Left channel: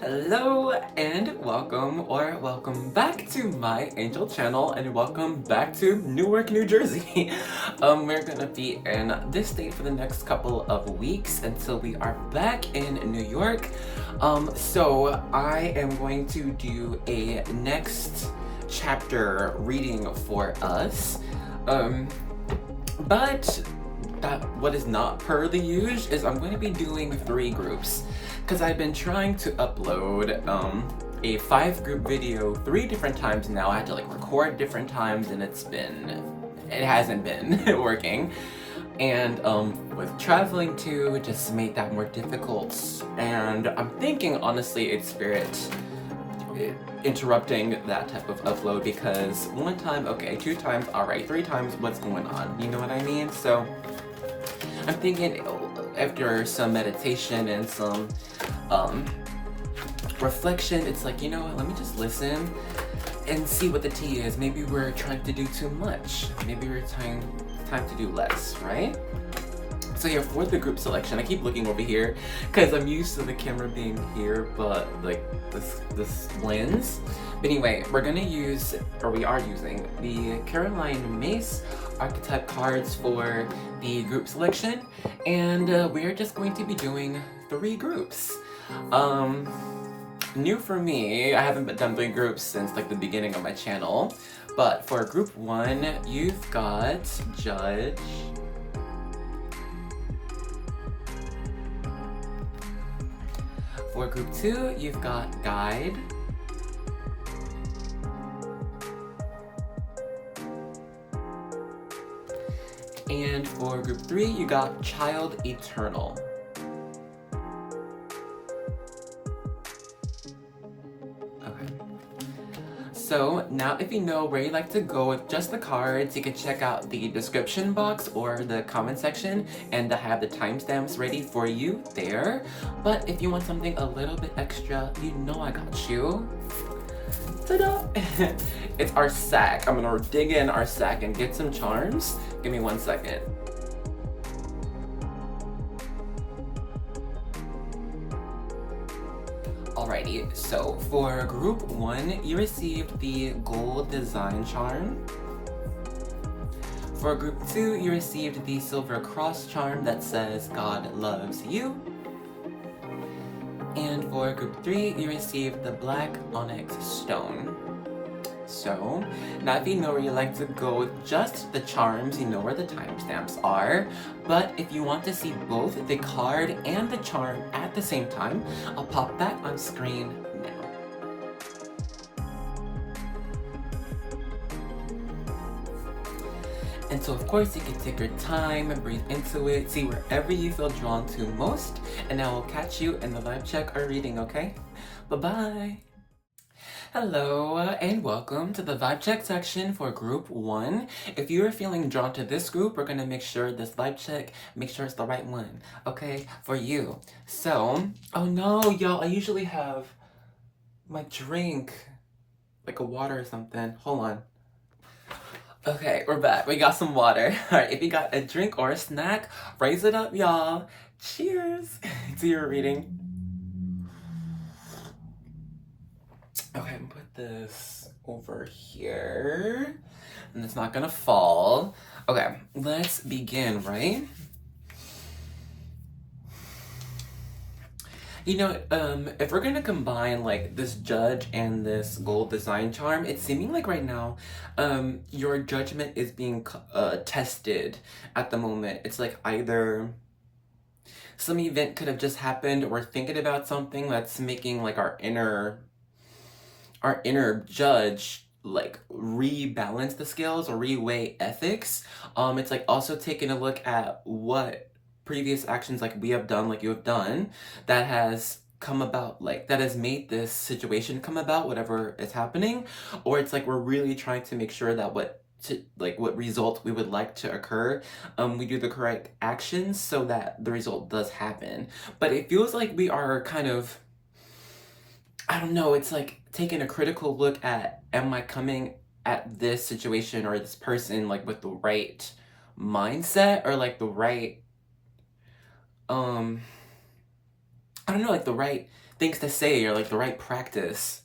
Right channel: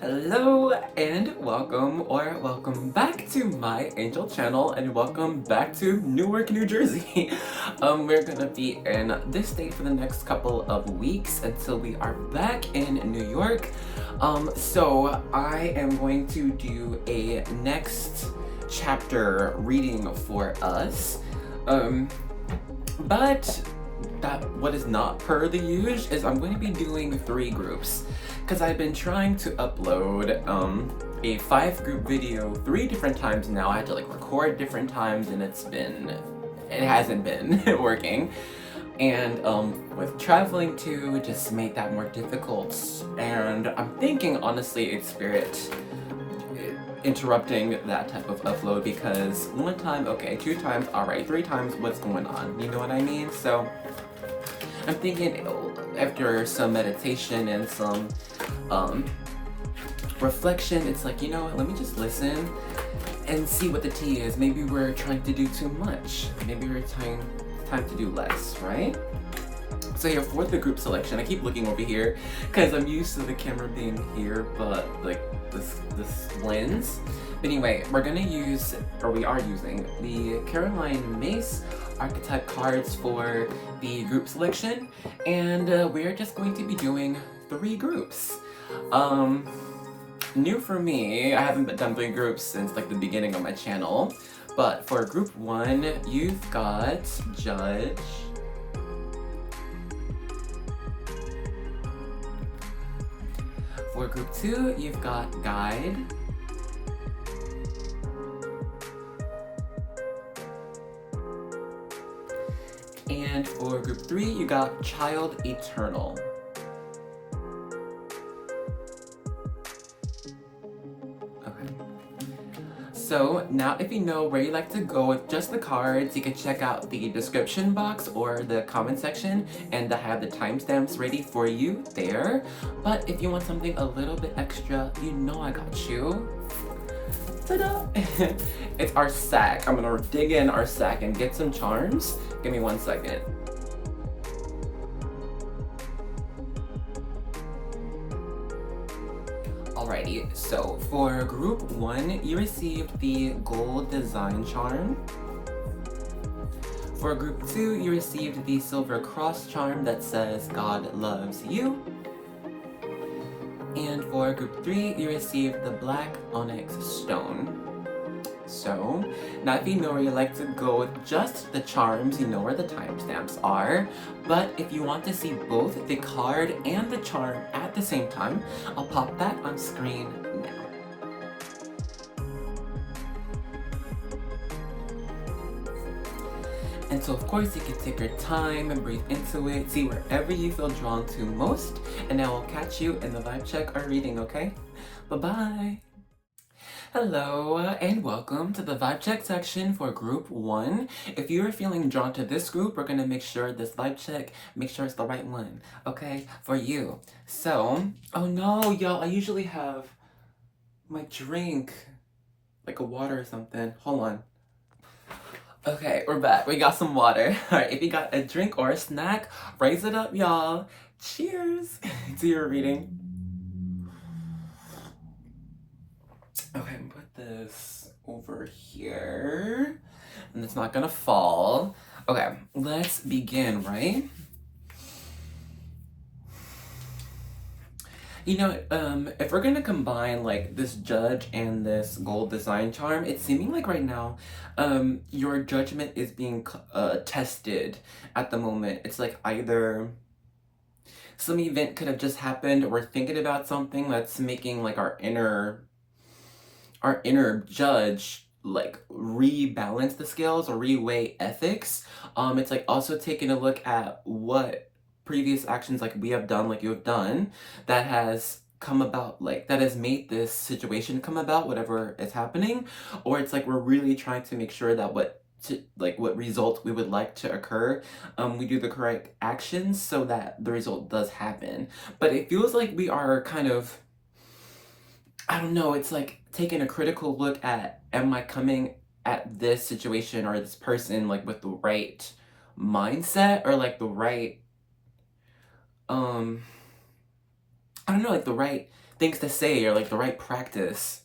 Hello and welcome back to MyAngelChannel and welcome back to Newark, New Jersey. We're gonna be in this state for the next couple of weeks until we are back in New York. So I am going to do a next chapter reading for us. But what is not per the usual is I'm going to be doing 3 groups because I've been trying to upload a 5-group video 3 different times now. I had to record different times and it hasn't been working. And with traveling too, it just made that more difficult. And I'm thinking honestly it's Spirit interrupting that type of upload because 1 time, okay, 2 times, alright, 3 times, what's going on? You know what I mean? So I'm thinking after some meditation and some reflection, it's like, you know what, let me just listen and see what the tea is. Maybe we're trying to do too much. Maybe we're time to do less, right? So here, for the group selection, I keep looking over here because I'm used to the camera being here, but like this lens. But anyway, we are using the Caroline Mace archetype cards for the group selection, and we're just going to be doing 3 groups. New for me, I haven't done 3 groups since the beginning of my channel, but for group 1, you've got Judge, for group 2, you've got Guide, and for group 3, you got Child Eternal. Okay. So now if you know where you like to go with just the cards, you can check out the description box or the comment section, and I have the timestamps ready for you there. But if you want something a little bit extra, you know I got you. Ta-da! It's our sack. I'm gonna dig in our sack and get some charms. Give me 1 second. Alrighty, so for group 1, you received the gold design charm. For group 2, you received the silver cross charm that says God loves you. And for group 3, you received the black onyx stone. So, now if you know where you like to go with just the charms, you know where the timestamps are. But if you want to see both the card and the charm at the same time, I'll pop that on screen now. And so of course you can take your time and breathe into it, see wherever you feel drawn to most, and I will catch you in the vibe check or reading, okay? Bye-bye! Hello and welcome to the vibe check section for group 1. If you are feeling drawn to this group, we're gonna make sure this vibe check, make sure it's the right one, okay, for you. So, oh no, y'all, I usually have my drink, like a water or something. Hold on. Okay, we're back. We got some water. Alright, if you got a drink or a snack, raise it up, y'all. Cheers to your reading. Okay, I'm gonna put this over here, and it's not gonna fall. Okay, let's begin, right? You know, if we're gonna combine this Judge and this gold design charm, it's seeming like right now, your judgment is being tested at the moment. It's like either some event could have just happened, or we're thinking about something that's making our inner judge rebalance the scales or reweigh ethics. It's also taking a look at what previous actions we have done, you have done, that has come about, that has made this situation come about, whatever is happening. Or it's we're really trying to make sure that what result we would like to occur, we do the correct actions so that the result does happen. But it feels like we are kind of, I don't know, it's taking a critical look at, am I coming at this situation or this person with the right mindset or the right I don't know, like the right things to say or like the right practice.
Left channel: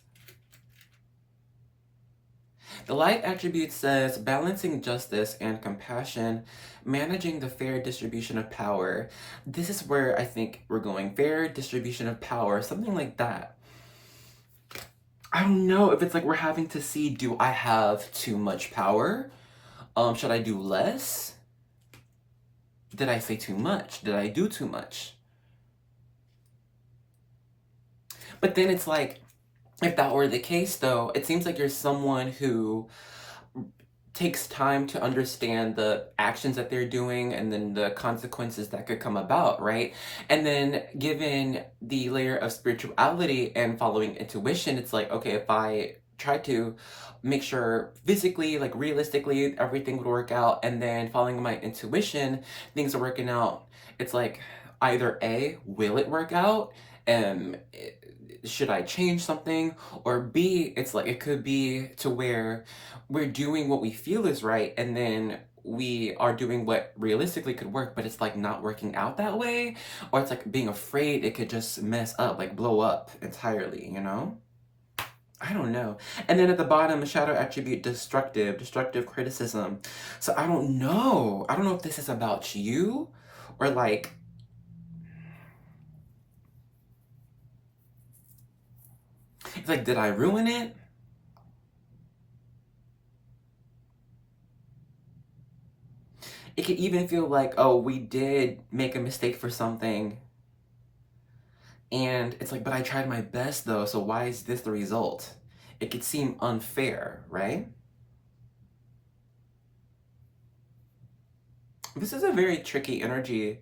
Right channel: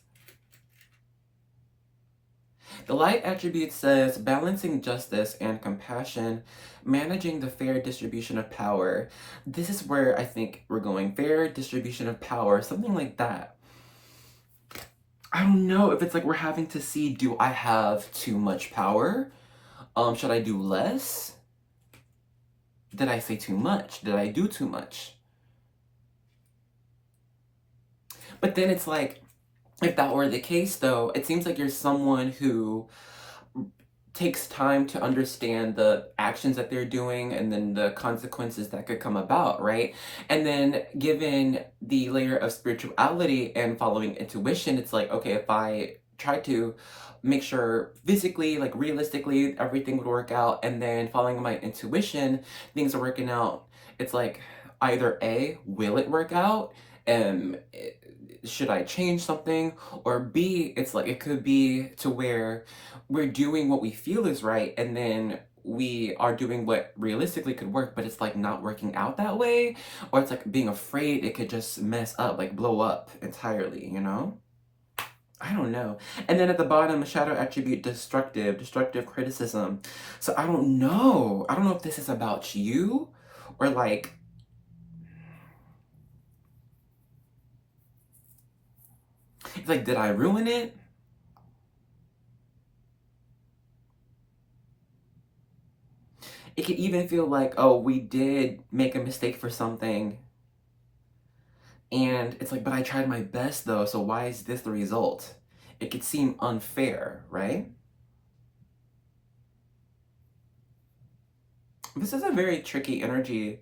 The light attribute says balancing justice and compassion, managing the fair distribution of power. This is where I think we're going. Fair distribution of power, something like that. I don't know if it's like we're having to see, do I have too much power? Should I do less? Did I say too much? Did I do too much? But then it's like, if that were the case though, it seems like you're someone who takes time to understand the actions that they're doing and then the consequences that could come about, right? And then given the layer of spirituality and following intuition, it's like, okay, if I try to make sure physically, like realistically, everything would work out, and then following my intuition, things are working out, it's like either A, will it work out? Should I change something? Or B, it's like it could be to where we're doing what we feel is right, and then we are doing what realistically could work, but it's like not working out that way, or it's like being afraid it could just mess up, like blow up entirely, you know? I don't know. And then at the bottom, shadow attribute destructive criticism. So I don't know. I don't know if this is about you or like, it's like, did I ruin it? It could even feel like, oh, we did make a mistake for something. And it's like, but I tried my best though, so why is this the result? It could seem unfair, right? This is a very tricky energy.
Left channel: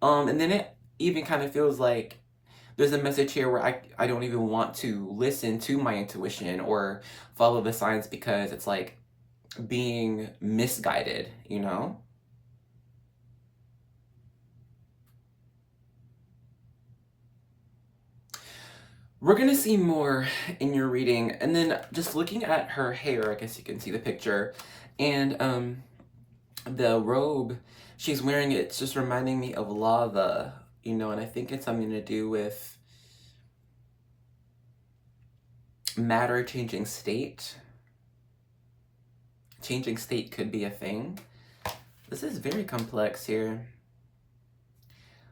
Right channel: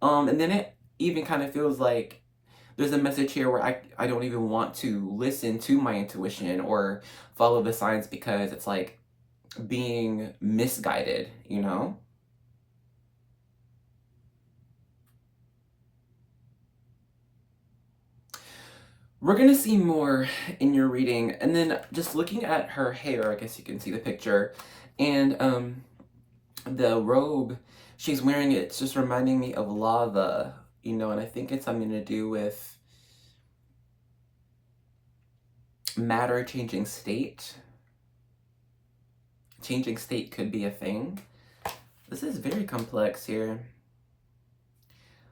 And then it even kind of feels like there's a message here where I don't even want to listen to my intuition or follow the signs because it's like being misguided, you know? We're gonna see more in your reading, and then just looking at her hair, I guess you can see the picture, and the robe she's wearing, it's just reminding me of lava, you know, and I think it's something to do with matter changing state. Changing state could be a thing. This is very complex here.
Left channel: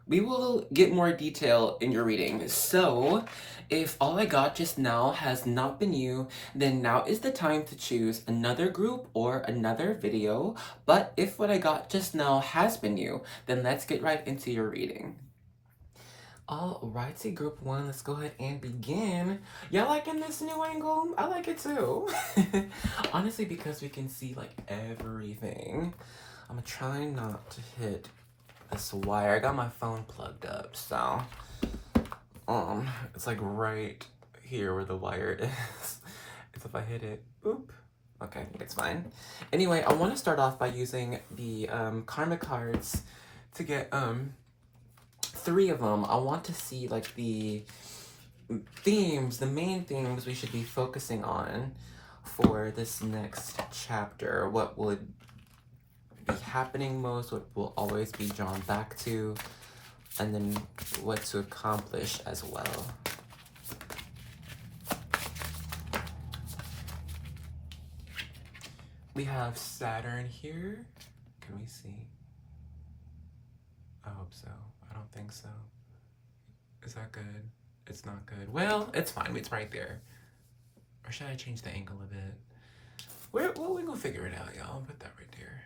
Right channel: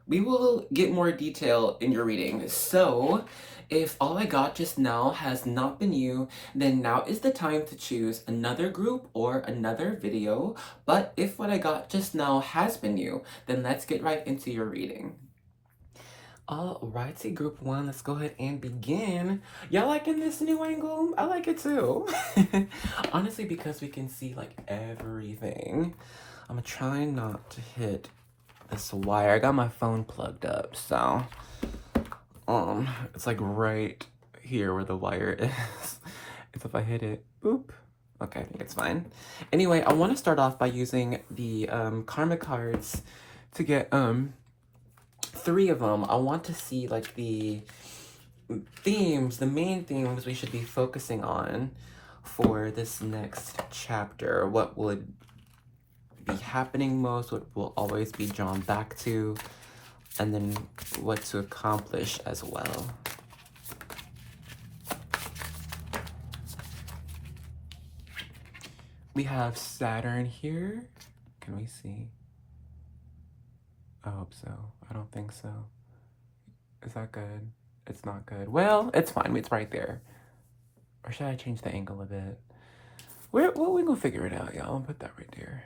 We will get more detail in your reading. So, if all I got just now has not been you, then now is the time to choose another group or another video. But if what I got just now has been you, then let's get right into your reading. Alrighty, group one, let's go ahead and begin. Y'all liking this new angle? I like it too. Honestly, because we can see like everything. I'm gonna try not to hit this wire. I got my phone plugged up, so it's like right here where the wire is. If I hit it, boop. Okay, I think it's fine. Anyway, I want to start off by using the karma cards to get 3 of them. I want to see like the themes, the main themes we should be focusing on for this next chapter. What would be happening most, what will always be drawn back to, and then what to accomplish as well. We have Saturn here. Can we see? I hope so. I don't think so. Is that good? It's not good. Well, it's fine. It's right there. Or should I change the angle a bit? We're gonna figure it out, y'all. Put that right there.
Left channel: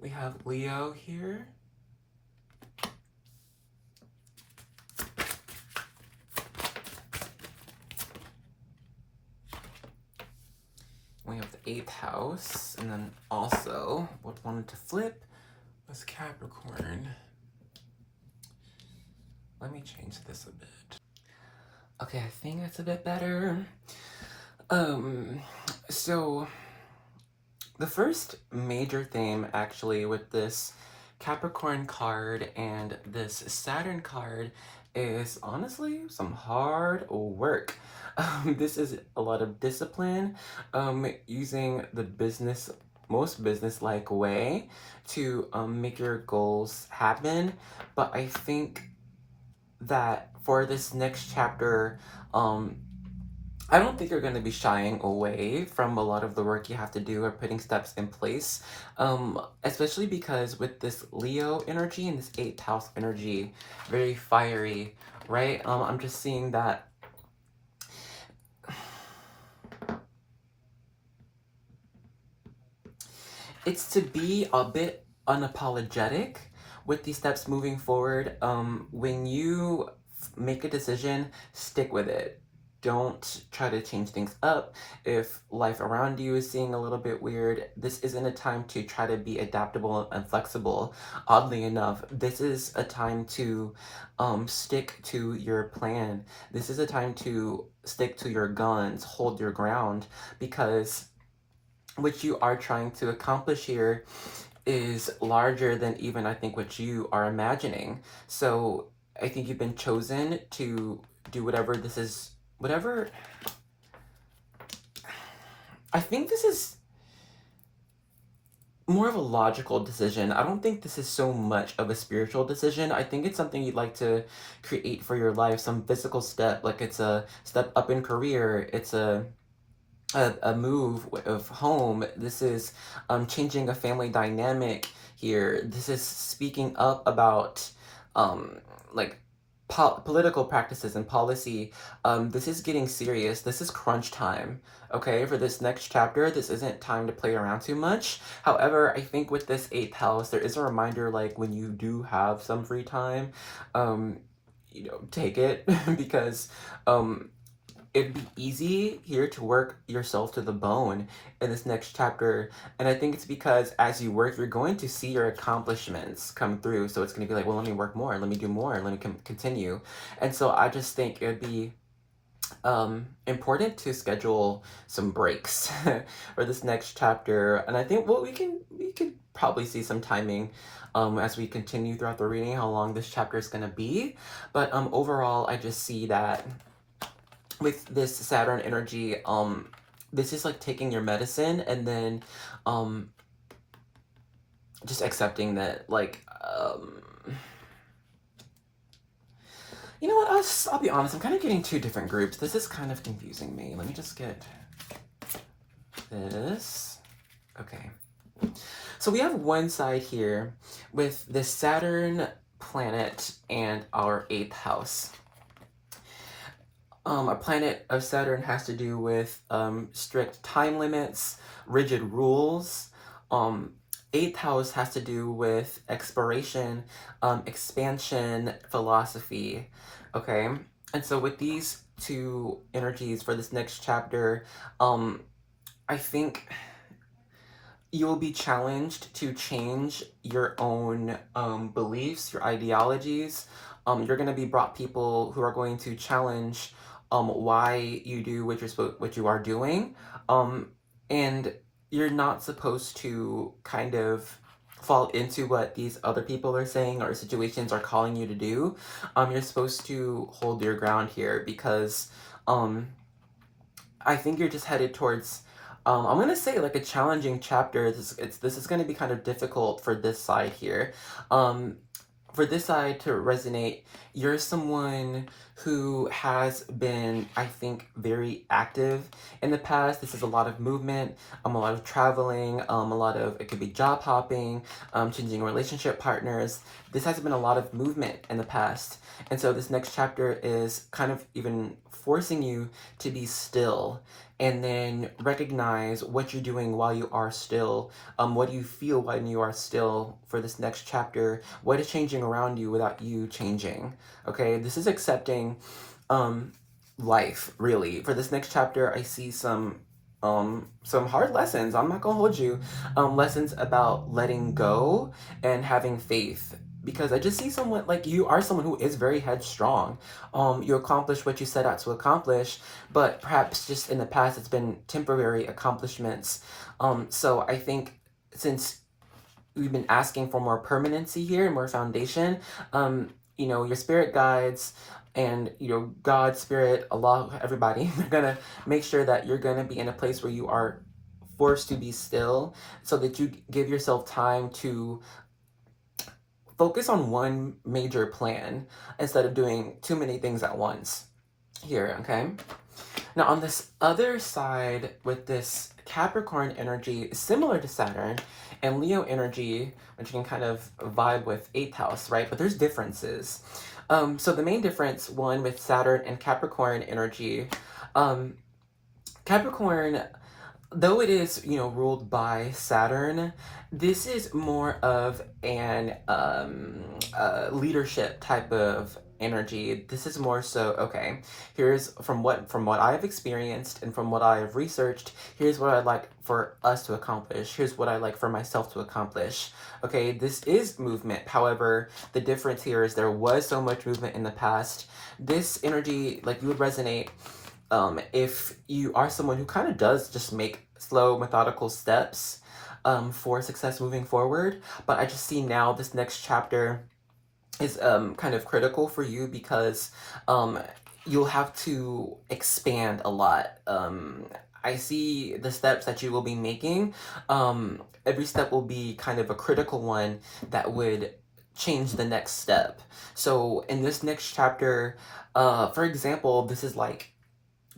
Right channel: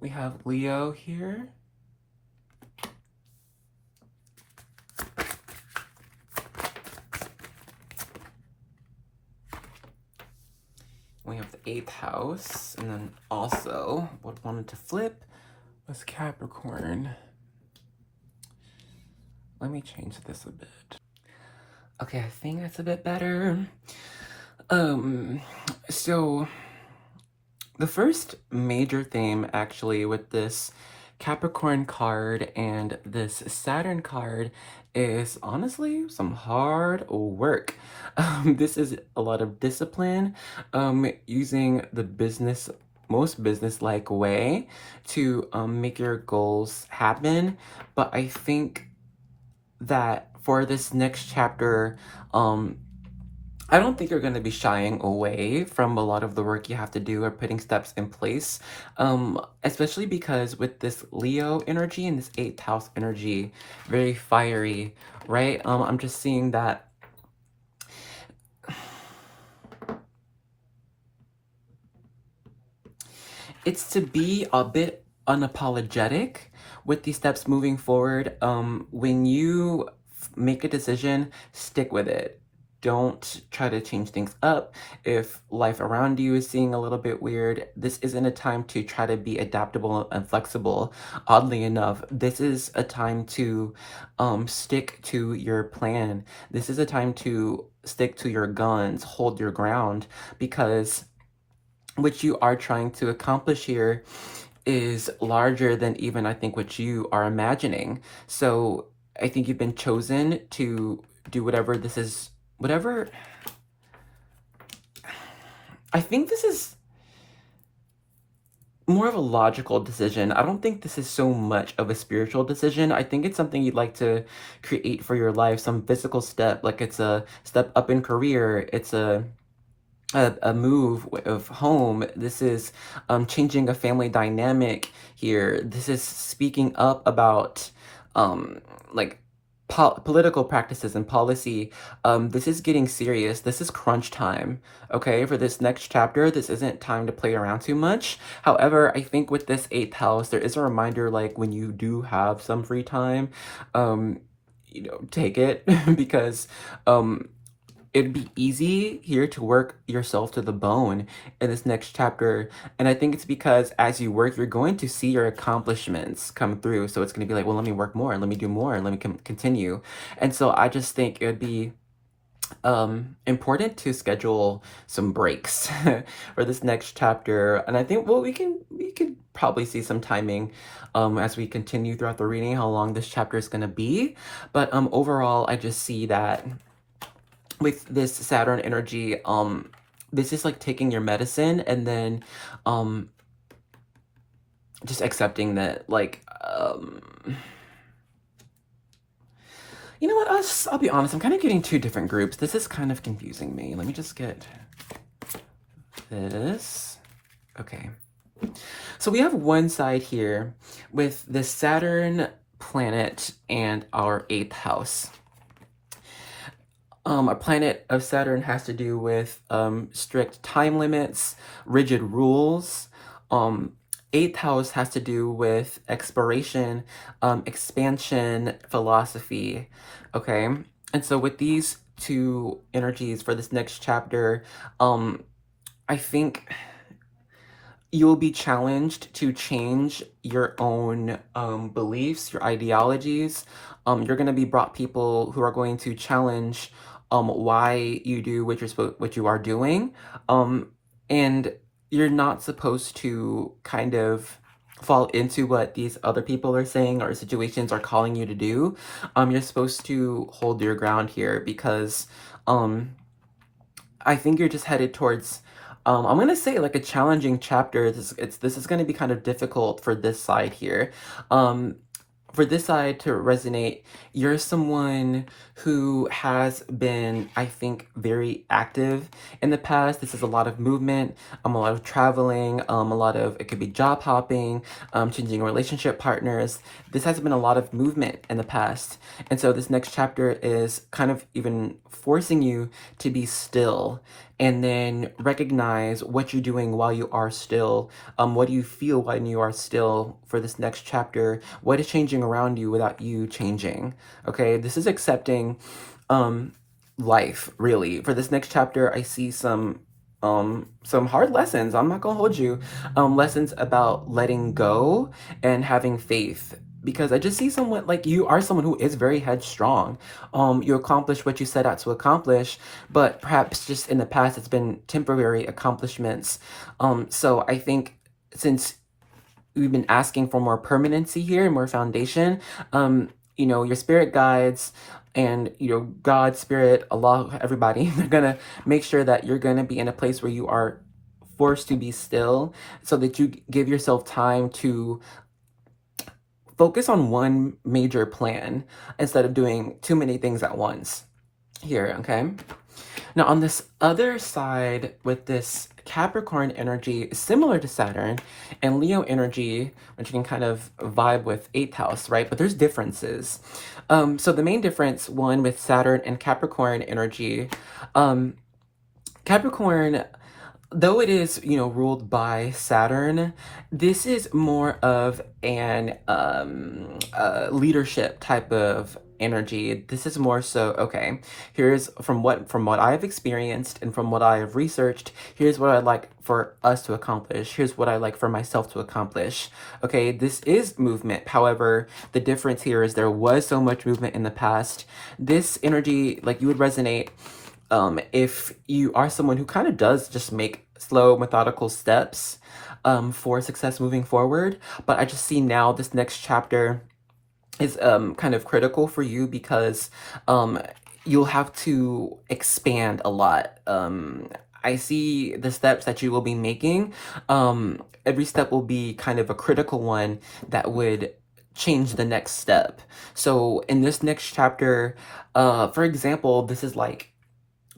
We have Leo here. We have the 8th house, and then also what wanted to flip was Capricorn. Let me change this a bit. Okay, I think that's a bit better. So the first major theme actually with this Capricorn card, and this Saturn card is honestly some hard work. This is a lot of discipline, using the most business-like way to make your goals happen. But I think that for this next chapter, I don't think you're going to be shying away from a lot of the work you have to do or putting steps in place, especially because with this Leo energy and this 8th house energy, very fiery, right? I'm just seeing that it's to be a bit unapologetic with these steps moving forward. When you make a decision, stick with it. Don't try to change things up. If life around you is seeing a little bit weird, this isn't a time to try to be adaptable and flexible. Oddly enough, this is a time to stick to your plan. This is a time to stick to your guns, hold your ground, because what you are trying to accomplish here is larger than even I think what you are imagining. So I think you've been chosen to do whatever this is, whatever. I think this is more of a logical decision. I don't think this is so much of a spiritual decision. I think it's something you'd like to create for your life, some physical step, like it's a step up in career, it's a move of home. This is changing a family dynamic here. This is speaking up about like political practices and policy. This is getting serious. This is crunch time. Okay, for this next chapter, this isn't time to play around too much. However, I think with this 8th house, there is a reminder, like when you do have some free time, take it because it'd be easy here to work yourself to the bone in this next chapter. And I think it's because as you work, you're going to see your accomplishments come through. So it's going to be like, well, let me work more, let me do more, and let me continue. And so I just think it would be important to schedule some breaks for this next chapter. And I think, well, we could probably see some timing as we continue throughout the reading, how long this chapter is going to be. But overall, I just see that with this Saturn energy, this is like taking your medicine and then just accepting that, like, you know what, I'll be honest, I'm kind of getting two different groups. This is kind of confusing me. Let me just get this. Okay. So we have one side here with the Saturn planet and our 8th house. A planet of Saturn has to do with strict time limits, rigid rules. 8th house has to do with exploration, expansion, philosophy. Okay, and so with these two energies for this next chapter, I think you'll be challenged to change your own beliefs, your ideologies. You're going to be brought people who are going to challenge why you do what you are doing, and you're not supposed to kind of fall into what these other people are saying or situations are calling you to do. You're supposed to hold your ground here because I think you're just headed towards I'm gonna say like a challenging chapter. This is gonna be kind of difficult for this side here. For this side to resonate, you're someone who has been, I think, very active in the past. This is a lot of movement, a lot of traveling, a lot of, it could be job hopping, changing relationship partners. This has been a lot of movement in the past. And so this next chapter is kind of even forcing you to be still and then recognize what you're doing while you are still. What do you feel when you are still for this next chapter? What is changing around you without you changing? Okay, this is accepting life, really. For this next chapter, I see some hard lessons. I'm not gonna hold you. Lessons about letting go and having faith, because I just see someone, like, you are someone who is very headstrong. You accomplish what you set out to accomplish, but perhaps just in the past it's been temporary accomplishments. So I think since we've been asking for more permanency here and more foundation. You know, your spirit guides and, you know, God, spirit, Allah, everybody, they're gonna make sure that you're gonna be in a place where you are forced to be still so that you give yourself time to focus on one major plan instead of doing too many things at once here, okay? Now, on this other side, with this Capricorn energy, similar to Saturn, and Leo energy, which you can kind of vibe with 8th house, right? But there's differences. So the main difference, one with Saturn and Capricorn energy, Capricorn, though it is, you know, ruled by Saturn, this is more of an leadership type of energy. This is more so, okay, here's from what I've experienced and from what I have researched, here's what I'd like for us to accomplish. Here's what I like for myself to accomplish. Okay, this is movement. However, the difference here is there was so much movement in the past. This energy, like, you would resonate if you are someone who kind of does just make slow, methodical steps for success moving forward. But I just see now this next chapter is kind of critical for you because you'll have to expand a lot. I see the steps that you will be making. Every step will be kind of a critical one that would change the next step. So in this next chapter, for example, this is like,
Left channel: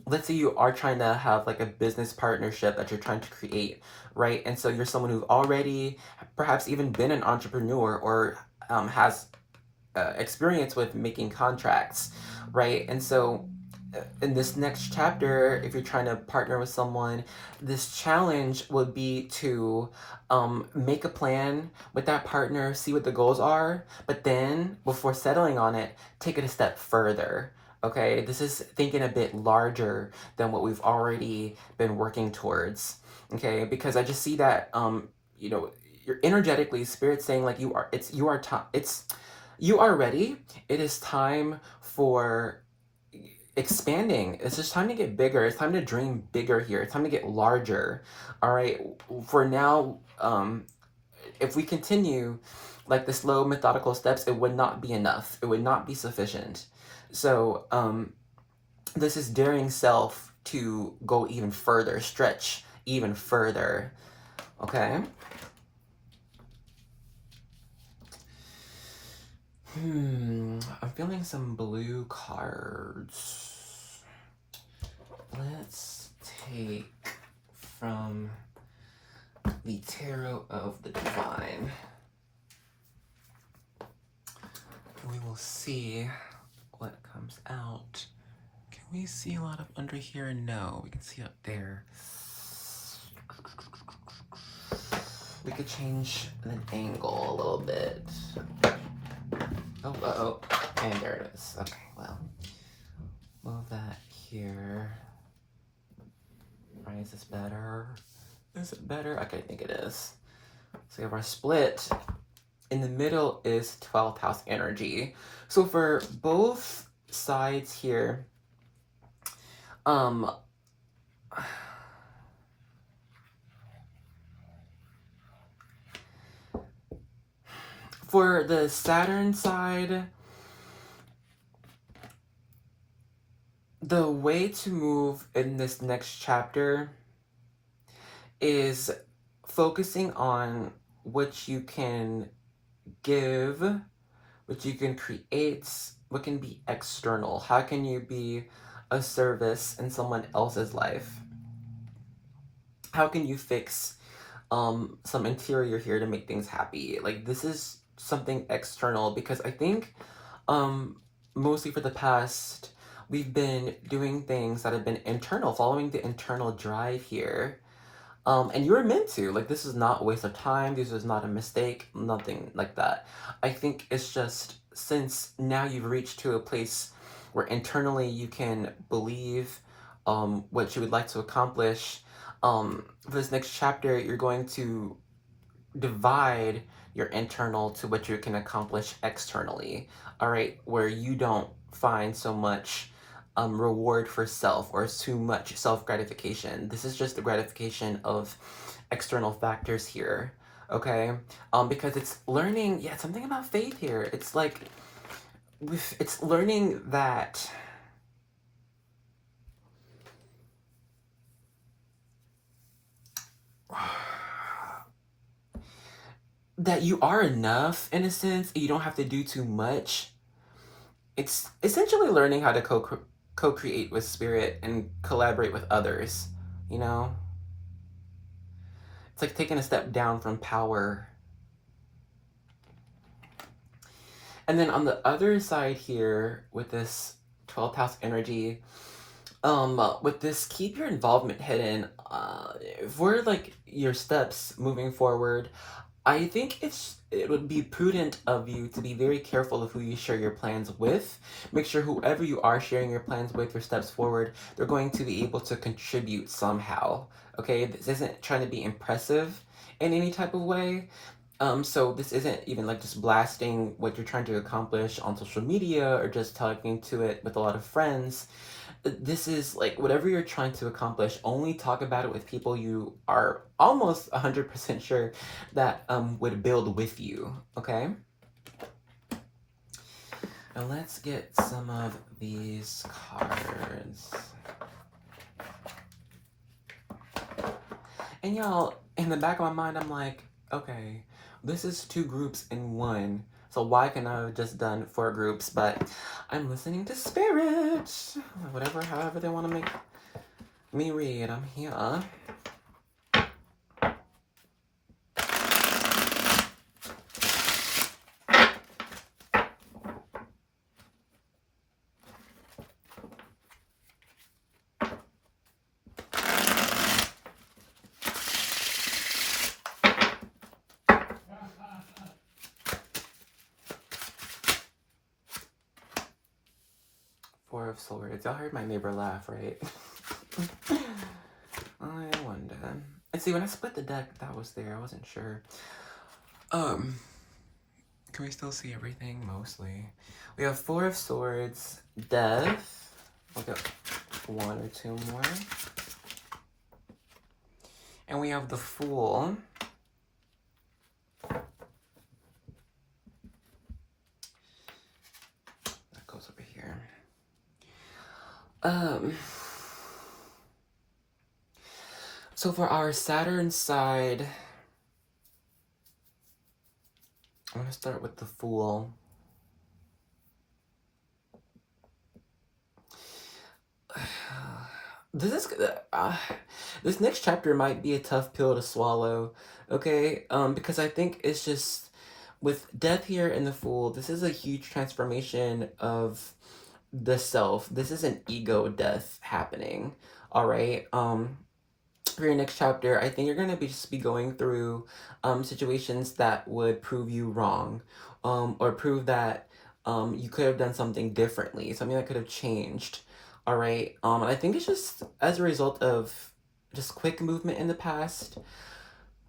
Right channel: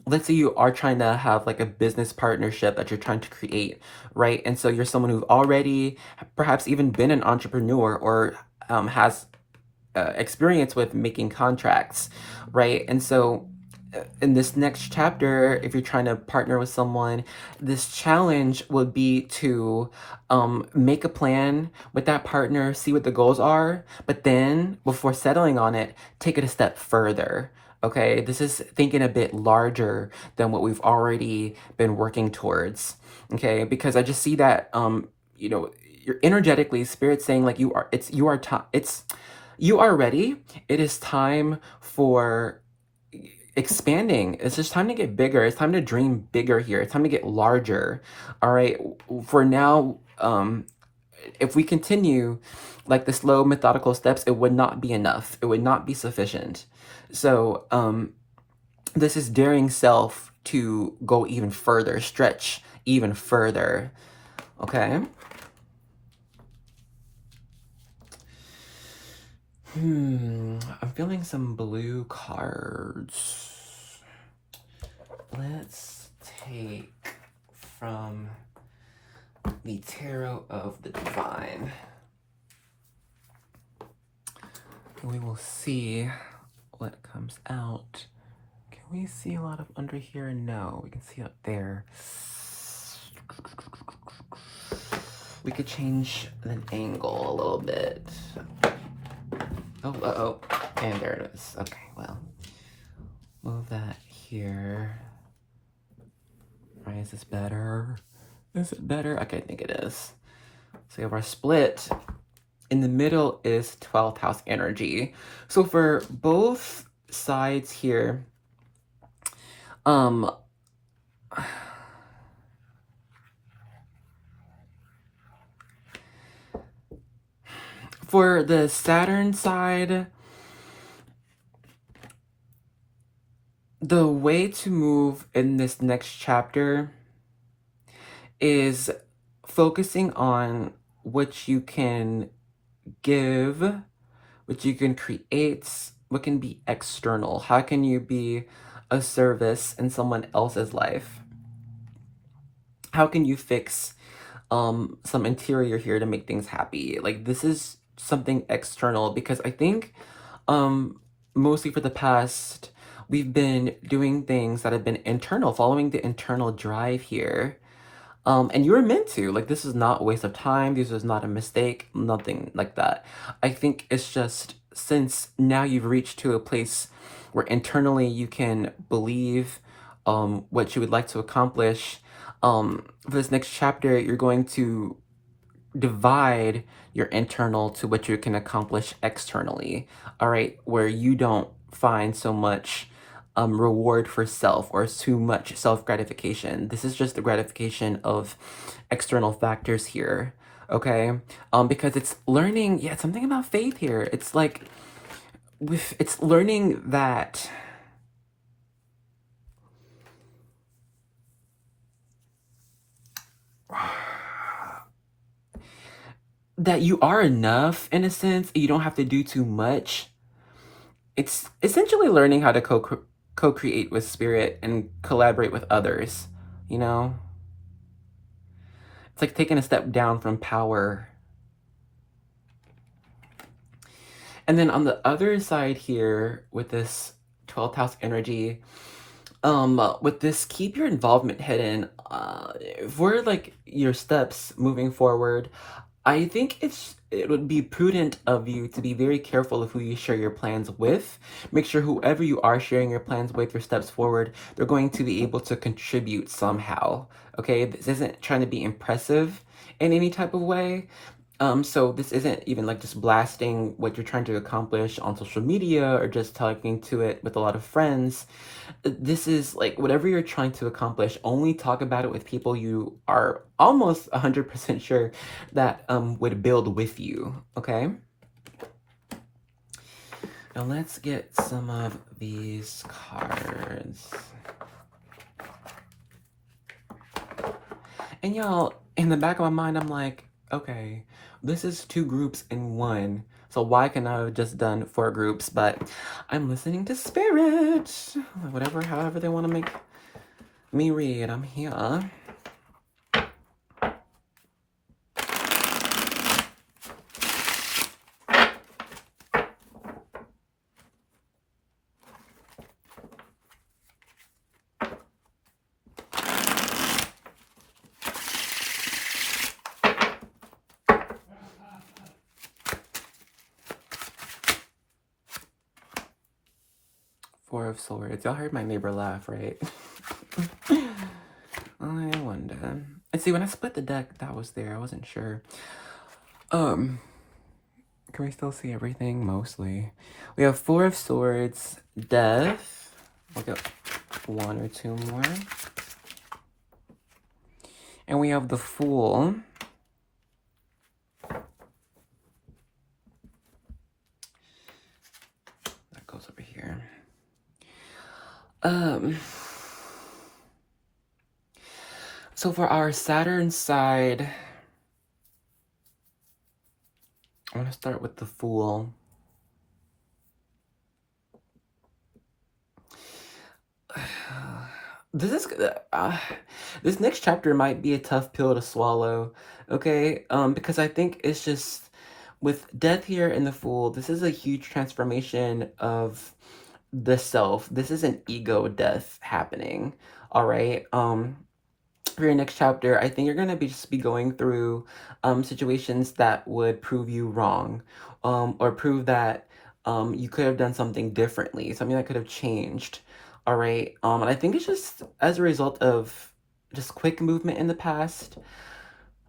let's say you are trying to have like a business partnership that you're trying to create, right? And so you're someone who's already perhaps even been an entrepreneur or has experience with making contracts, right? And so in this next chapter, if you're trying to partner with someone, this challenge would be to make a plan with that partner, see what the goals are, but then before settling on it, take it a step further. Okay, this is thinking a bit larger than what we've already been working towards. Okay, because I just see that you know, you're energetically, spirit saying like you are ready. It is time for expanding. It's just time to get bigger. It's time to dream bigger here. It's time to get larger. All right. For now, if we continue like the slow, methodical steps, it would not be enough. It would not be sufficient. So, this is daring self to go even further, stretch even further. Okay. I'm feeling some blue cards. Let's take from the Tarot of the Divine. We will see what comes out. Can we see a lot of under here? No, we can see up there. We could change the angle a little bit. Oh, and there it is. Okay, well, move that here. Right, is this better? Is it better? Okay, I think it is. So we have our split. In the middle is 12th house energy. So for both sides here, for the Saturn side, the way to move in this next chapter is focusing on what you can give, what you can create, what can be external. How can you be a service in someone else's life? How can you fix some interior here to make things happy? Like, this is something external because I think mostly for the past we've been doing things that have been internal, following the internal drive here. And you were meant to. Like, this is not a waste of time. This was not a mistake. Nothing like that. I think it's just since now you've reached to a place where internally you can believe what you would like to accomplish. For this next chapter, you're going to divide your internal to what you can accomplish externally. All right, where you don't find so much reward for self or too much self gratification. This is just the gratification of external factors here. okay? Because it's learning, yeah, something about faith here. It's like, it's learning that that you are enough in a sense. You don't have to do too much. It's essentially learning how to co-create with spirit and collaborate with others, you know? It's like taking a step down from power. And then on the other side here with this 12th house energy, with this keep your involvement hidden, for like your steps moving forward, I think it would be prudent of you to be very careful of who you share your plans with. Make sure whoever you are sharing your plans with or steps forward, they're going to be able to contribute somehow. Okay, this isn't trying to be impressive in any type of way. So this isn't even like just blasting what you're trying to accomplish on social media or just talking to it with a lot of friends. This is like whatever you're trying to accomplish, only talk about it with people you are almost 100% sure that would build with you, okay? Now let's get some of these cards. And y'all, in the back of my mind, I'm like, okay, this is 2 groups in 1. So why can I have just done 4 groups? But I'm listening to spirit. Whatever, however they want to make me read, I'm here. 4 of Swords. Y'all heard my neighbor laugh, right? I wonder. And see, when I split the deck, that was there. I wasn't sure. Can we still see everything? Mostly. We have 4 of Swords, Death. We got 1 or 2 more. And we have the Fool. That goes over here. So for our Saturn side, I want to start with the Fool. This next chapter might be a tough pill to swallow, okay? Because I think it's just with Death here in the Fool, this is a huge transformation of the self. This is an ego death happening, all right? For your next chapter, I think you're gonna just be going through situations that would prove you wrong, or prove that you could have done something differently, something that could have changed. All right. And I think it's just as a result of just quick movement in the past.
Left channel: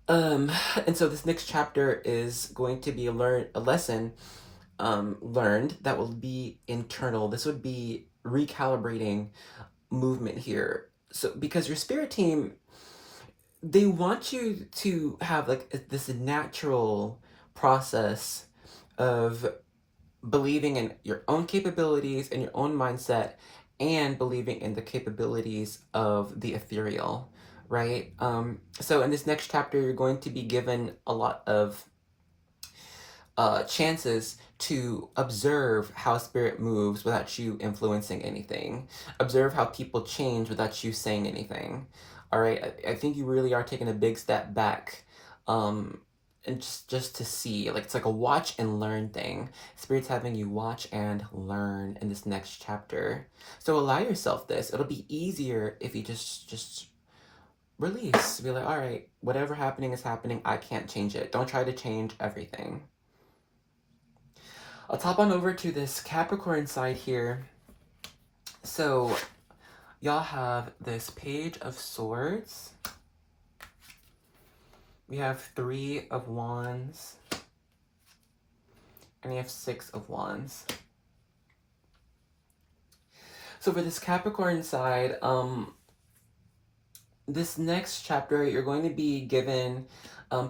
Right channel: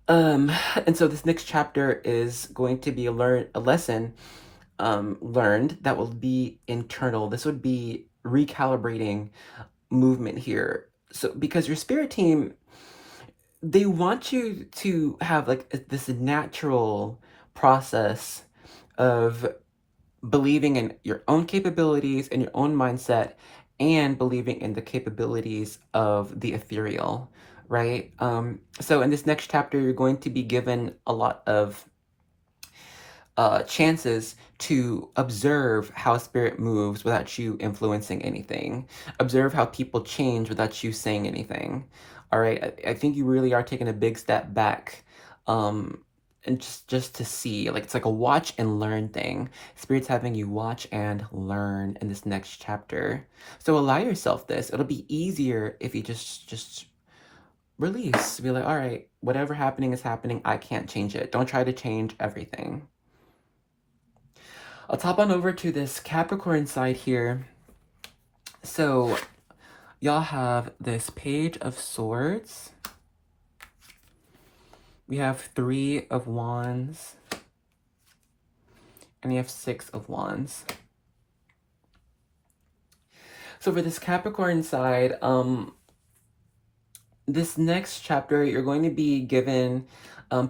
And so this next chapter is going to be a lesson learned that will be internal. This would be recalibrating movement here. So because your spirit team, they want you to have like this natural process of believing in your own capabilities and your own mindset and believing in the capabilities of the ethereal, right? So in this next chapter, you're going to be given a lot of chances to observe how spirit moves without you influencing anything. Observe how people change without you saying anything. All right, I think you really are taking a big step back, and just to see, like it's like a watch and learn thing. Spirit's having you watch and learn in this next chapter. So allow yourself this. It'll be easier if you just release. Be like, all right, whatever happening is happening. I can't change it. Don't try to change everything. I'll top on over to this Capricorn side here. So y'all have this Page of Swords. We have 3 of Wands. And you have 6 of Wands. So for this Capricorn side, this next chapter, you're going to be given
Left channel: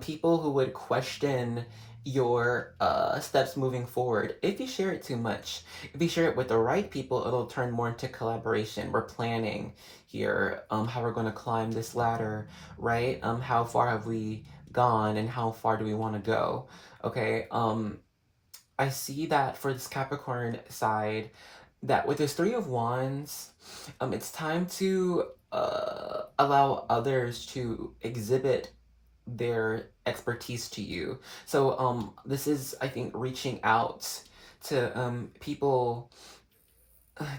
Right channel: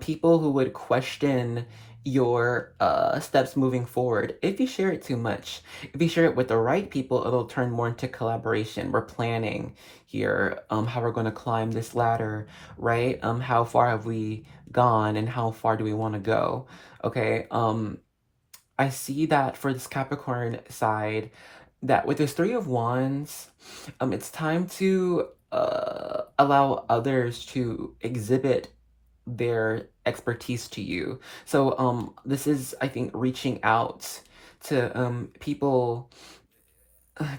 people who would question your steps moving forward if you share it too much. If you share it with the right people, it'll turn more into collaboration. We're planning here how we're going to climb this ladder, right? How far have we gone and how far do we want to go? Okay. I see that for this Capricorn side, that with this Three of Wands, it's time to allow others to exhibit their expertise to you. So this is, I think, reaching out to people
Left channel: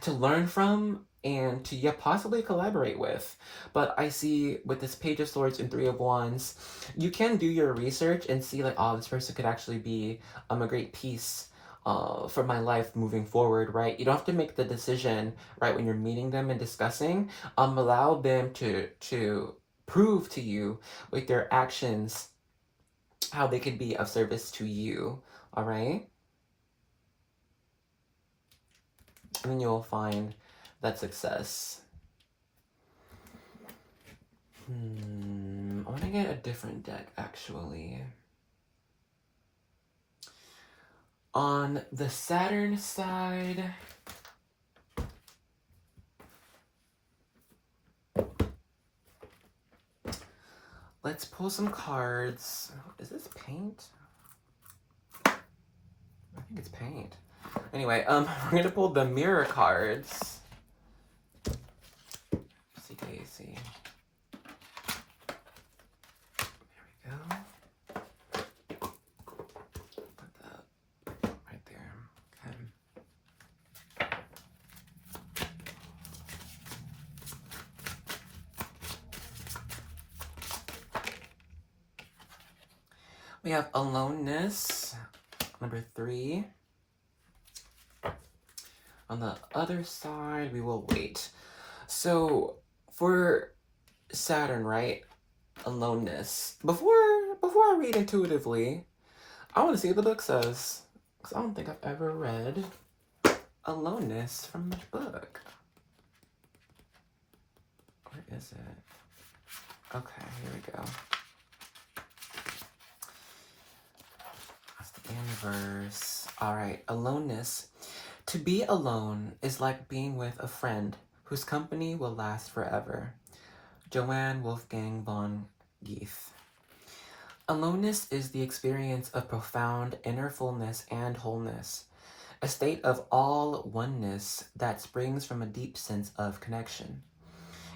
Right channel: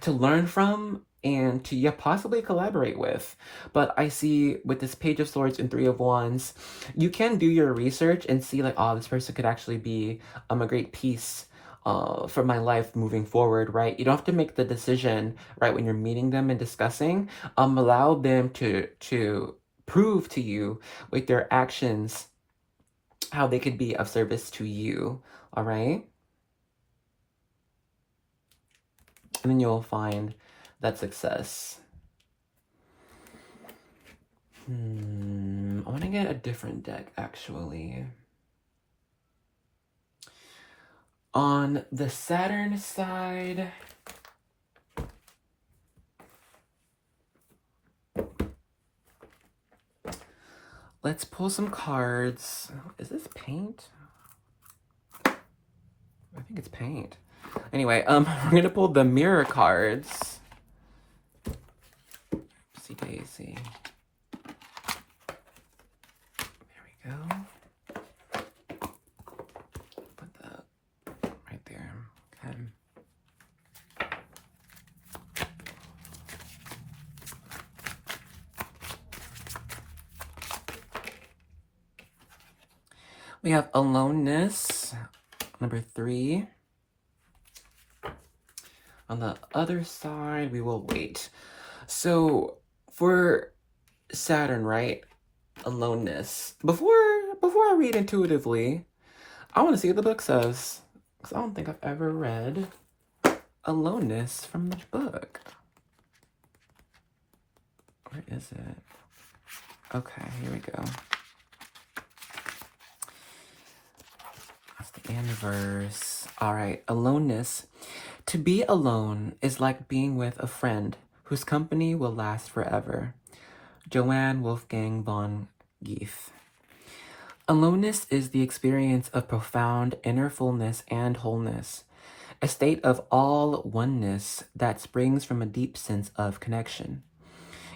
to learn from and to, yeah, possibly collaborate with. But I see with this Page of Swords and Three of Wands, you can do your research and see like, oh, this person could actually be a great piece for my life moving forward, right? You don't have to make the decision right when you're meeting them and discussing. Allow them to prove to you with their actions how they could be of service to you. All right. And then you'll find that success. I want to get a different deck, actually. On the Saturn side, let's pull some cards. Is this paint? I think it's paint. Anyway, we're gonna pull the mirror cards. CKC. There we go. Put that right there. Okay. We have aloneness, number 3. On the other side, we will wait. So for Saturn, right? Aloneness. Before I read intuitively, I want to see what the book says, because I don't think I've ever read aloneness from the book. Where is it? Okay, here we go. That's the inverse. All right, aloneness. To be alone is like being with a friend whose company will last forever. Johann Wolfgang von Goethe. Aloneness is the experience of profound inner fullness and wholeness, a state of all oneness that springs from a deep sense of connection.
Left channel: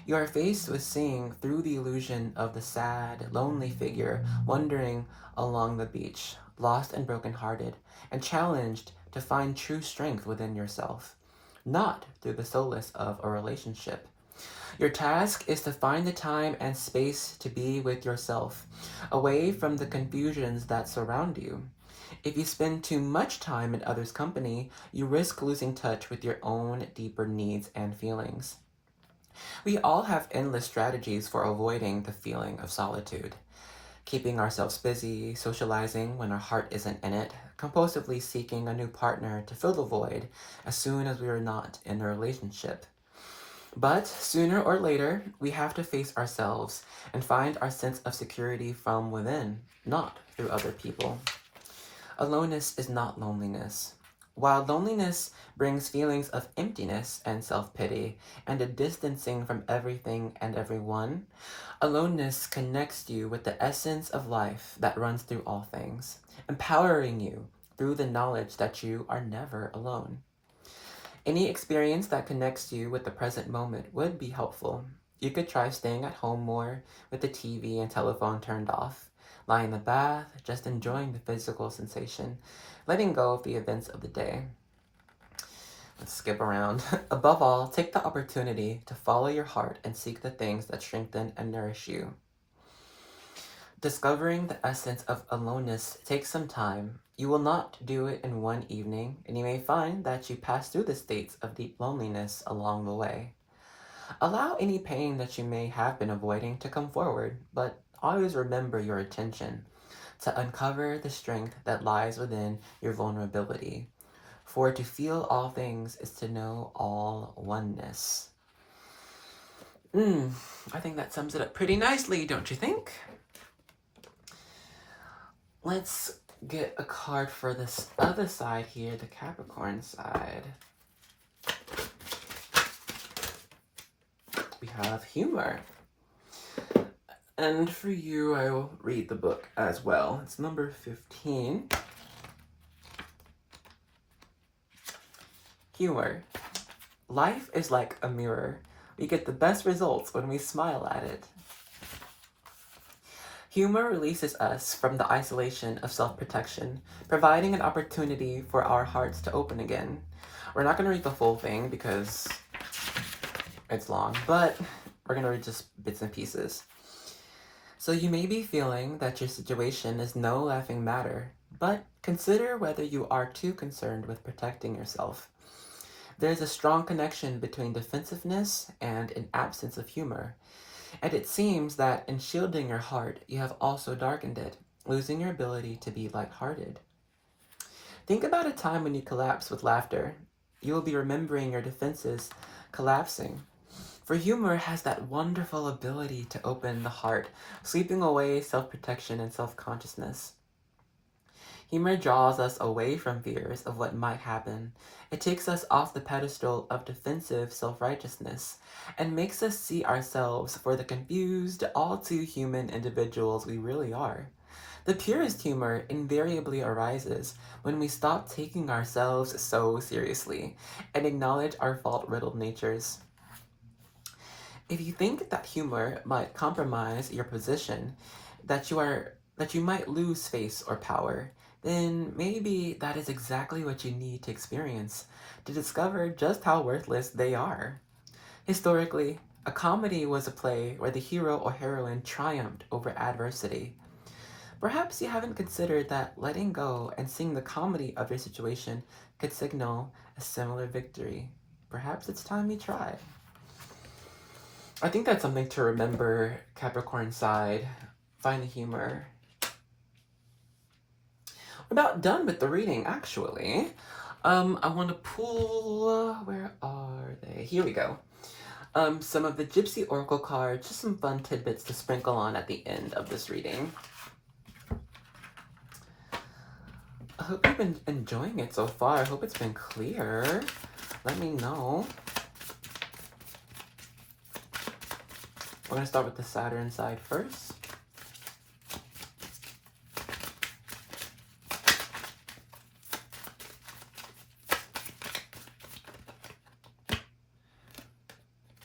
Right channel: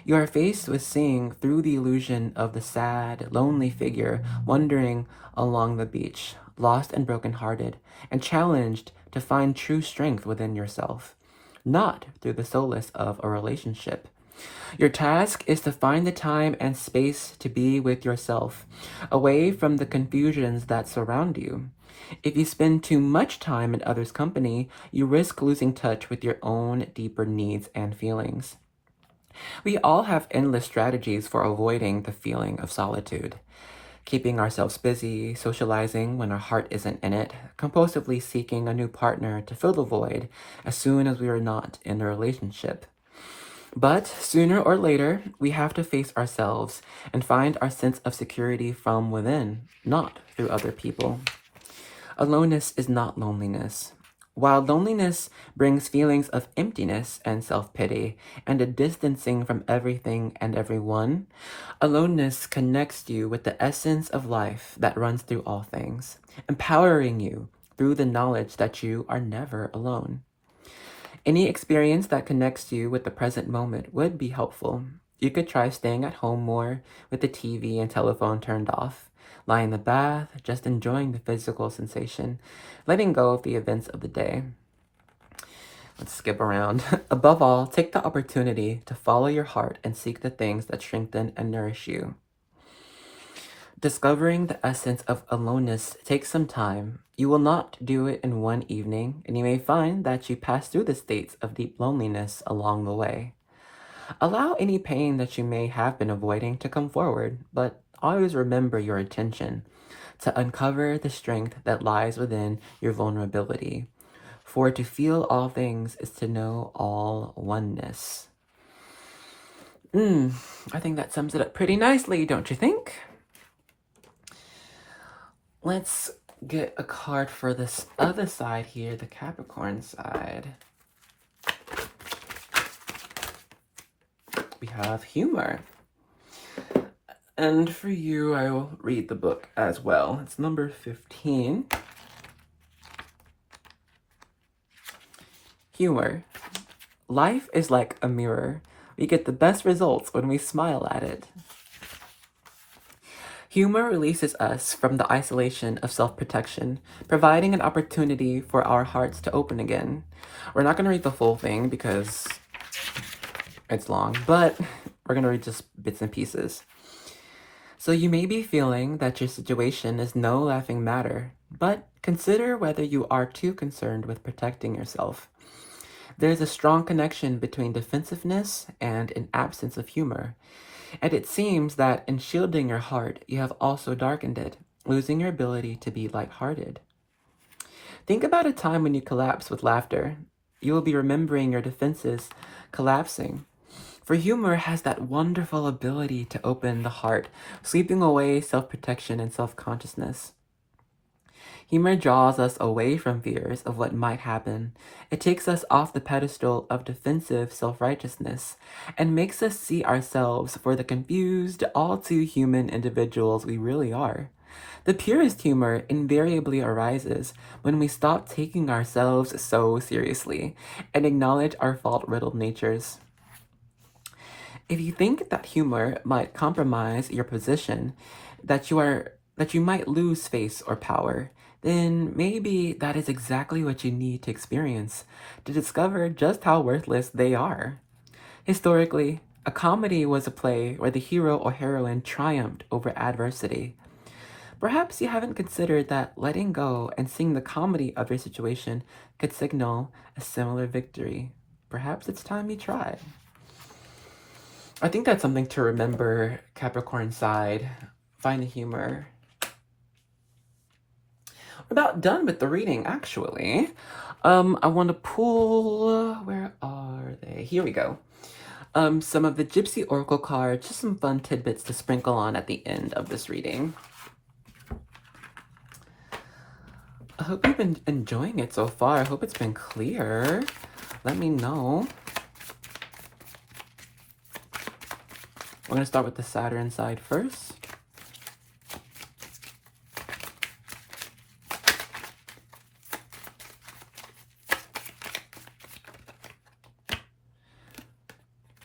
You are faced with seeing through the illusion of the sad, lonely figure wandering along the beach, lost and broken-hearted, and challenged to find true strength within yourself, not through the solace of a relationship. Your task is to find the time and space to be with yourself, away from the confusions that surround you. If you spend too much time in others' company, you risk losing touch with your own deeper needs and feelings. We all have endless strategies for avoiding the feeling of solitude. Keeping ourselves busy, socializing when our heart isn't in it, compulsively seeking a new partner to fill the void as soon as we are not in a relationship. But sooner or later, we have to face ourselves and find our sense of security from within, not through other people. Aloneness is not loneliness. While loneliness brings feelings of emptiness and self-pity and a distancing from everything and everyone, aloneness connects you with the essence of life that runs through all things, empowering you through the knowledge that you are never alone. Any experience that connects you with the present moment would be helpful. You could try staying at home more with the TV and telephone turned off, lie in the bath, just enjoying the physical sensation, letting go of the events of the day. Let's skip around. Above all, take the opportunity to follow your heart and seek the things that strengthen and nourish you. Discovering the essence of aloneness takes some time. You will not do it in one evening, and you may find that you pass through the states of deep loneliness along the way. Allow any pain that you may have been avoiding to come forward, but always remember your intention to uncover the strength that lies within your vulnerability. For to feel all things is to know all oneness. I think that sums it up pretty nicely, don't you think? let's get a card for this other side here, the Capricorn side. We have humor. And for you, I will read the book as well. It's number 15. Humor. Life is like a mirror. We get the best results when we smile at it. Humor releases us from the isolation of self-protection, providing an opportunity for our hearts to open again. We're not going to read the full thing because it's long, but we're going to read just bits and pieces. So you may be feeling that your situation is no laughing matter, but consider whether you are too concerned with protecting yourself. There is a strong connection between defensiveness and an absence of humor, and it seems that in shielding your heart, you have also darkened it, losing your ability to be lighthearted. Think about a time when you collapse with laughter. You will be remembering your defenses collapsing. For humor has that wonderful ability to open the heart, sweeping away self-protection and self-consciousness. Humor draws us away from fears of what might happen. It takes us off the pedestal of defensive self-righteousness and makes us see ourselves for the confused, all-too-human individuals we really are. The purest humor invariably arises when we stop taking ourselves so seriously and acknowledge our fault-riddled natures. If you think that humor might compromise your position, that you might lose face or power, then maybe that is exactly what you need to experience to discover just how worthless they are. Historically, a comedy was a play where the hero or heroine triumphed over adversity. Perhaps you haven't considered that letting go and seeing the comedy of your situation could signal a similar victory. Perhaps it's time you try. I think that's something to remember, Capricorn side. Find the humor. We're about done with the reading, actually. I want to pull... Where are they? Here we go. Some of the Gypsy Oracle cards, just some fun tidbits to sprinkle on at the end of this reading. I hope you've been enjoying it so far. I hope it's been clear. Let me know. I'm going to start with the Saturn side first.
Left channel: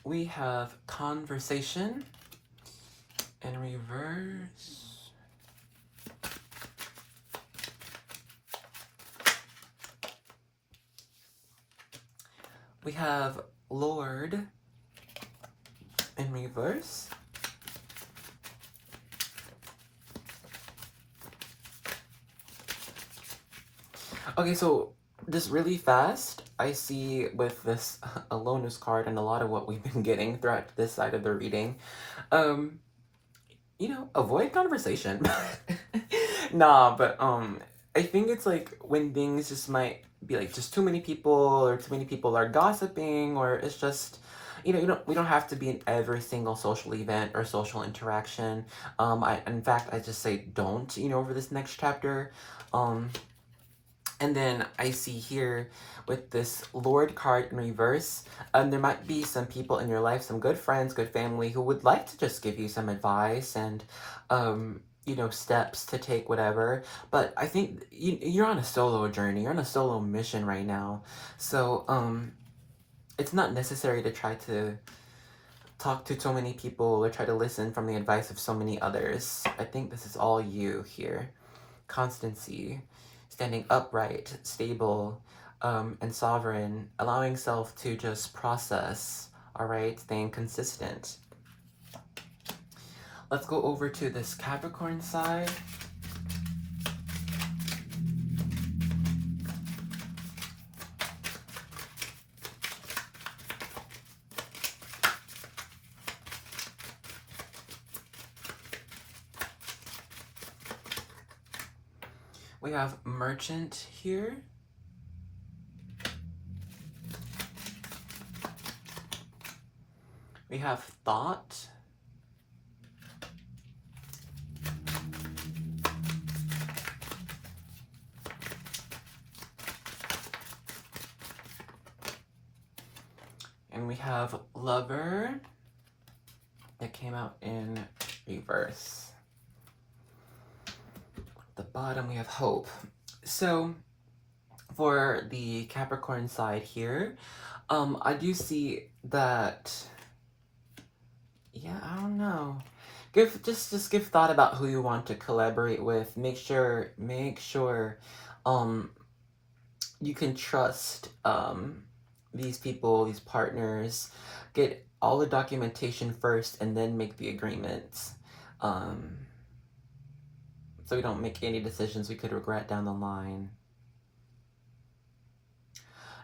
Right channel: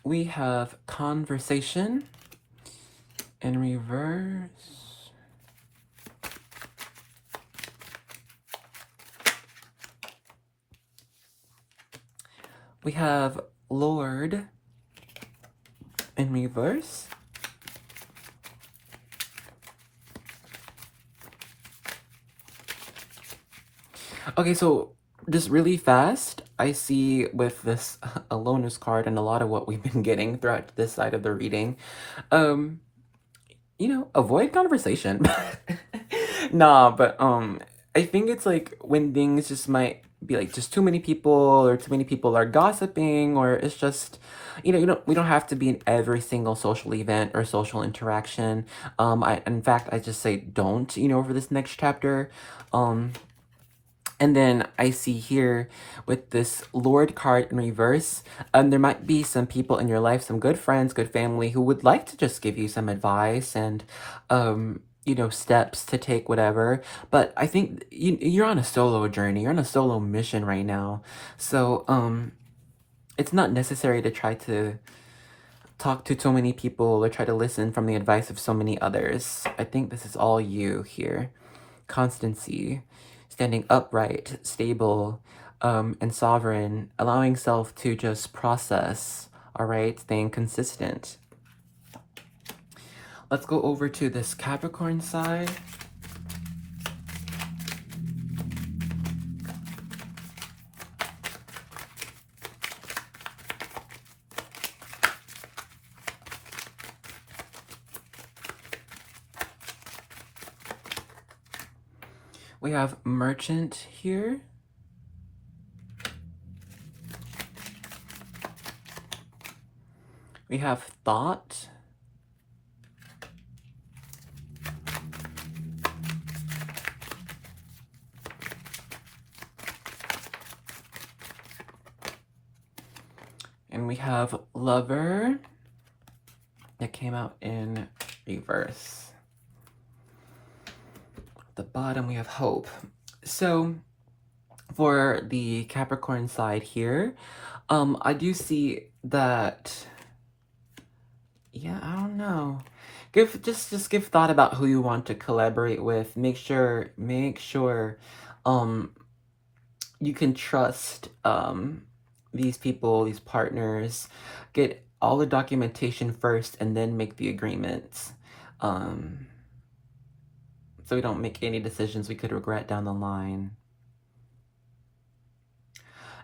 We have conversation in reverse. We have Lord in reverse. Okay, so just really fast, I see with this Alonis card and a lot of what we've been getting throughout this side of the reading, you know, avoid conversation. Nah, but I think it's like when things just might be like just too many people or too many people are gossiping, or it's just, you know, we don't have to be in every single social event or social interaction. In fact, I just say don't, you know, for this next chapter. And then I see here with this Lord card in reverse, there might be some people in your life, some good friends, good family, who would like to just give you some advice and, you know, steps to take, whatever. But I think you're on a solo journey. You're on a solo mission right now. So, it's not necessary to try to talk to so many people or try to listen from the advice of so many others. I think this is all you here. Constancy. Standing upright, stable, and sovereign, allowing self to just process, all right, staying consistent. Let's go over to this Capricorn side. We have Merchant here. We have Thought. Lover that came out in reverse. The bottom we have hope. So for the Capricorn side here, I do see that, yeah, I don't know. Just give thought about who you want to collaborate with. Make sure you can trust these people, these partners. Get all the documentation first and then make the agreements. So we don't make any decisions we could regret down the line.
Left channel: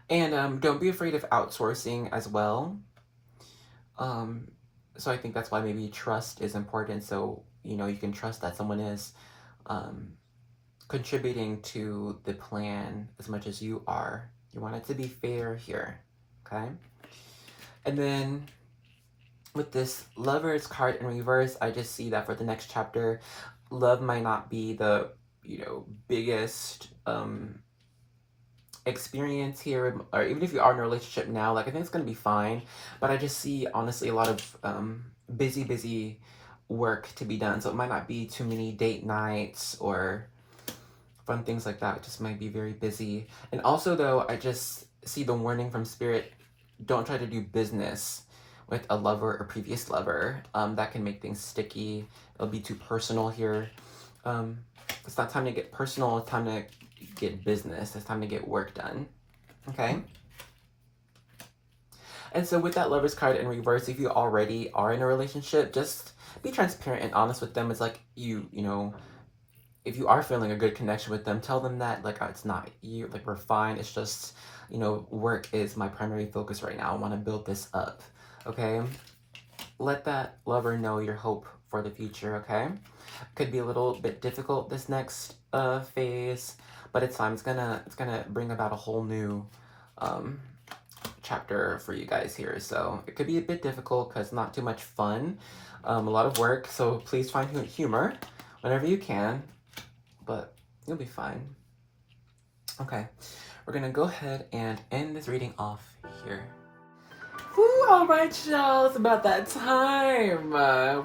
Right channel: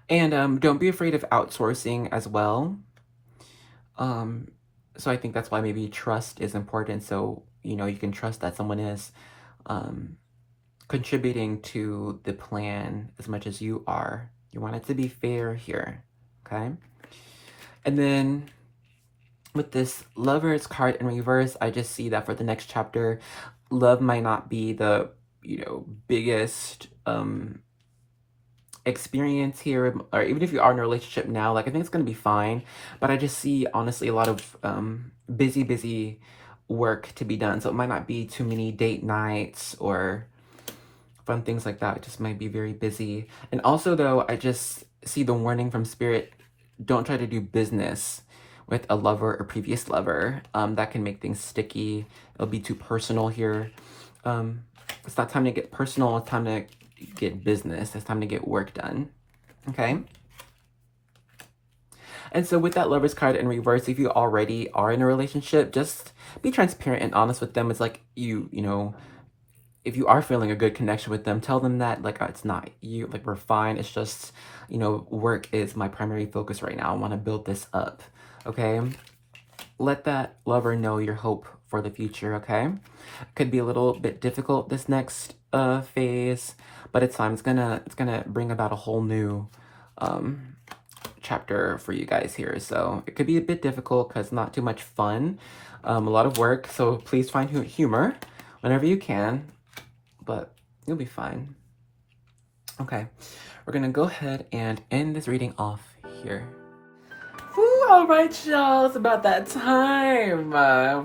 And don't be afraid of outsourcing as well. So I think that's why maybe trust is important. So, you know, you can trust that someone is contributing to the plan as much as you are. You want it to be fair here, okay? And then with this Lovers card in reverse, I just see that for the next chapter, love might not be the, you know, biggest experience here, or even if you are in a relationship now, like I think it's gonna be fine. But I just see honestly a lot of busy work to be done. So it might not be too many date nights or fun things like that. It just might be very busy. And also though, I just see the warning from Spirit, don't try to do business with a lover or previous lover. That can make things sticky. It'll be too personal here. It's not time to get personal, it's time to get business. It's time to get work done, okay? And so with that Lovers card in reverse, if you already are in a relationship, just be transparent and honest with them. It's like you know, if you are feeling a good connection with them, tell them that like it's not you, like we're fine. It's just, you know, work is my primary focus right now. I want to build this up, okay? Let that lover know your hope for the future, okay? Could be a little bit difficult this next phase, but it's fine. It's gonna bring about a whole new chapter for you guys here. So it could be a bit difficult because not too much fun, a lot of work. So please find humor whenever you can, but you'll be fine. Okay, we're gonna go ahead and end this reading off here. All right, y'all, it's about that time.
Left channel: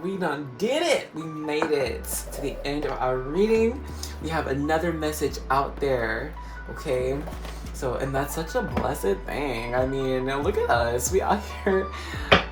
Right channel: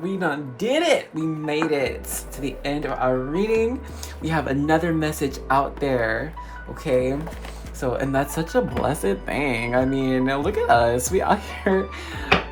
We done did it. We made it to the end of our reading. We have another message out there, okay? So, and that's such a blessed thing. I mean, look at us. We out here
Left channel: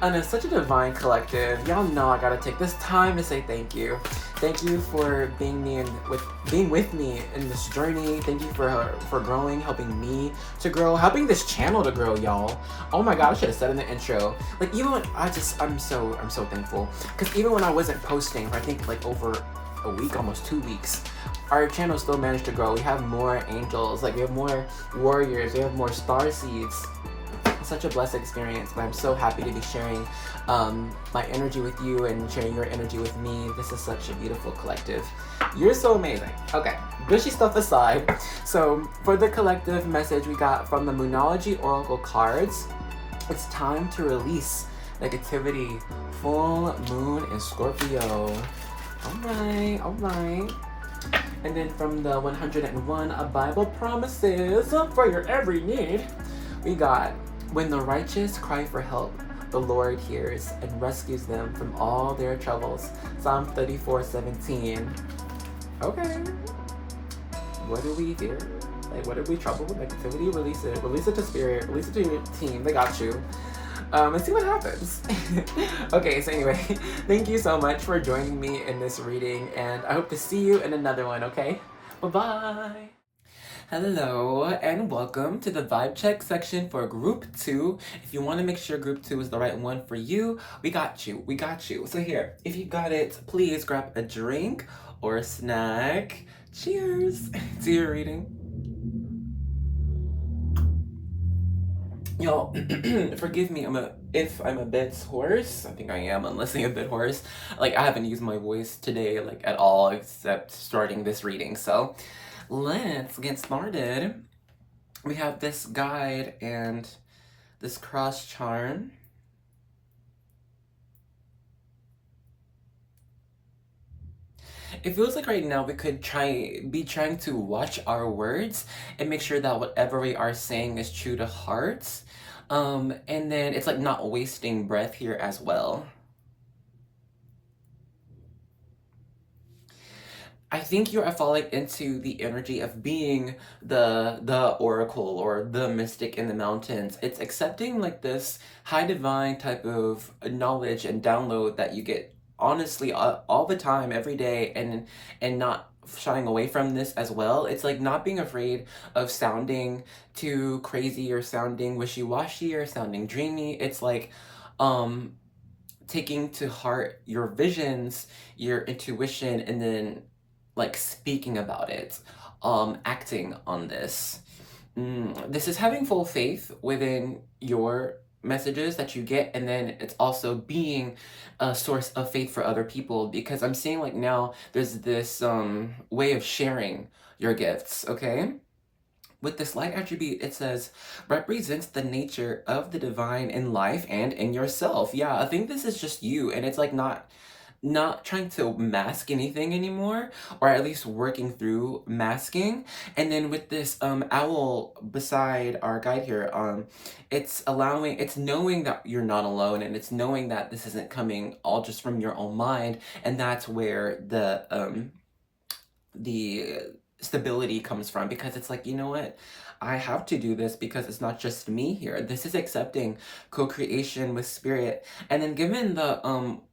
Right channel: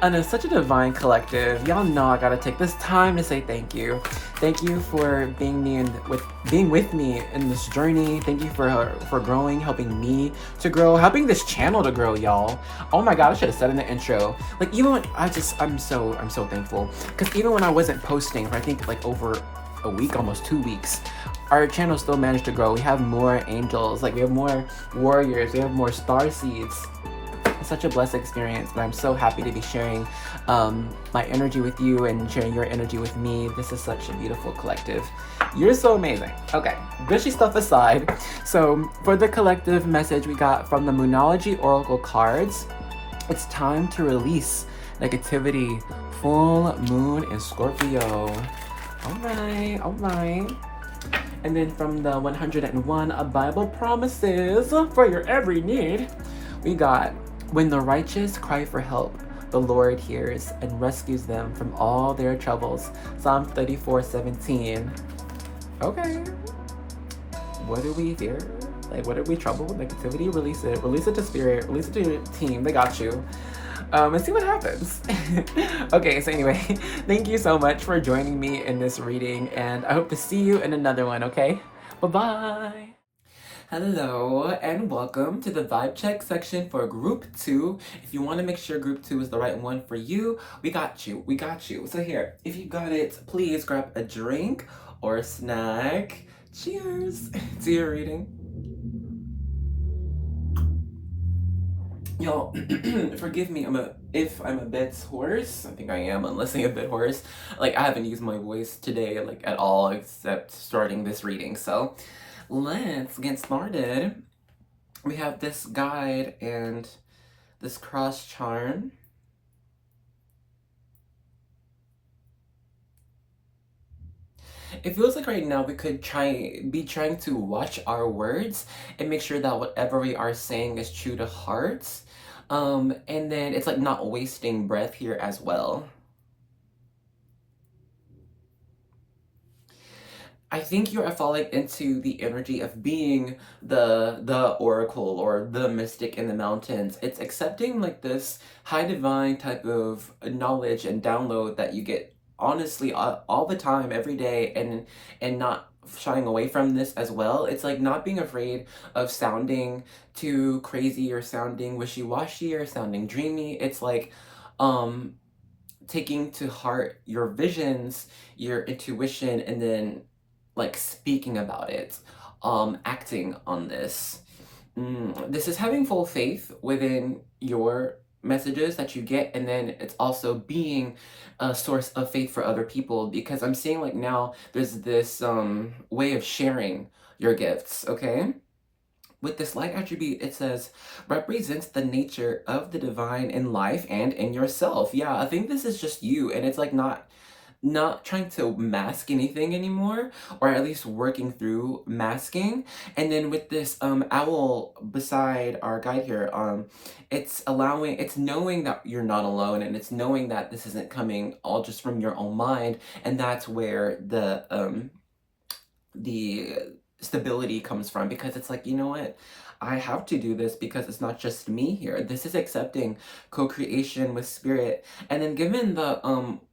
under such a divine collective. Y'all know I gotta take this time to say thank you. Thank you for being with me in this journey. Thank you for growing, helping me to grow, helping this channel to grow, y'all. Oh my God, I should have said in the intro. Like even when I'm so thankful. Because even when I wasn't posting, I think like over a week, almost 2 weeks, our channel still managed to grow. We have more angels, like we have more warriors, we have more star seeds. It's such a blessed experience, but I'm so happy to be sharing my energy with you and sharing your energy with me. This is such a beautiful collective. You're so amazing. Okay, bushy stuff aside. So for the collective message we got from the Moonology Oracle cards, it's time to release negativity. Full moon in Scorpio. All right. And then from the 101 Bible promises for your every need, we got, when the righteous cry for help, the Lord hears and rescues them from all their troubles. Psalm 34:17. Okay. What do we hear? Like, what are we trouble? Negativity? Release it. Release it to Spirit. Release it to your team. They got you. And see what happens. Okay, so anyway, thank you so much for joining me in this reading, and I hope to see you in another one, okay? Bye-bye! Hello, and welcome to the vibe check section for group 2. If you want to make sure group 2 is the right one for you, we got you. So here, if you got it, please grab a drink or a snack. Cheers to your reading. Y'all, forgive me, if I'm a bit hoarse. I think I am, unless I'm a bit hoarse. Like, I haven't used my voice today, like, at all, except starting this reading. So, let's get started. We have this guide and this cross charm. It feels like right now we could be trying to watch our words and make sure that whatever we are saying is true to heart. And then it's like not wasting breath here as well. I think you are falling into the energy of being the oracle or the mystic in the mountains. It's accepting like this high divine type of knowledge and download that you get honestly all the time, every day, and not shying away from this as well. It's like not being afraid of sounding too crazy or sounding wishy-washy or sounding dreamy. It's like taking to heart your visions, your intuition, and then like speaking about it, acting on this. This is having full faith within your messages that you get, and then it's also being a source of faith for other people, because I'm seeing like now there's this way of sharing your gifts, okay? With this light attribute, it says, represents the nature of the divine in life and in yourself. Yeah, I think this is just you, and it's like not trying to mask anything anymore, or at least working through masking. And then with this owl beside our guide here, it's knowing that you're not alone, and it's knowing that this isn't coming all just from your own mind, and that's where the stability comes from, because it's like, you know what, I have to do this because it's not just me here. This is accepting co-creation with spirit. And then given the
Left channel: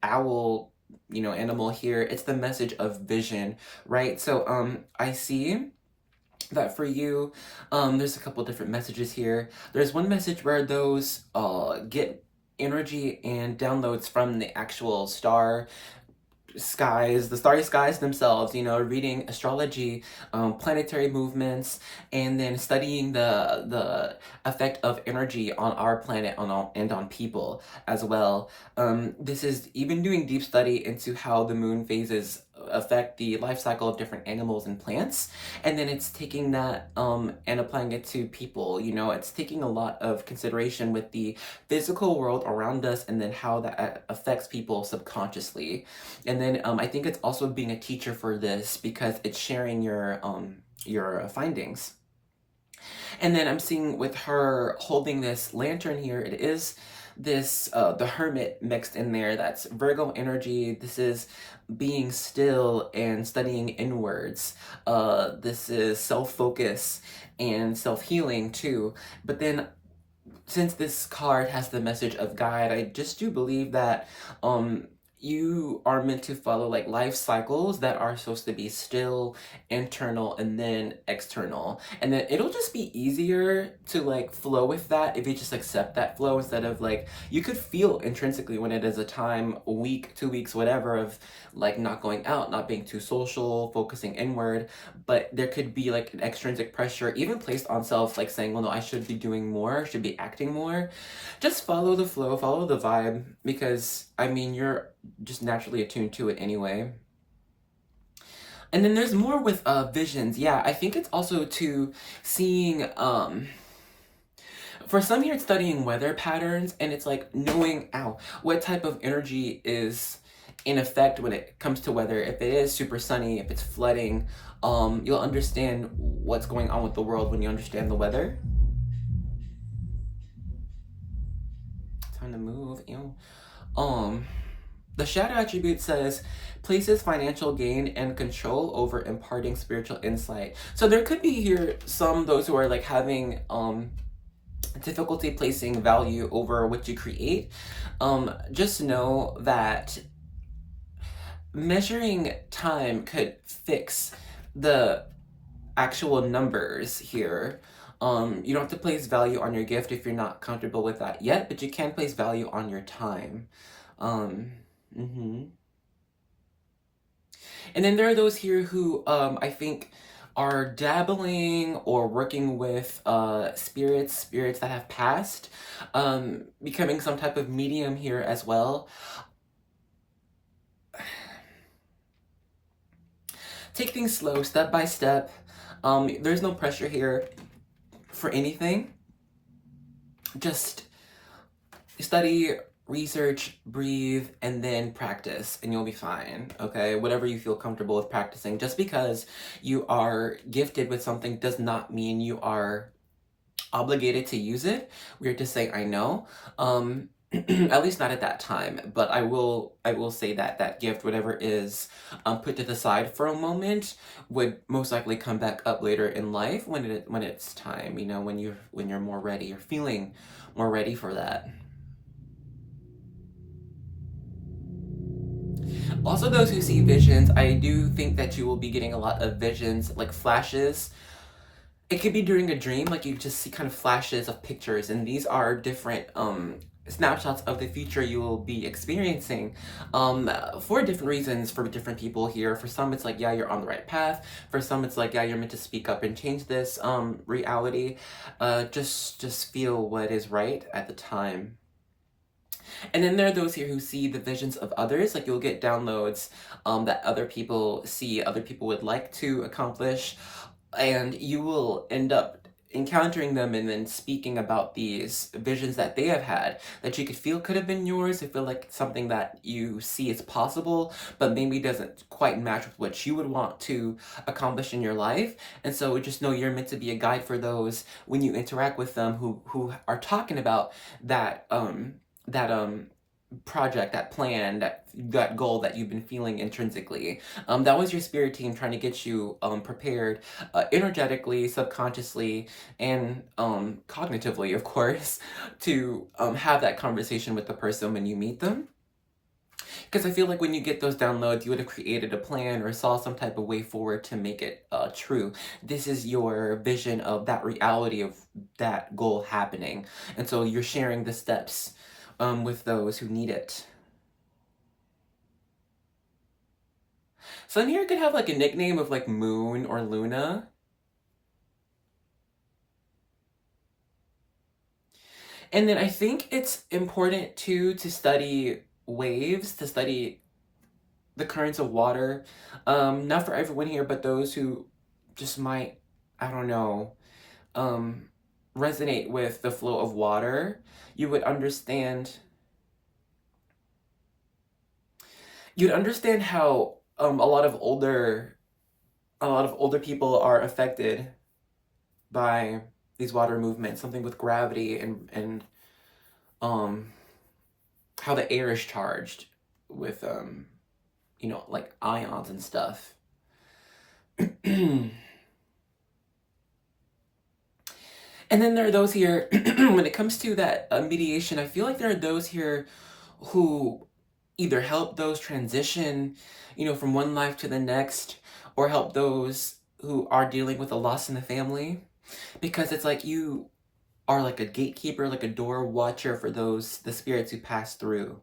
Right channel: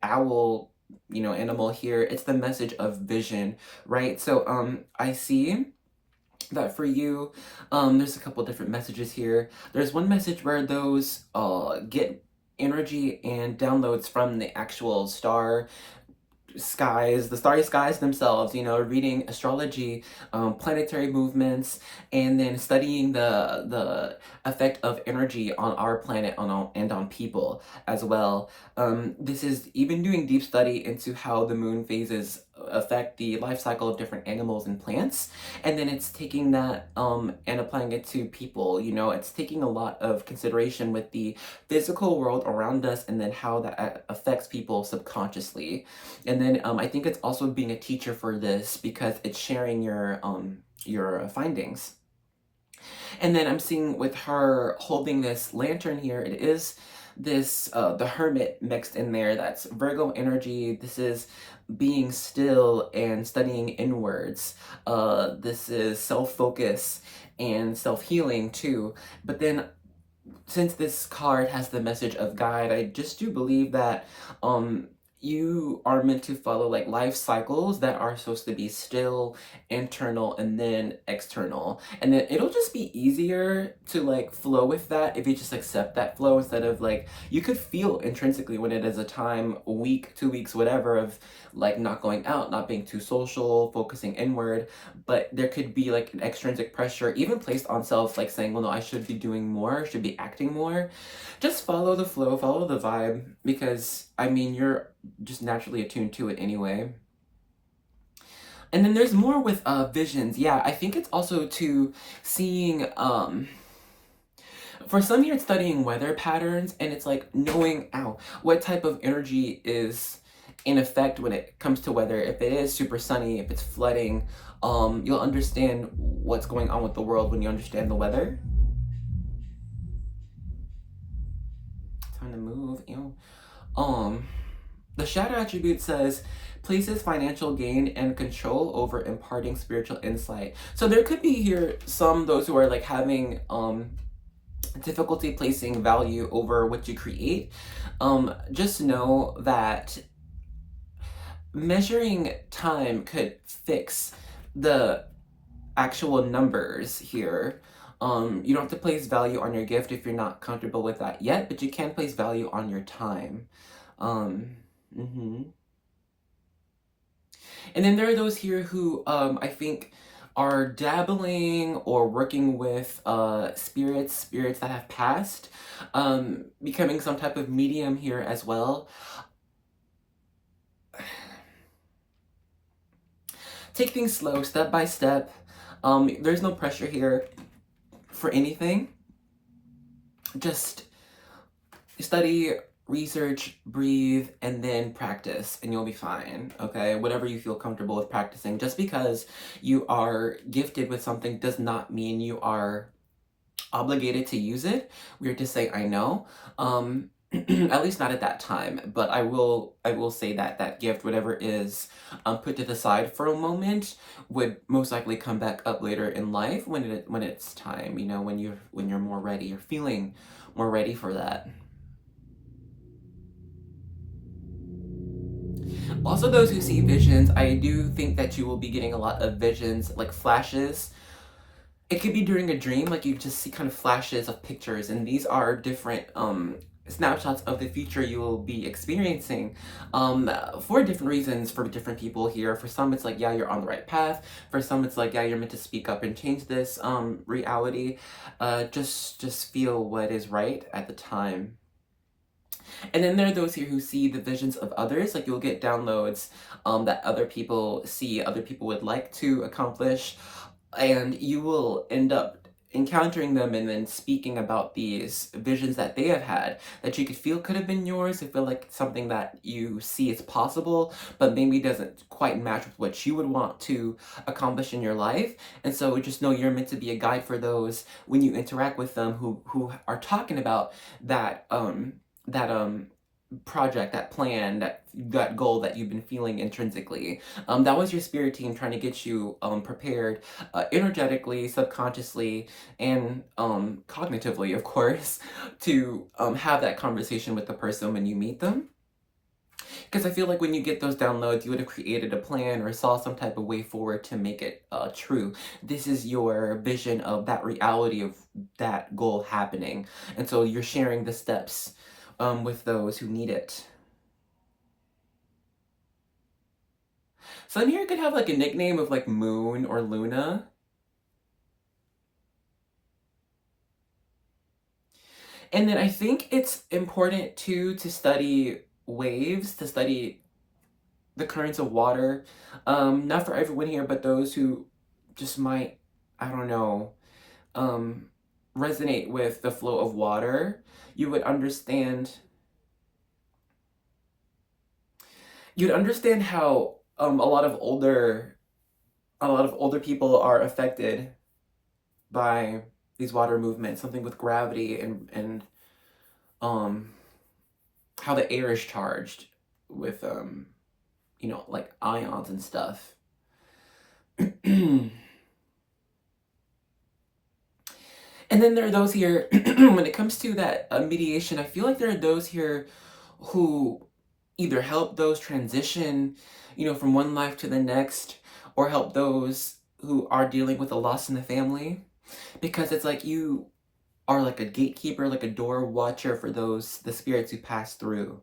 owl, you know, animal here, it's the message of vision, right? So I see that for you, there's a couple different messages here. There's one message where those get energy and downloads from the actual skies, the starry skies themselves, you know, reading astrology, planetary movements, and then studying the effect of energy on our planet and on people as well. This is even doing deep study into how the moon phases affect the life cycle of different animals and plants, and then it's taking that and applying it to people. You know, it's taking a lot of consideration with the physical world around us, and then how that affects people subconsciously. And then I think it's also being a teacher for this, because it's sharing your findings. And then I'm seeing with her holding this lantern here, it is this the hermit mixed in there. That's Virgo energy. This is being still and studying inwards. This is self-focus and self-healing too. But then since this card has the message of guide, I just do believe that you are meant to follow like life cycles that are supposed to be still, internal, and then external. And then it'll just be easier to like flow with that if you just accept that flow, instead of like, you could feel intrinsically when it is a time, a week, 2 weeks, whatever, of like not going out, not being too social, focusing inward. But there could be like an extrinsic pressure even placed on self, like saying, well, no, I should be doing more, should be acting more. Just follow the flow, follow the vibe, because I mean, you're just naturally attuned to it anyway. And then there's more with visions. Yeah, I think it's also to seeing for some here it's studying weather patterns, and it's like knowing what type of energy is in effect when it comes to weather. If it is super sunny, if it's flooding, you'll understand what's going on with the world when you understand the weather. Time to move. The shadow attribute says places financial gain and control over imparting spiritual insight. So there could be here those who are like having difficulty placing value over what you create. Just know that measuring time could fix the actual numbers here. You don't have to place value on your gift if you're not comfortable with that yet, but you can place value on your time. And then there are those here who I think are dabbling or working with spirits that have passed, becoming some type of medium here as well. Take things slow, step by step. There's no pressure here for anything. Just study, research, breathe, and then practice, and you'll be fine, okay? Whatever you feel comfortable with practicing. Just because you are gifted with something does not mean you are obligated to use it. Weird to say, I know. At least not at that time, but I will say that that gift, whatever is put to the side for a moment, would most likely come back up later in life when it's time, when you're more ready, you're feeling more ready for that. Also, those who see visions, I do think that you will be getting a lot of visions, like flashes. It could be during a dream, like you just see kind of flashes of pictures, and these are different snapshots of the future you will be experiencing for different reasons for different people here. For some, it's like, yeah, you're on the right path. For some, it's like, yeah, you're meant to speak up and change this reality. Just feel what is right at the time. And then there are those here who see the visions of others. Like you'll get downloads that other people see, other people would like to accomplish, and you will end up encountering them and then speaking about these visions that they have had that you could feel could have been yours. They feel like something that you see is possible, but maybe doesn't quite match with what you would want to accomplish in your life. And so just know you're meant to be a guide for those when you interact with them who are talking about that project, that plan, that goal that you've been feeling intrinsically. That was your spirit team trying to get you prepared energetically, subconsciously, and cognitively, of course, to have that conversation with the person when you meet them. Because I feel like when you get those downloads, you would have created a plan or saw some type of way forward to make it true. This is your vision of that reality of that goal happening. And so you're sharing the steps with those who need it. Some here could have like a nickname of like Moon or Luna. And then I think it's important too to study waves, to study the currents of water. Not for everyone here, but those who just might, I don't know, resonate with the flow of water. You would understand. You'd understand how a lot of older people are affected by these water movements, something with gravity and um how the air is charged with like ions and stuff. And then there are those here when it comes to that mediation, I feel like there are those here who either help those transition, from one life to the next, or help those who are dealing with a loss in the family, because it's like you are like a gatekeeper, like a door watcher for the spirits who pass through,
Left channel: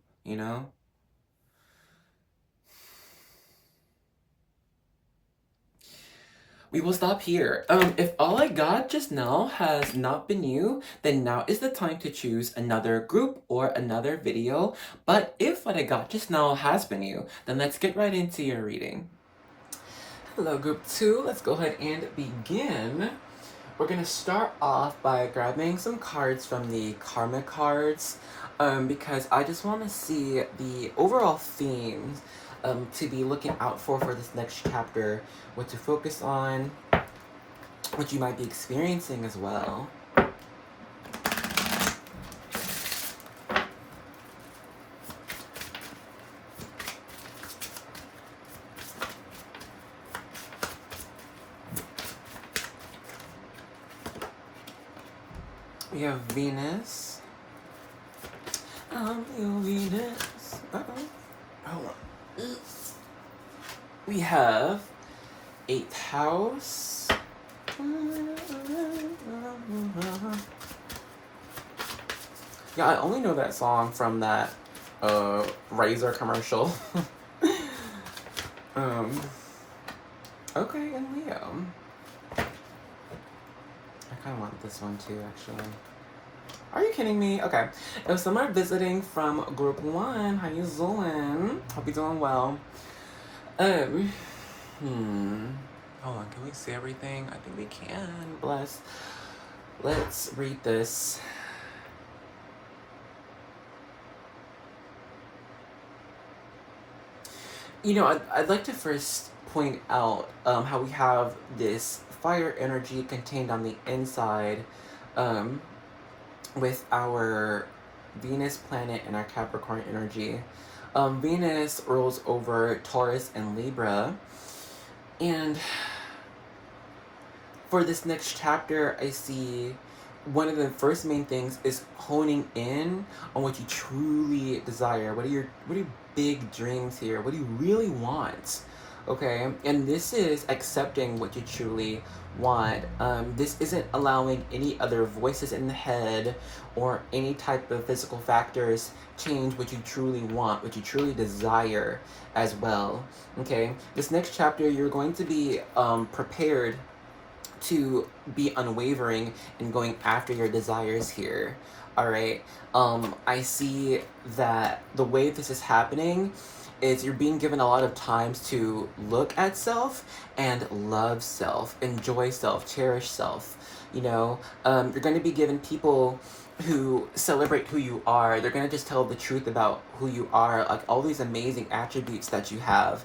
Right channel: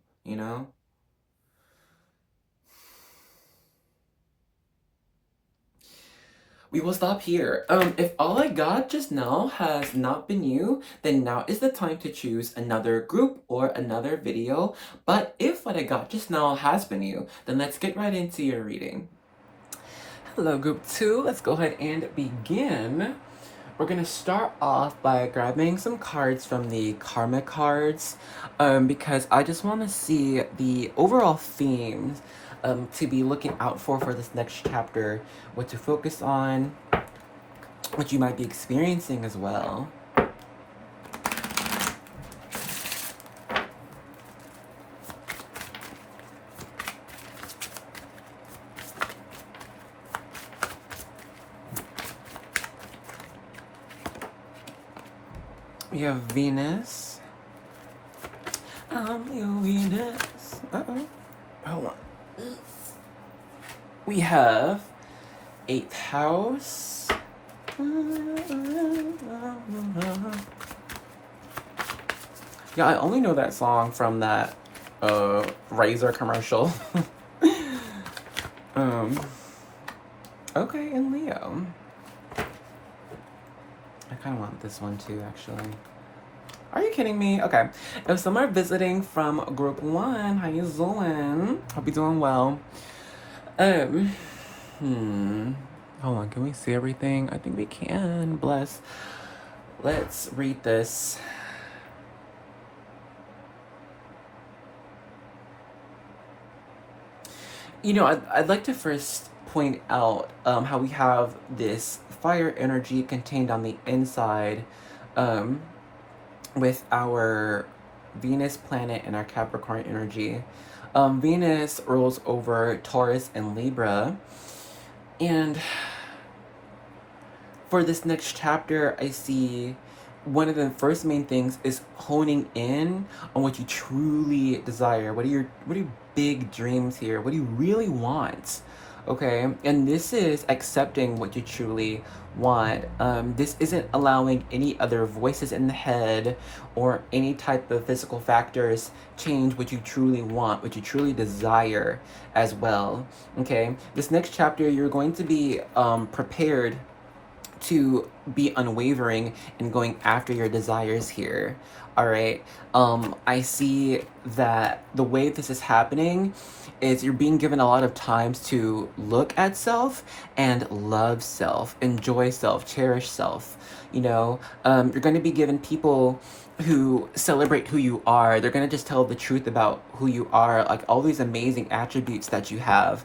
We will stop here. If all I got just now has not been you, then now is the time to choose another group or another video. But if what I got just now has been you, then let's get right into your reading. Hello, group 2. Let's go ahead and begin. We're going to start off by grabbing some cards from the Karma cards because I just want to see the overall themes to be looking out for this next chapter, what to focus on, what you might be experiencing as well. We have Venus. I'm your Venus. Hold on. We have 8th house. Yeah, I only know that song from that Razor commercial. Okay, and Leo. I kind of want this one too, actually. Are you kidding me? Okay. If some are visiting from group 1, how you doing? Hope you're doing well. Hold on, can we see everything? I think we can. Bless. Let's read this. I'd like to first point out how we have this fire energy contained on the inside um, with our Venus planet and our Capricorn energy. Venus rules over Taurus and Libra. And for this next chapter, I see one of the first main things is honing in on what you truly desire. What are your big dreams here? What do you really want? Okay, and this is accepting what you truly want. This isn't allowing any other voices in the head or any type of physical factors change what you truly want, what you truly desire as well. Okay, this next chapter, you're going to be prepared to be unwavering in going after your desires here. All right. I see that the way this is happening is you're being given a lot of times to look at self and love self, enjoy self, cherish self. You know, you're going to be given people who celebrate who you are. They're going to just tell the truth about who you are, like all these amazing attributes that you have.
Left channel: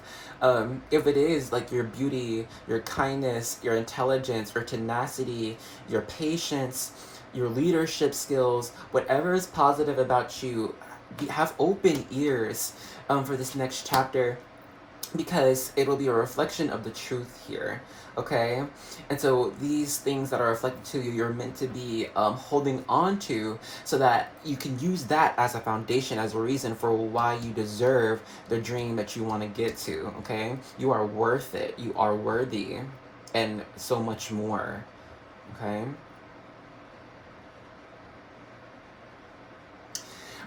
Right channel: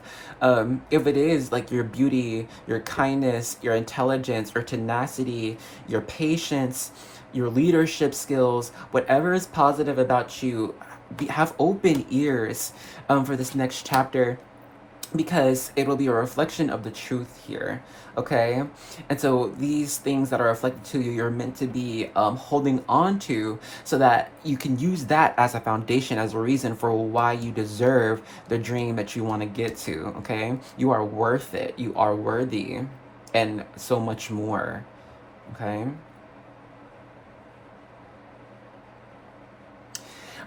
If it is like your beauty, your kindness, your intelligence, your tenacity, your patience, your leadership skills, whatever is positive about you, have open ears for this next chapter, because it will be a reflection of the truth here, okay? And so these things that are reflected to you, you're meant to be holding on to, so that you can use that as a foundation, as a reason for why you deserve the dream that you want to get to, okay? You are worth it, you are worthy, and so much more, okay?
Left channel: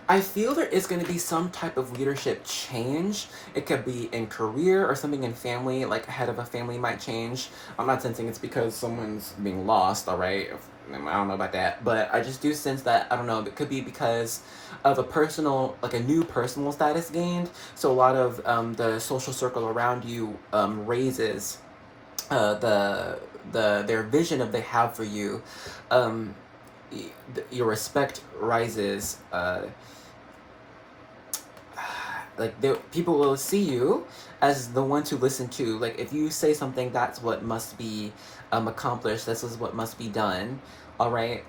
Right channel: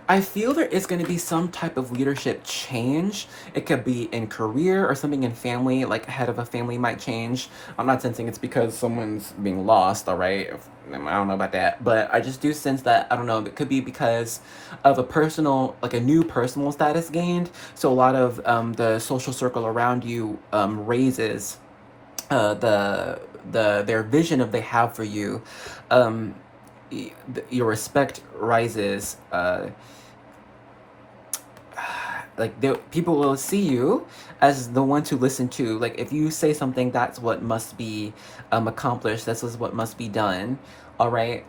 I feel there is going to be some type of leadership change. It could be in career or something in family, like head of a family might change. I'm not sensing it's because someone's being lost, all right? I don't know about that, but I just do sense that, I don't know, it could be because of a personal, like a new personal status gained. So a lot of the social circle around you raises their vision of they have for you. Um, your respect rises. Like people will see you as the one to listen to. Like if you say something, that's what must be accomplished. This is what must be done. All right.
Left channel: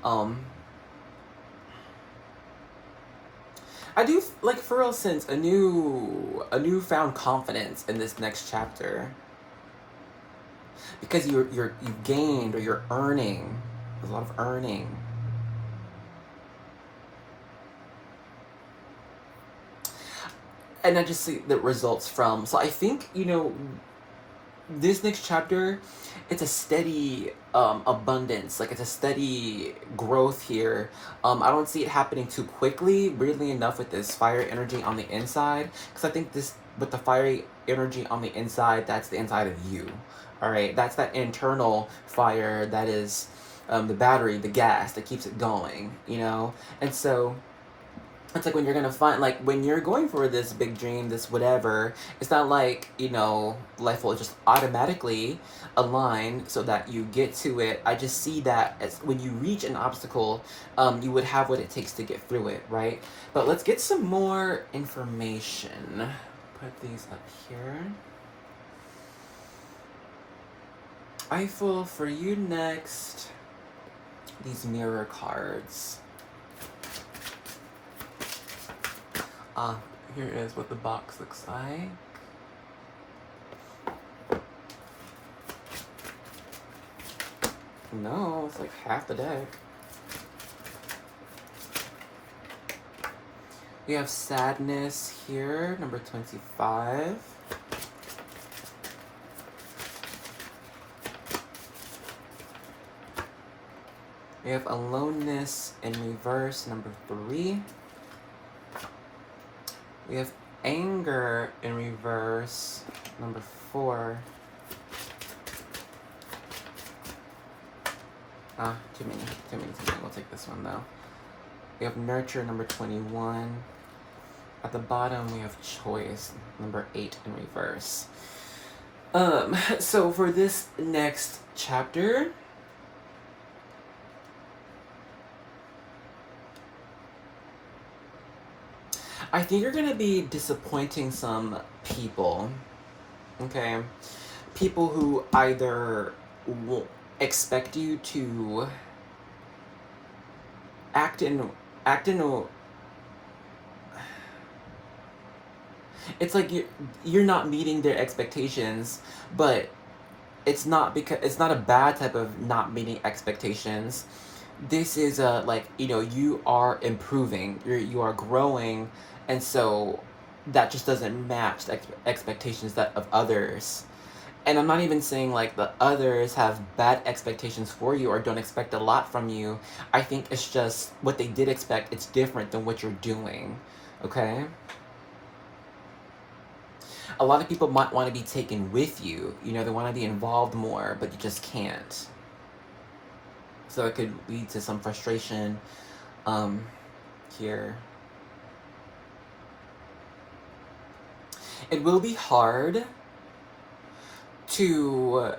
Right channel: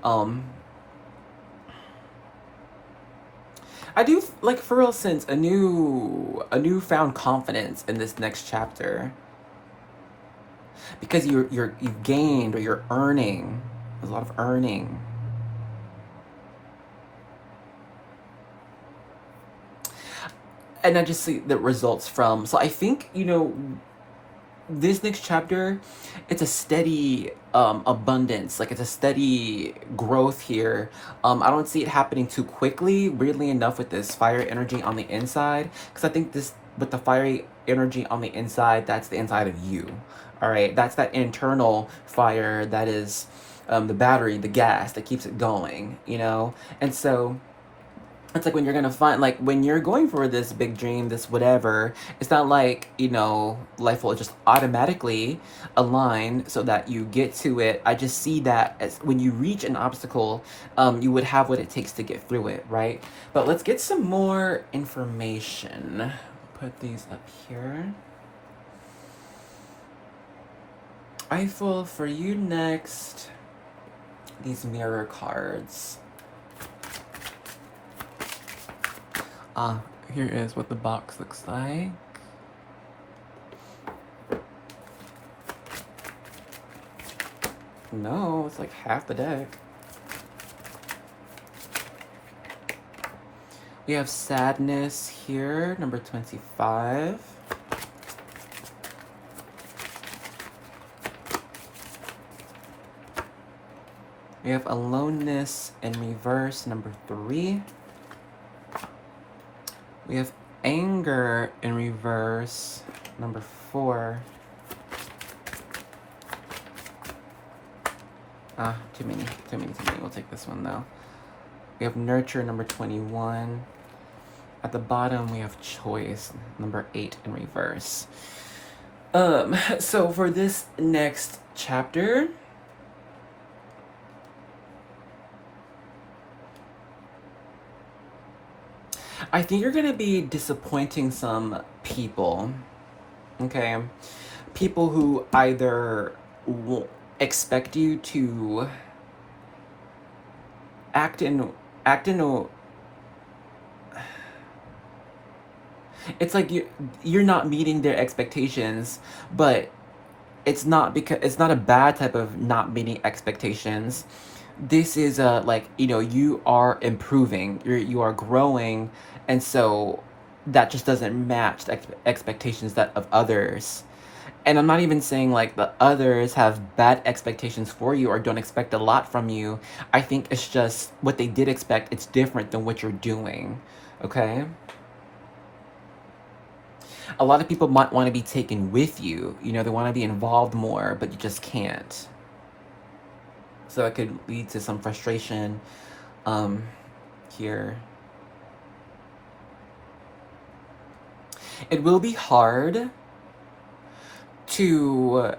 I do like for real sense a newfound confidence in this next chapter, because you've gained, or you're earning. There's a lot of earning. And I just see the results from. So I think, you know, this next chapter, it's a steady abundance, like it's a steady growth here. I don't see it happening too quickly, weirdly enough, with this fire energy on the inside, because I think this, with the fiery energy on the inside, that's the inside of you. All right, that's that internal fire that is the battery, the gas that keeps it going, you know. And so it's like when you're gonna find, like when you're going for this big dream, this whatever, it's not like, you know, life will just automatically align so that you get to it. I just see that as when you reach an obstacle, you would have what it takes to get through it, right? But let's get some more information. Put these up here. Eiffel, for you next, these mirror cards. Here is what the box looks like. No, it's like half the deck. We have sadness here, number 25. We have aloneness in reverse, number 3. We have anger in reverse, number 4. Too many. We'll take this one though. We have nurture, number 21. At the bottom, we have choice, number 8 in reverse. So for this next chapter, I think you're gonna be disappointing some people, okay? People who either expect you to act in a, it's like you're not meeting their expectations, but it's not because it's not a bad type of not meeting expectations. This is a, like, you know, you are improving, you are growing, and so that just doesn't match the expectations that of others. And I'm not even saying like the others have bad expectations for you or don't expect a lot from you. I think it's just what they did expect, it's different than what you're doing. Okay? A lot of people might want to be taken with you. You know, they want to be involved more, but you just can't. So it could lead to some frustration here. It will be hard to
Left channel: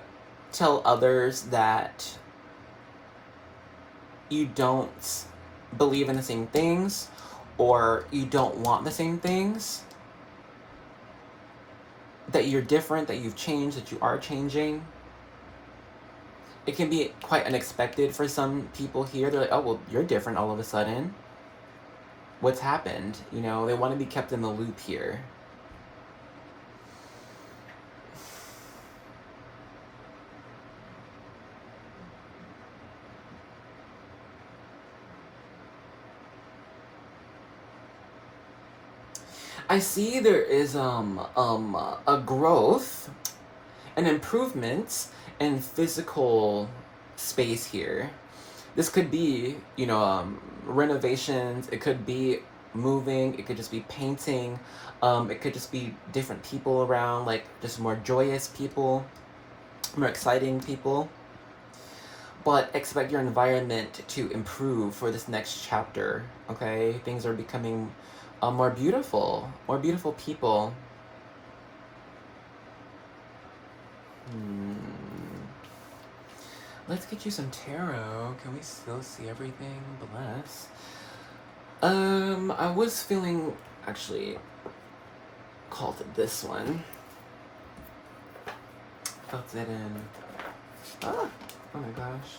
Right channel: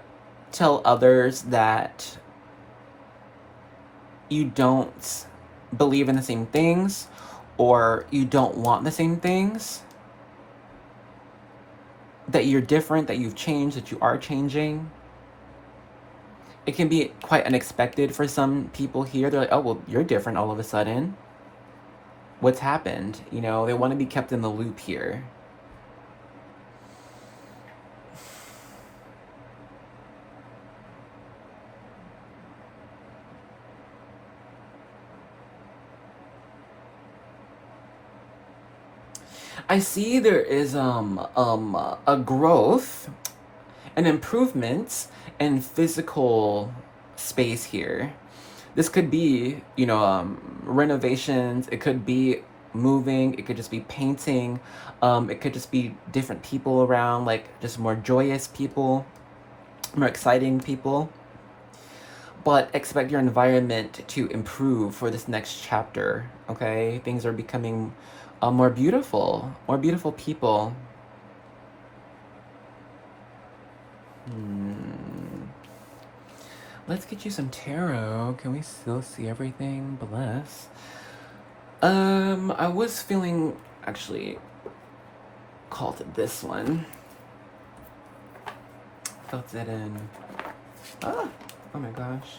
tell others that you don't believe in the same things or you don't want the same things, that you're different, that you've changed, that you are changing. It can be quite unexpected for some people here. They're like, oh, well, you're different all of a sudden. What's happened? You know, they want to be kept in the loop here. I see there is a growth, an improvement in physical space here. This could be, you know, renovations. It could be moving. It could just be painting. It could just be different people around, like just more joyous people, more exciting people. But expect your environment to improve for this next chapter. Okay, things are becoming more beautiful people. Let's get you some tarot. Can we still see everything? Bless. I was feeling actually called this one. Felt it in. Ah, oh my gosh.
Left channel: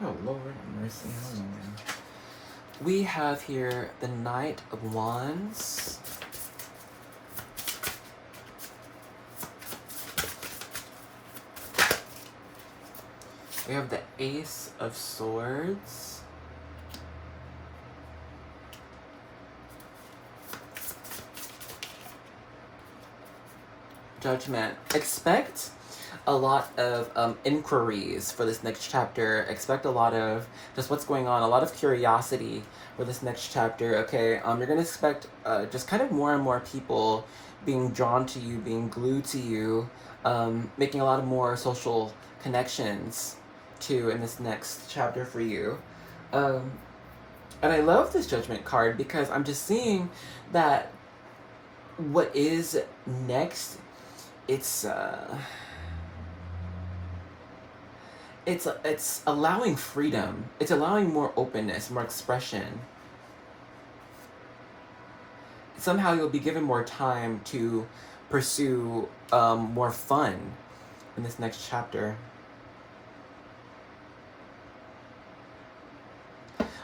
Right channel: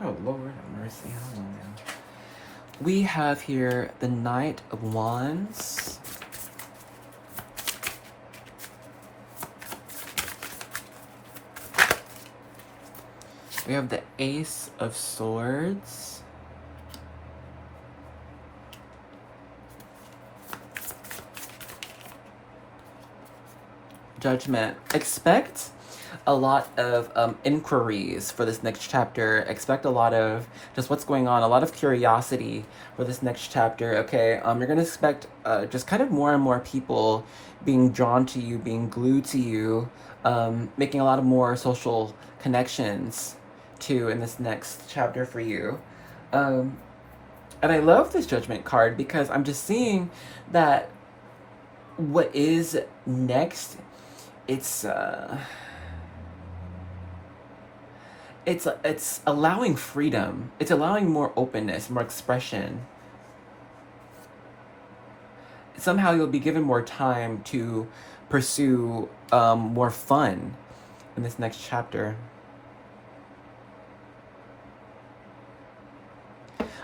Oh, Lord have mercy. We have here the Knight of Wands. We have the Ace of Swords. Judgment. Expect a lot of inquiries for this next chapter. Expect a lot of just what's going on, a lot of curiosity for this next chapter, okay? You're going to expect just kind of more and more people being drawn to you, being glued to you, making a lot of more social connections too in this next chapter for you. And I love this Judgment card because I'm just seeing that what is next, it's allowing freedom. It's allowing more openness, more expression. Somehow you'll be given more time to pursue more fun in this next chapter.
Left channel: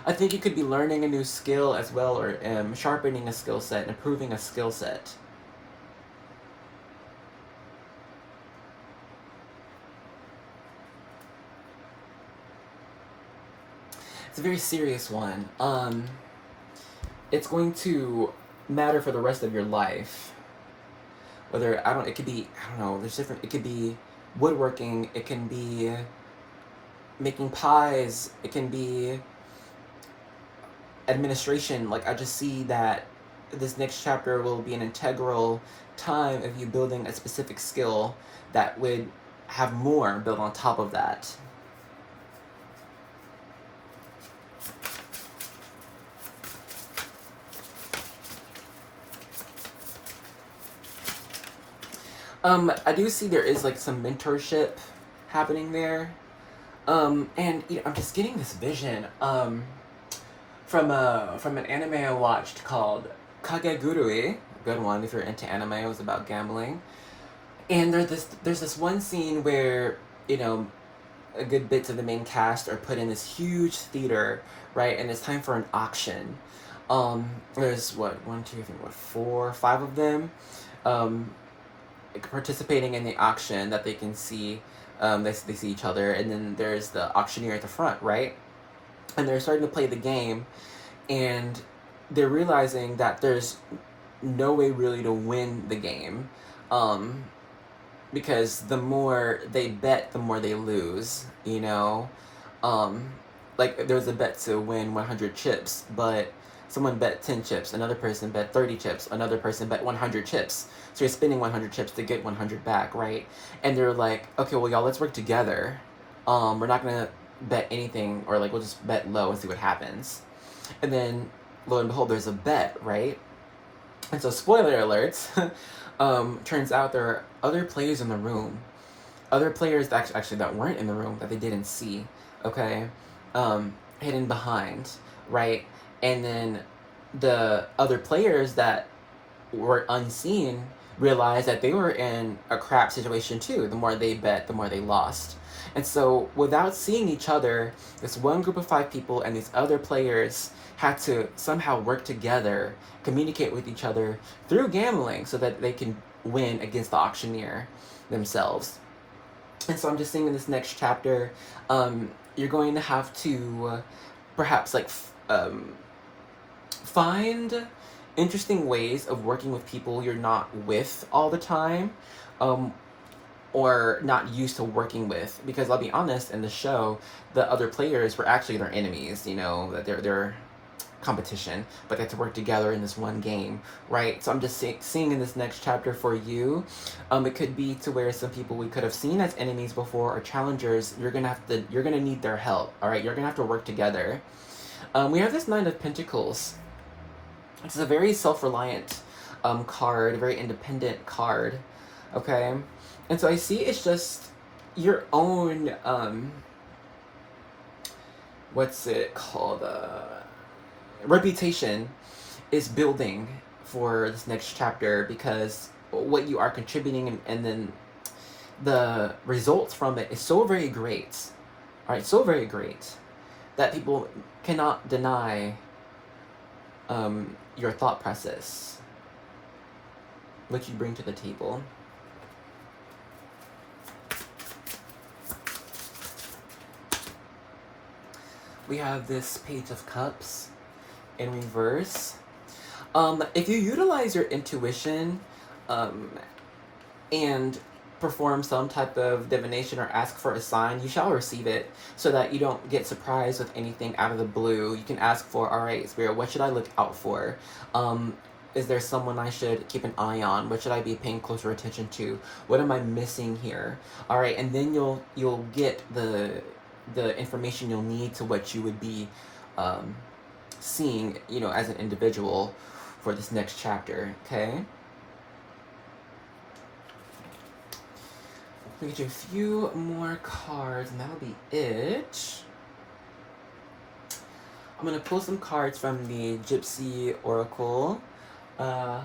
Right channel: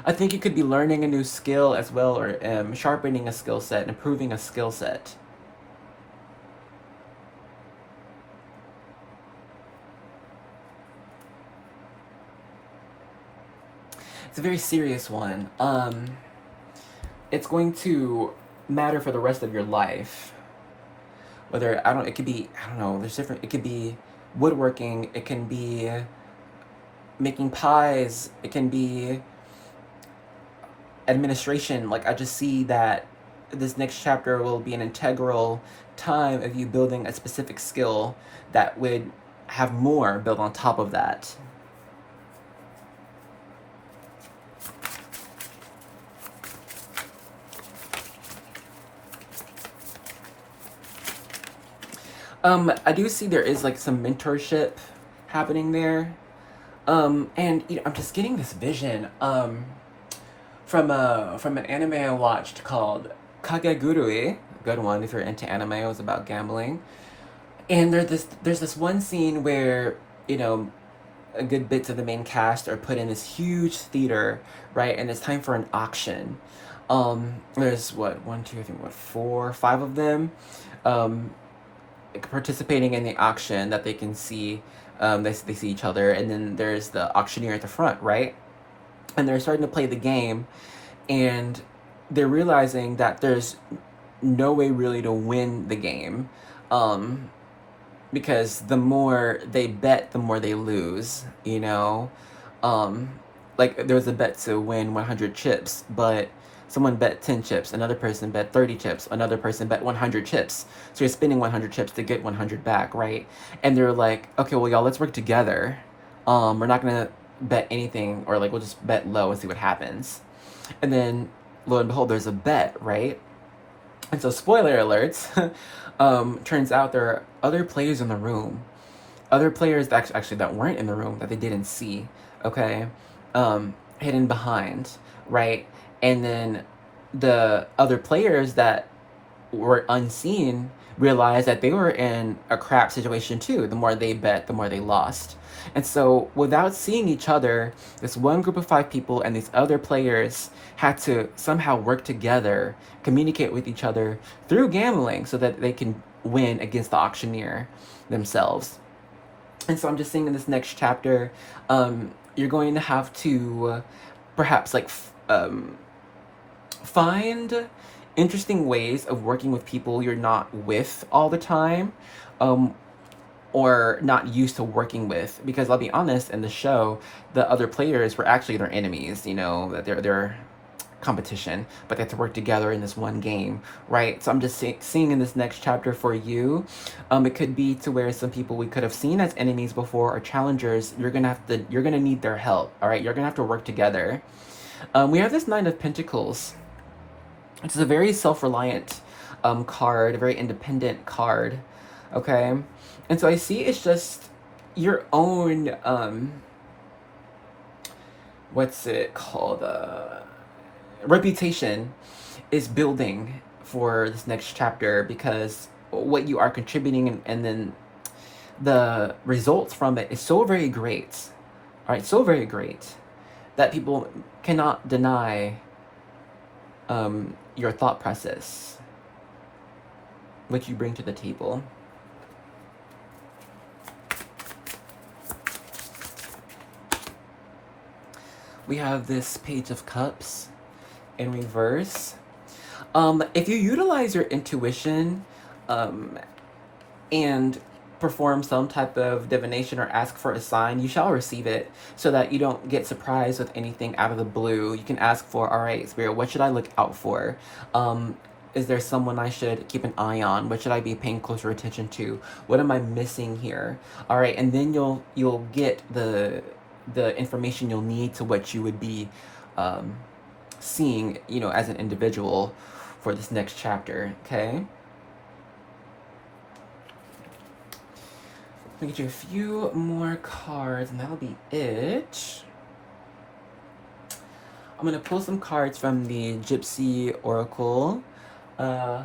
I think you could be learning a new skill as well, or sharpening a skill set, improving a skill set. It's a very serious one. It's going to matter for the rest of your life. Whether, it could be, I don't know, there's different, it could be woodworking, it can be making pies, it can be administration. Like, I just see that this next chapter will be an integral time of you building a specific skill that would have more built on top of that. I do see there is like some mentorship happening there. And you know, I'm just getting this vision from an anime I watched called Kagegurui. Good one if you're into anime. It was about gambling. And there's this one scene where, you know, a good bits of the main cast are put in this huge theater, right? And it's time for an auction. There's what, one, two, I think what, four, five of them, um, participating in the auction that they can see. They see each other, and then there's the auctioneer at the front, right? And they're starting to play the game, and they're realizing that there's no way really to win the game. Um, because the more they bet, the more they lose, you know? Um, like, there's a bet to win 100 chips, but someone bet 10 chips, another person bet 30 chips, another person bet 100 chips. So you're spending 100 chips to get 100 back, right? And they're like, okay, well, y'all, let's work together. We're not gonna bet anything, or like, we'll just bet low and see what happens. And then, lo and behold, there's a bet, right? And so, spoiler alerts, turns out there are other players in the room. Other players that actually that weren't in the room that they didn't see, okay? Hidden behind, right? And then the other players that were unseen realized that they were in a crap situation too. The more they bet, the more they lost. And so, without seeing each other, this one group of five people and these other players had to somehow work together, communicate with each other through gambling so that they can win against the auctioneer themselves. And so, I'm just saying in this next chapter, you're going to have to perhaps like find interesting ways of working with people you're not with all the time, or not used to working with. Because I'll be honest, in the show, the other players were actually their enemies. You know, that they're competition, but they have to work together in this one game, right? So I'm just seeing in this next chapter for you, it could be to where some people we could have seen as enemies before or challengers, you're gonna need their help. All right, you're gonna have to work together. We have this Nine of Pentacles. It's a very self-reliant card, a very independent card, okay? And so I see it's just your own, what's it called? Reputation is building for this next chapter, because what you are contributing and then the results from it is so very great, all right? So very great that people cannot deny your thought process, what you bring to the table. We have this Page of Cups in reverse. If you utilize your intuition and perform some type of divination or ask for a sign, you shall receive it, so that you don't get surprised with anything out of the blue. You can ask for, all right, Spirit, what should I look out for? Is there someone I should keep an eye on? What should I be paying closer attention to? What am I missing here? All right, and then you'll get the information you'll need to what you would be seeing, you know, as an individual for this next chapter, okay? Let me get you a few more cards, and that'll be it. I'm gonna pull some cards from the Gypsy Oracle, and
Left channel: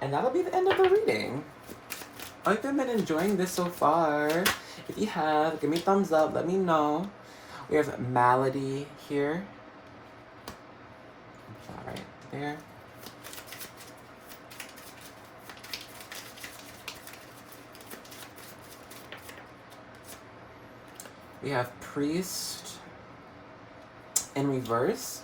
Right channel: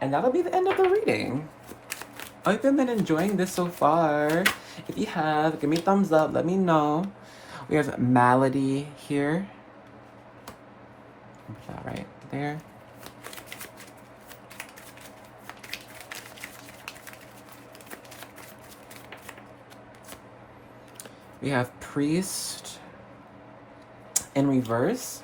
that'll be the end of the reading. I hope you've been enjoying this so far. If you have, give me a thumbs up, let me know. We have Malady here. Right there. We have Priest in reverse.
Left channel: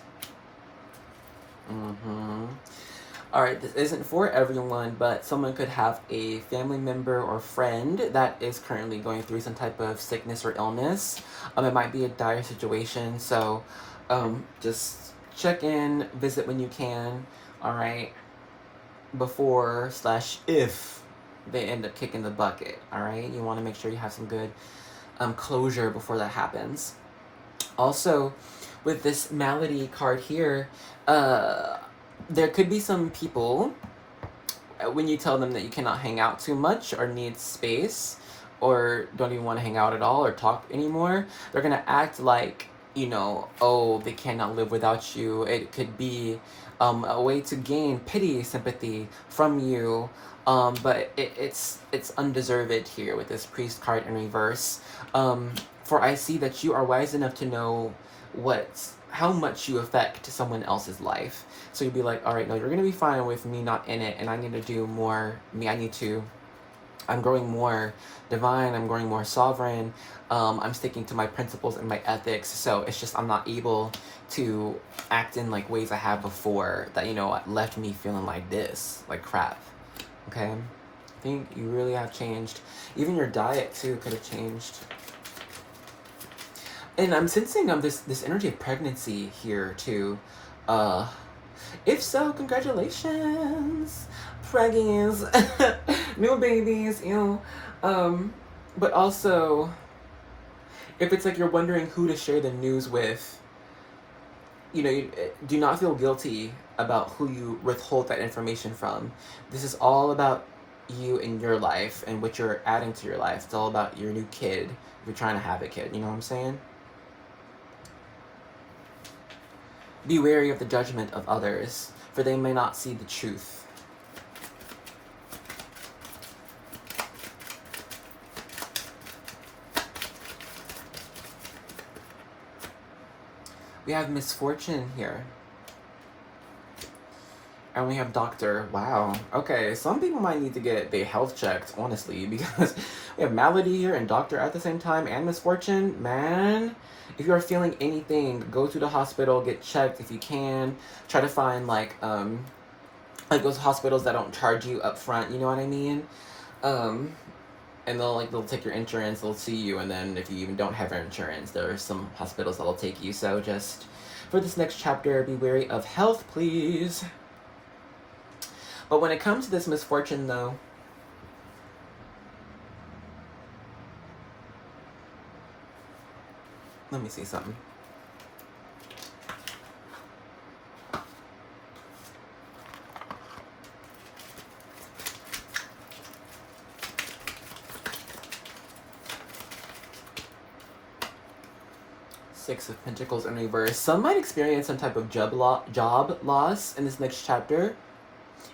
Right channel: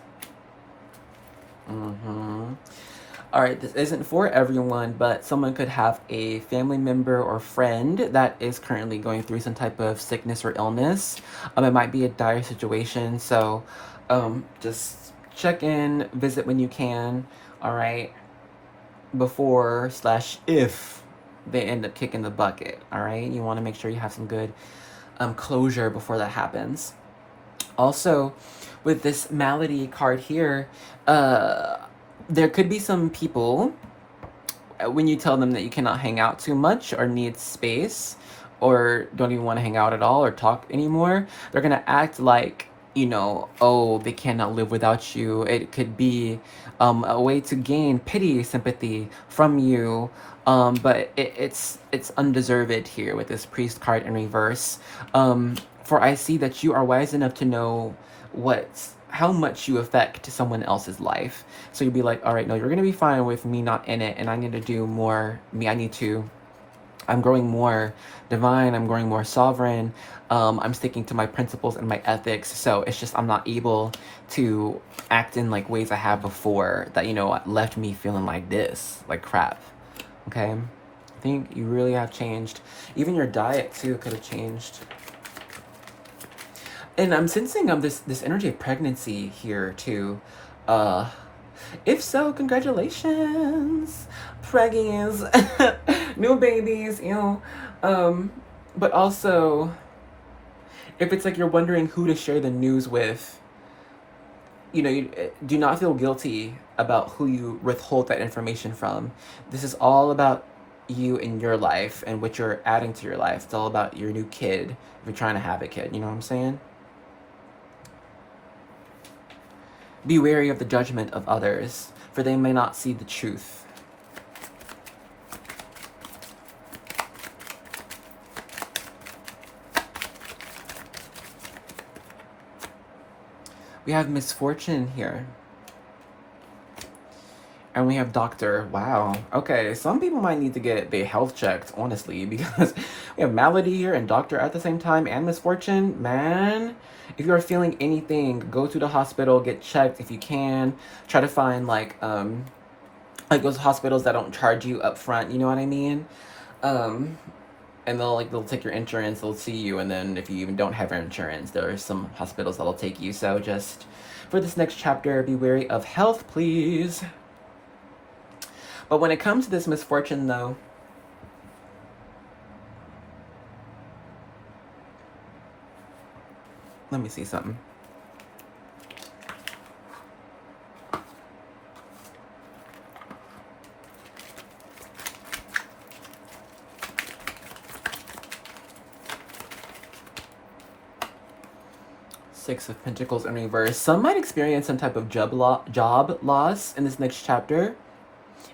Alright, this isn't for everyone, but someone could have a family member or friend that is currently going through some type of sickness or illness. It might be a dire situation, so just check in, visit when you can, alright, before/if they end up kicking the bucket, alright? You want to make sure you have some good closure before that happens. Also, with this Malady card here, there could be some people, when you tell them that you cannot hang out too much or need space, or don't even want to hang out at all or talk anymore, they're gonna act like, you know, oh, they cannot live without you. It could be a way to gain pity, sympathy from you. But it's undeserved here with this priest card in reverse. For I see that you are wise enough to know how much you affect someone else's life. So you'd be like, all right, no, you're gonna be fine with me not in it, and I need to do more me. I'm growing more divine, I'm growing more sovereign, I'm sticking to my principles and my ethics, so it's just I'm not able to act in like ways I have before that, you know what, left me feeling like this, like crap, okay? I think you really have changed. Even your diet too could have changed. And I'm sensing this energy of pregnancy here too. If so, congratulations, preggies, new babies, you know. But also, if it's like you're wondering who to share the news with, you know, you do not feel guilty about who you withhold that information from. This is all about you and your life and what you're adding to your life. It's all about your new kid, if you're trying to have a kid, you know what I'm saying? Be wary of the judgment of others, for they may not see the truth. We have misfortune here. And we have doctor. Wow. Okay, some people might need to get their health checked, honestly, because we have malady here and doctor at the same time and misfortune. Man, if you are feeling anything, go to the hospital, get checked if you can. Try to find like those hospitals that don't charge you up front, you know what I mean? And they'll take your insurance, they'll see you, and then if you even don't have your insurance, there are some hospitals that'll take you. So just for this next chapter, be wary of health, please. But when it comes to this misfortune, though, let me see something. Six of Pentacles in reverse. Some might experience some type of job loss in this next chapter.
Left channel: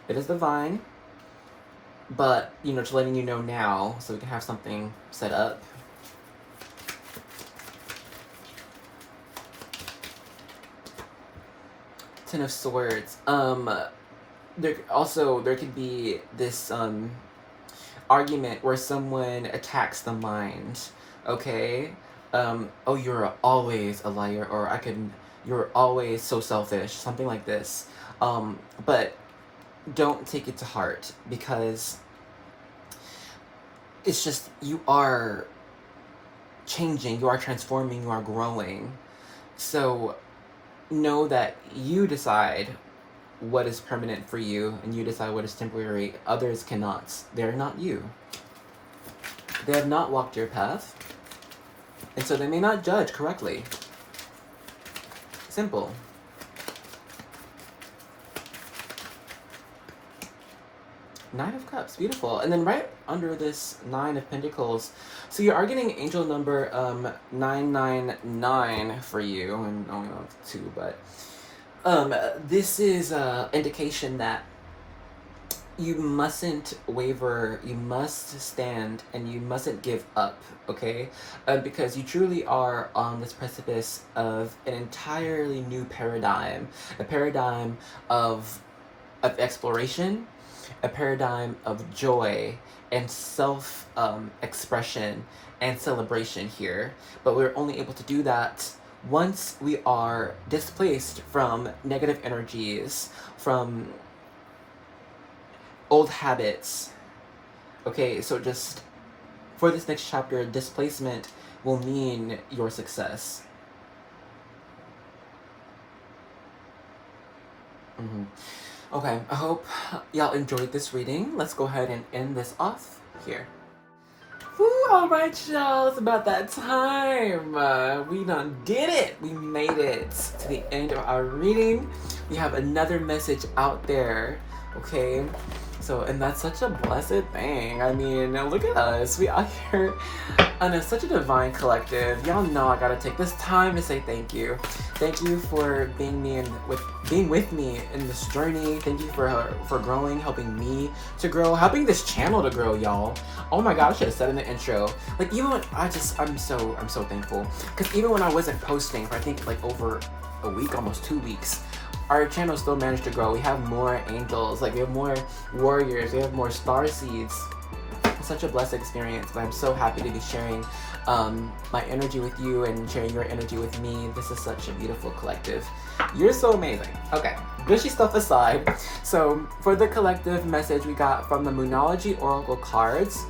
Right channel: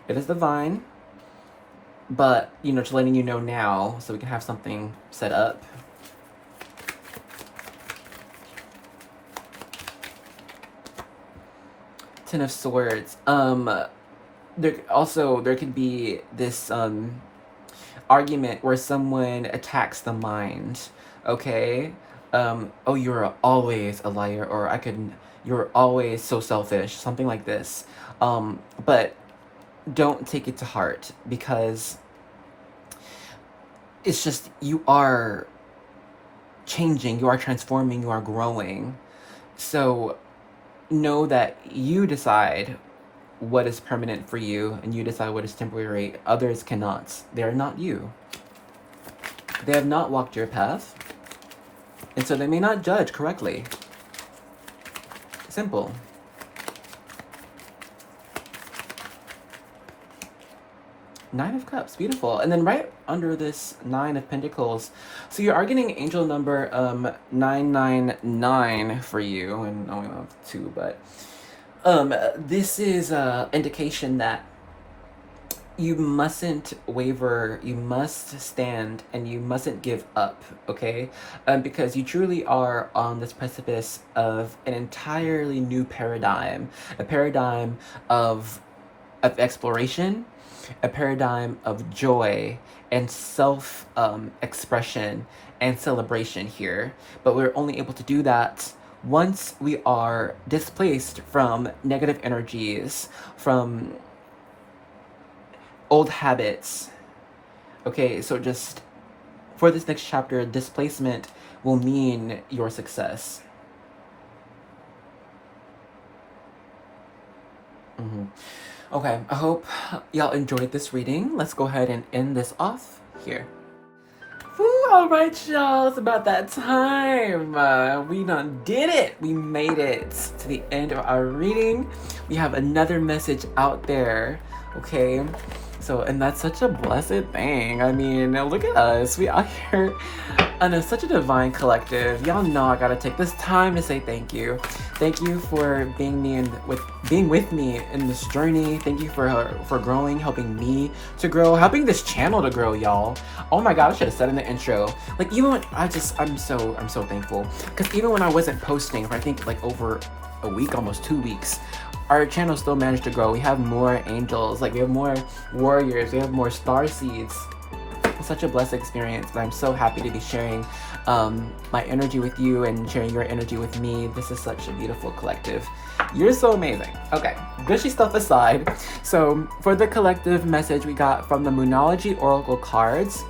It is divine, but, you know, just letting you know now so we can have something set up. Ten of Swords. There could be this argument where someone attacks the mind. Okay. Oh, you're always a liar, or you're always so selfish, something like this. But don't take it to heart, because it's just, you are changing, you are transforming, you are growing. So know that you decide what is permanent for you, and you decide what is temporary. Others cannot. They are not you. They have not walked your path, and so they may not judge correctly. Simple. Nine of Cups, beautiful. And then right under this Nine of Pentacles, so you are getting angel number 999 for you, and I only have 2, but this is an indication that you mustn't waver, you must stand, and you mustn't give up, okay? Because you truly are on this precipice of an entirely new paradigm, a paradigm of exploration, a paradigm of joy and self-expression and celebration here. But we're only able to do that once we are displaced from negative energies, from old habits. Okay, so just for this next chapter, displacement will mean your success. Okay, I hope y'all enjoyed this reading. Let's go ahead and end this off here. Alright, y'all, it's about that time. We done did it. We made it to the end of our reading. We have another message out there Okay, so, and that's such a blessed thing. I mean, look at us. We out here and it's such a divine collective. Y'all know I gotta take this time to say thank you. Thank you for being with me in this journey. Thank you for growing, helping me to grow, helping this channel to grow, y'all. Oh my god, I should have said in the intro. Like, even when I'm so thankful. Because even when I wasn't posting for I think like over a week, almost 2 weeks, our channel still managed to grow. We have more angels, like we have more warriors, we have more star seeds. It's such a blessed experience, and I'm so happy to be sharing my energy with you and sharing your energy with me. This is such a beautiful collective. You're so amazing. Okay, gushy stuff aside. So for the collective message we got from the Moonology Oracle cards,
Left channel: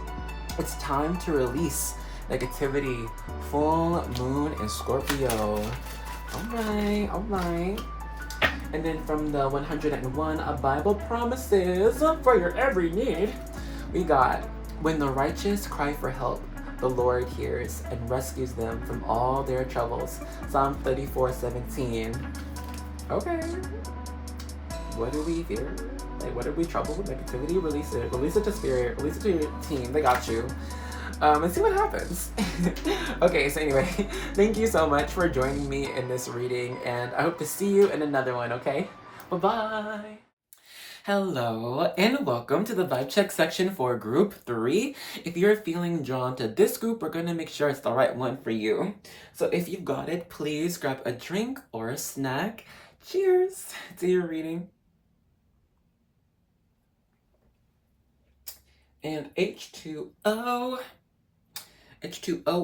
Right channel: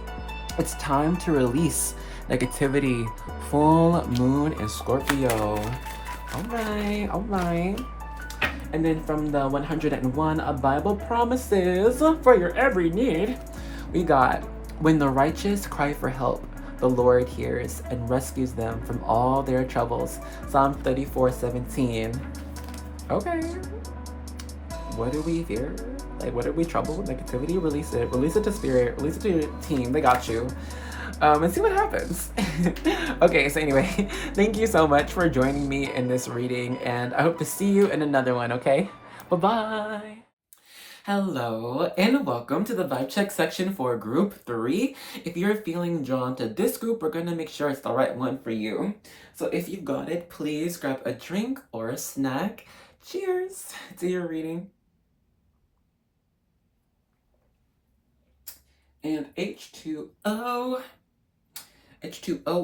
it's time to release negativity, full moon in Scorpio. All right. And then from the 101 Bible promises for your every need, we got, when the righteous cry for help, the Lord hears and rescues them from all their troubles. Psalm 34:17. Okay. What do we fear? Like, what are we troubled? Negativity? Release it. Release it to spirit. Release it to your team. They got you. And see what happens. Okay, so anyway, thank you so much for joining me in this reading, and I hope to see you in another one, okay? Bye-bye! Hello, and welcome to the vibe check section for group 3. If you're feeling drawn to this group, we're gonna make sure it's the right one for you. So if you've got it, please grab a drink or a snack. Cheers to your reading. And H2O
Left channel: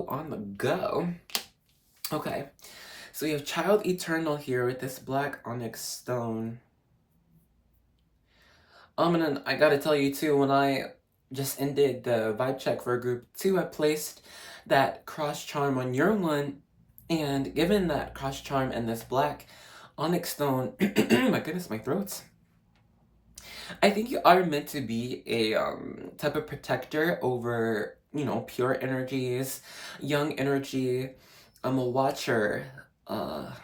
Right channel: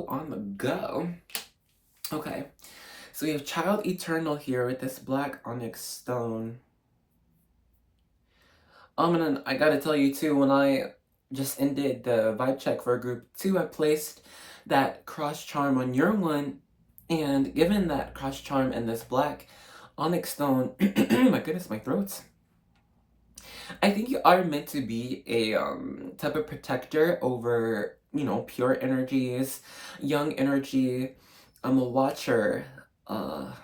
on the go. Okay, so we have Child Eternal here with this black onyx stone. And then I gotta tell you too, when I just ended the vibe check for group 2, I placed that cross charm on your one, and given that cross charm and this black onyx stone, my goodness, my throat's. I think you are meant to be a type of protector over, pure energies, young energy. I'm a watcher. The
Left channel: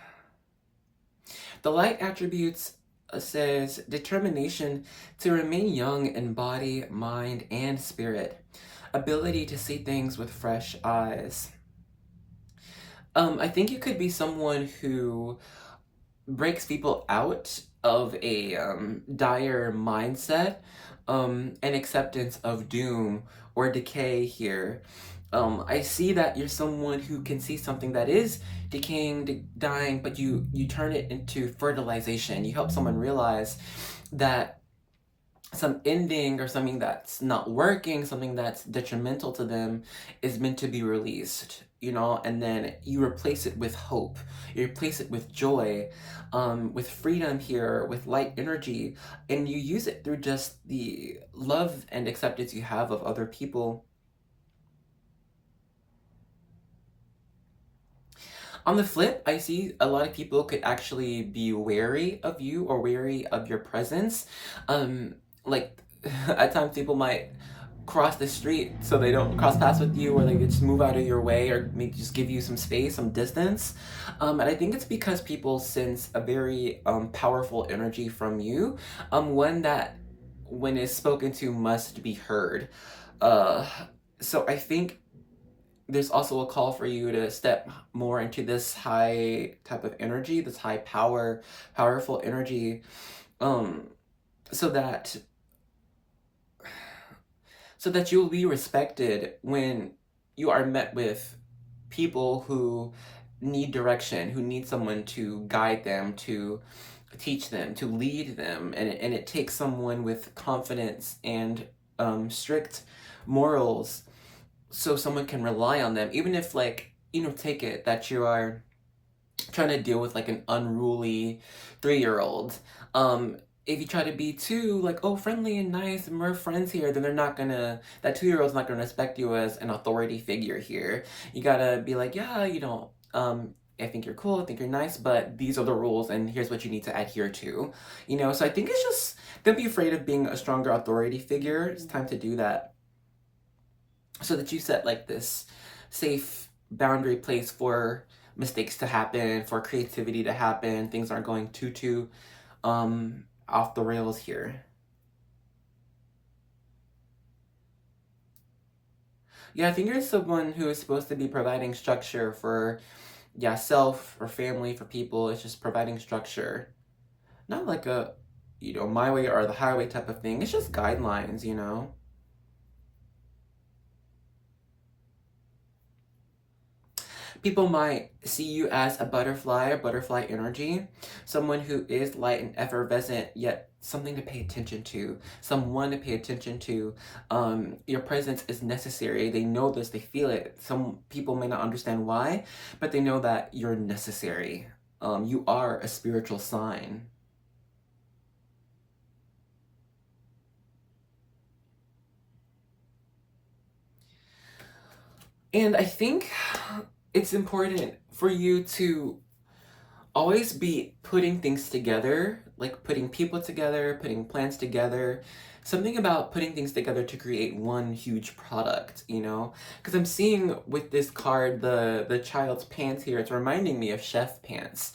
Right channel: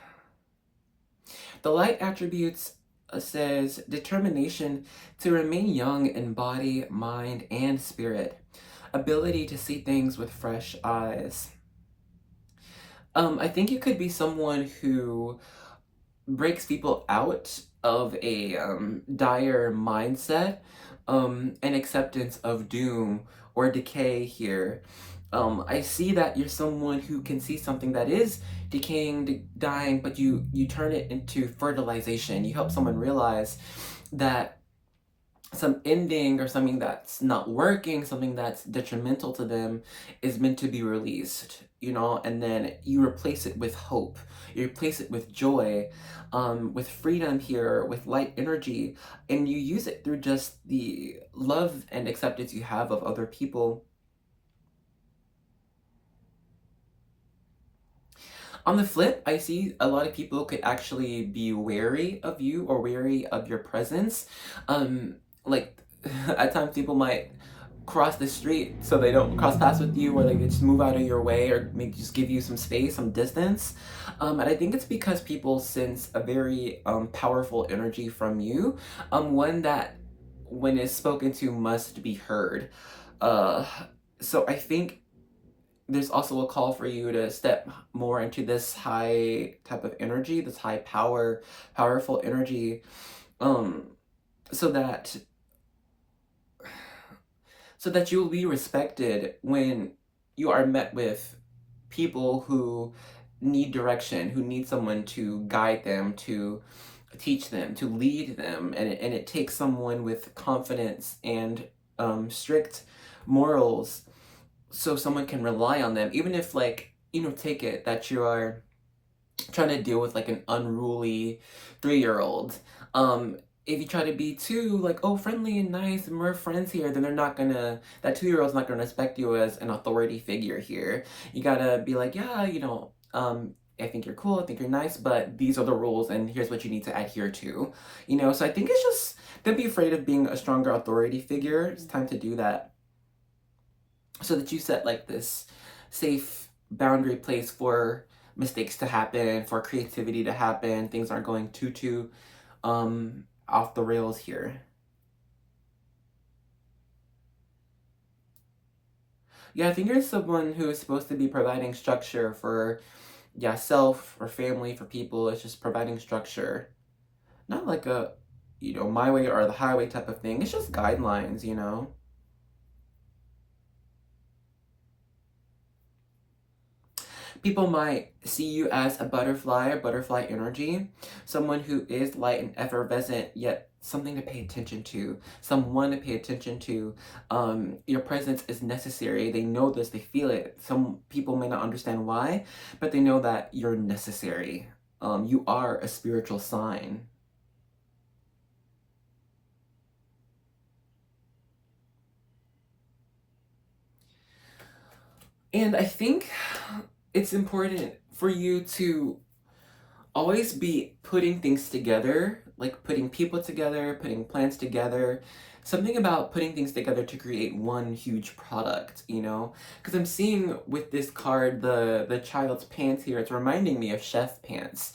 light attributes says determination to remain young in body, mind, and spirit. Ability to see things with fresh eyes. I think you could be someone who breaks people out of a dire mindset and acceptance of doom or decay here. I see that you're someone who can see something that is decaying, dying, but you turn it into fertilization. You help someone realize that some ending or something that's not working, something that's detrimental to them is meant to be released, and then you replace it with hope. You replace it with joy, with freedom here, with light energy, and you use it through just the love and acceptance you have of other people. On the flip, I see a lot of people could actually be wary of you or wary of your presence. Like, at times people might cross the street so they don't cross paths with you, or they just move out of your way, or maybe just give you some space, some distance. And I think it's because people sense a very powerful energy from you, one that, when it's spoken to, must be heard. So I think there's also a call for you to step more into this high type of energy, this high powerful energy, so that you'll be respected when you are met with people who need direction, who need someone to guide them, to teach them, to lead them, and it takes someone with confidence and strict morals, so someone can rely on them, even if, like, take it that you are trying to deal with like an unruly 3-year-old. If you try to be too like, oh, friendly and nice and we're friends here, then that 2-year-old's not gonna respect you as an authority figure here. You gotta be like, yeah, I think you're cool, I think you're nice, but these are the rules and here's what you need to adhere to. So I think it's just, don't be afraid of being a stronger authority figure. It's time to do that, so that you set like this safe boundary place for mistakes to happen, for creativity to happen. Things aren't going too off the rails here. Yeah, I think you're someone who is supposed to be providing structure for, yeah, self or family, for people. It's just providing structure. Not like a, my way or the highway type of thing. It's just guidelines, People might see you as a butterfly or butterfly energy, someone who is light and effervescent, yet something to pay attention to, someone to pay attention to. Your presence is necessary. They know this, they feel it. Some people may not understand why, but they know that you're necessary. You are a spiritual sign. And I think it's important for you to always be putting things together, like putting people together, putting plans together. Something about putting things together to create one huge product, Because I'm seeing with this card, the child's pants here, it's reminding me of chef pants.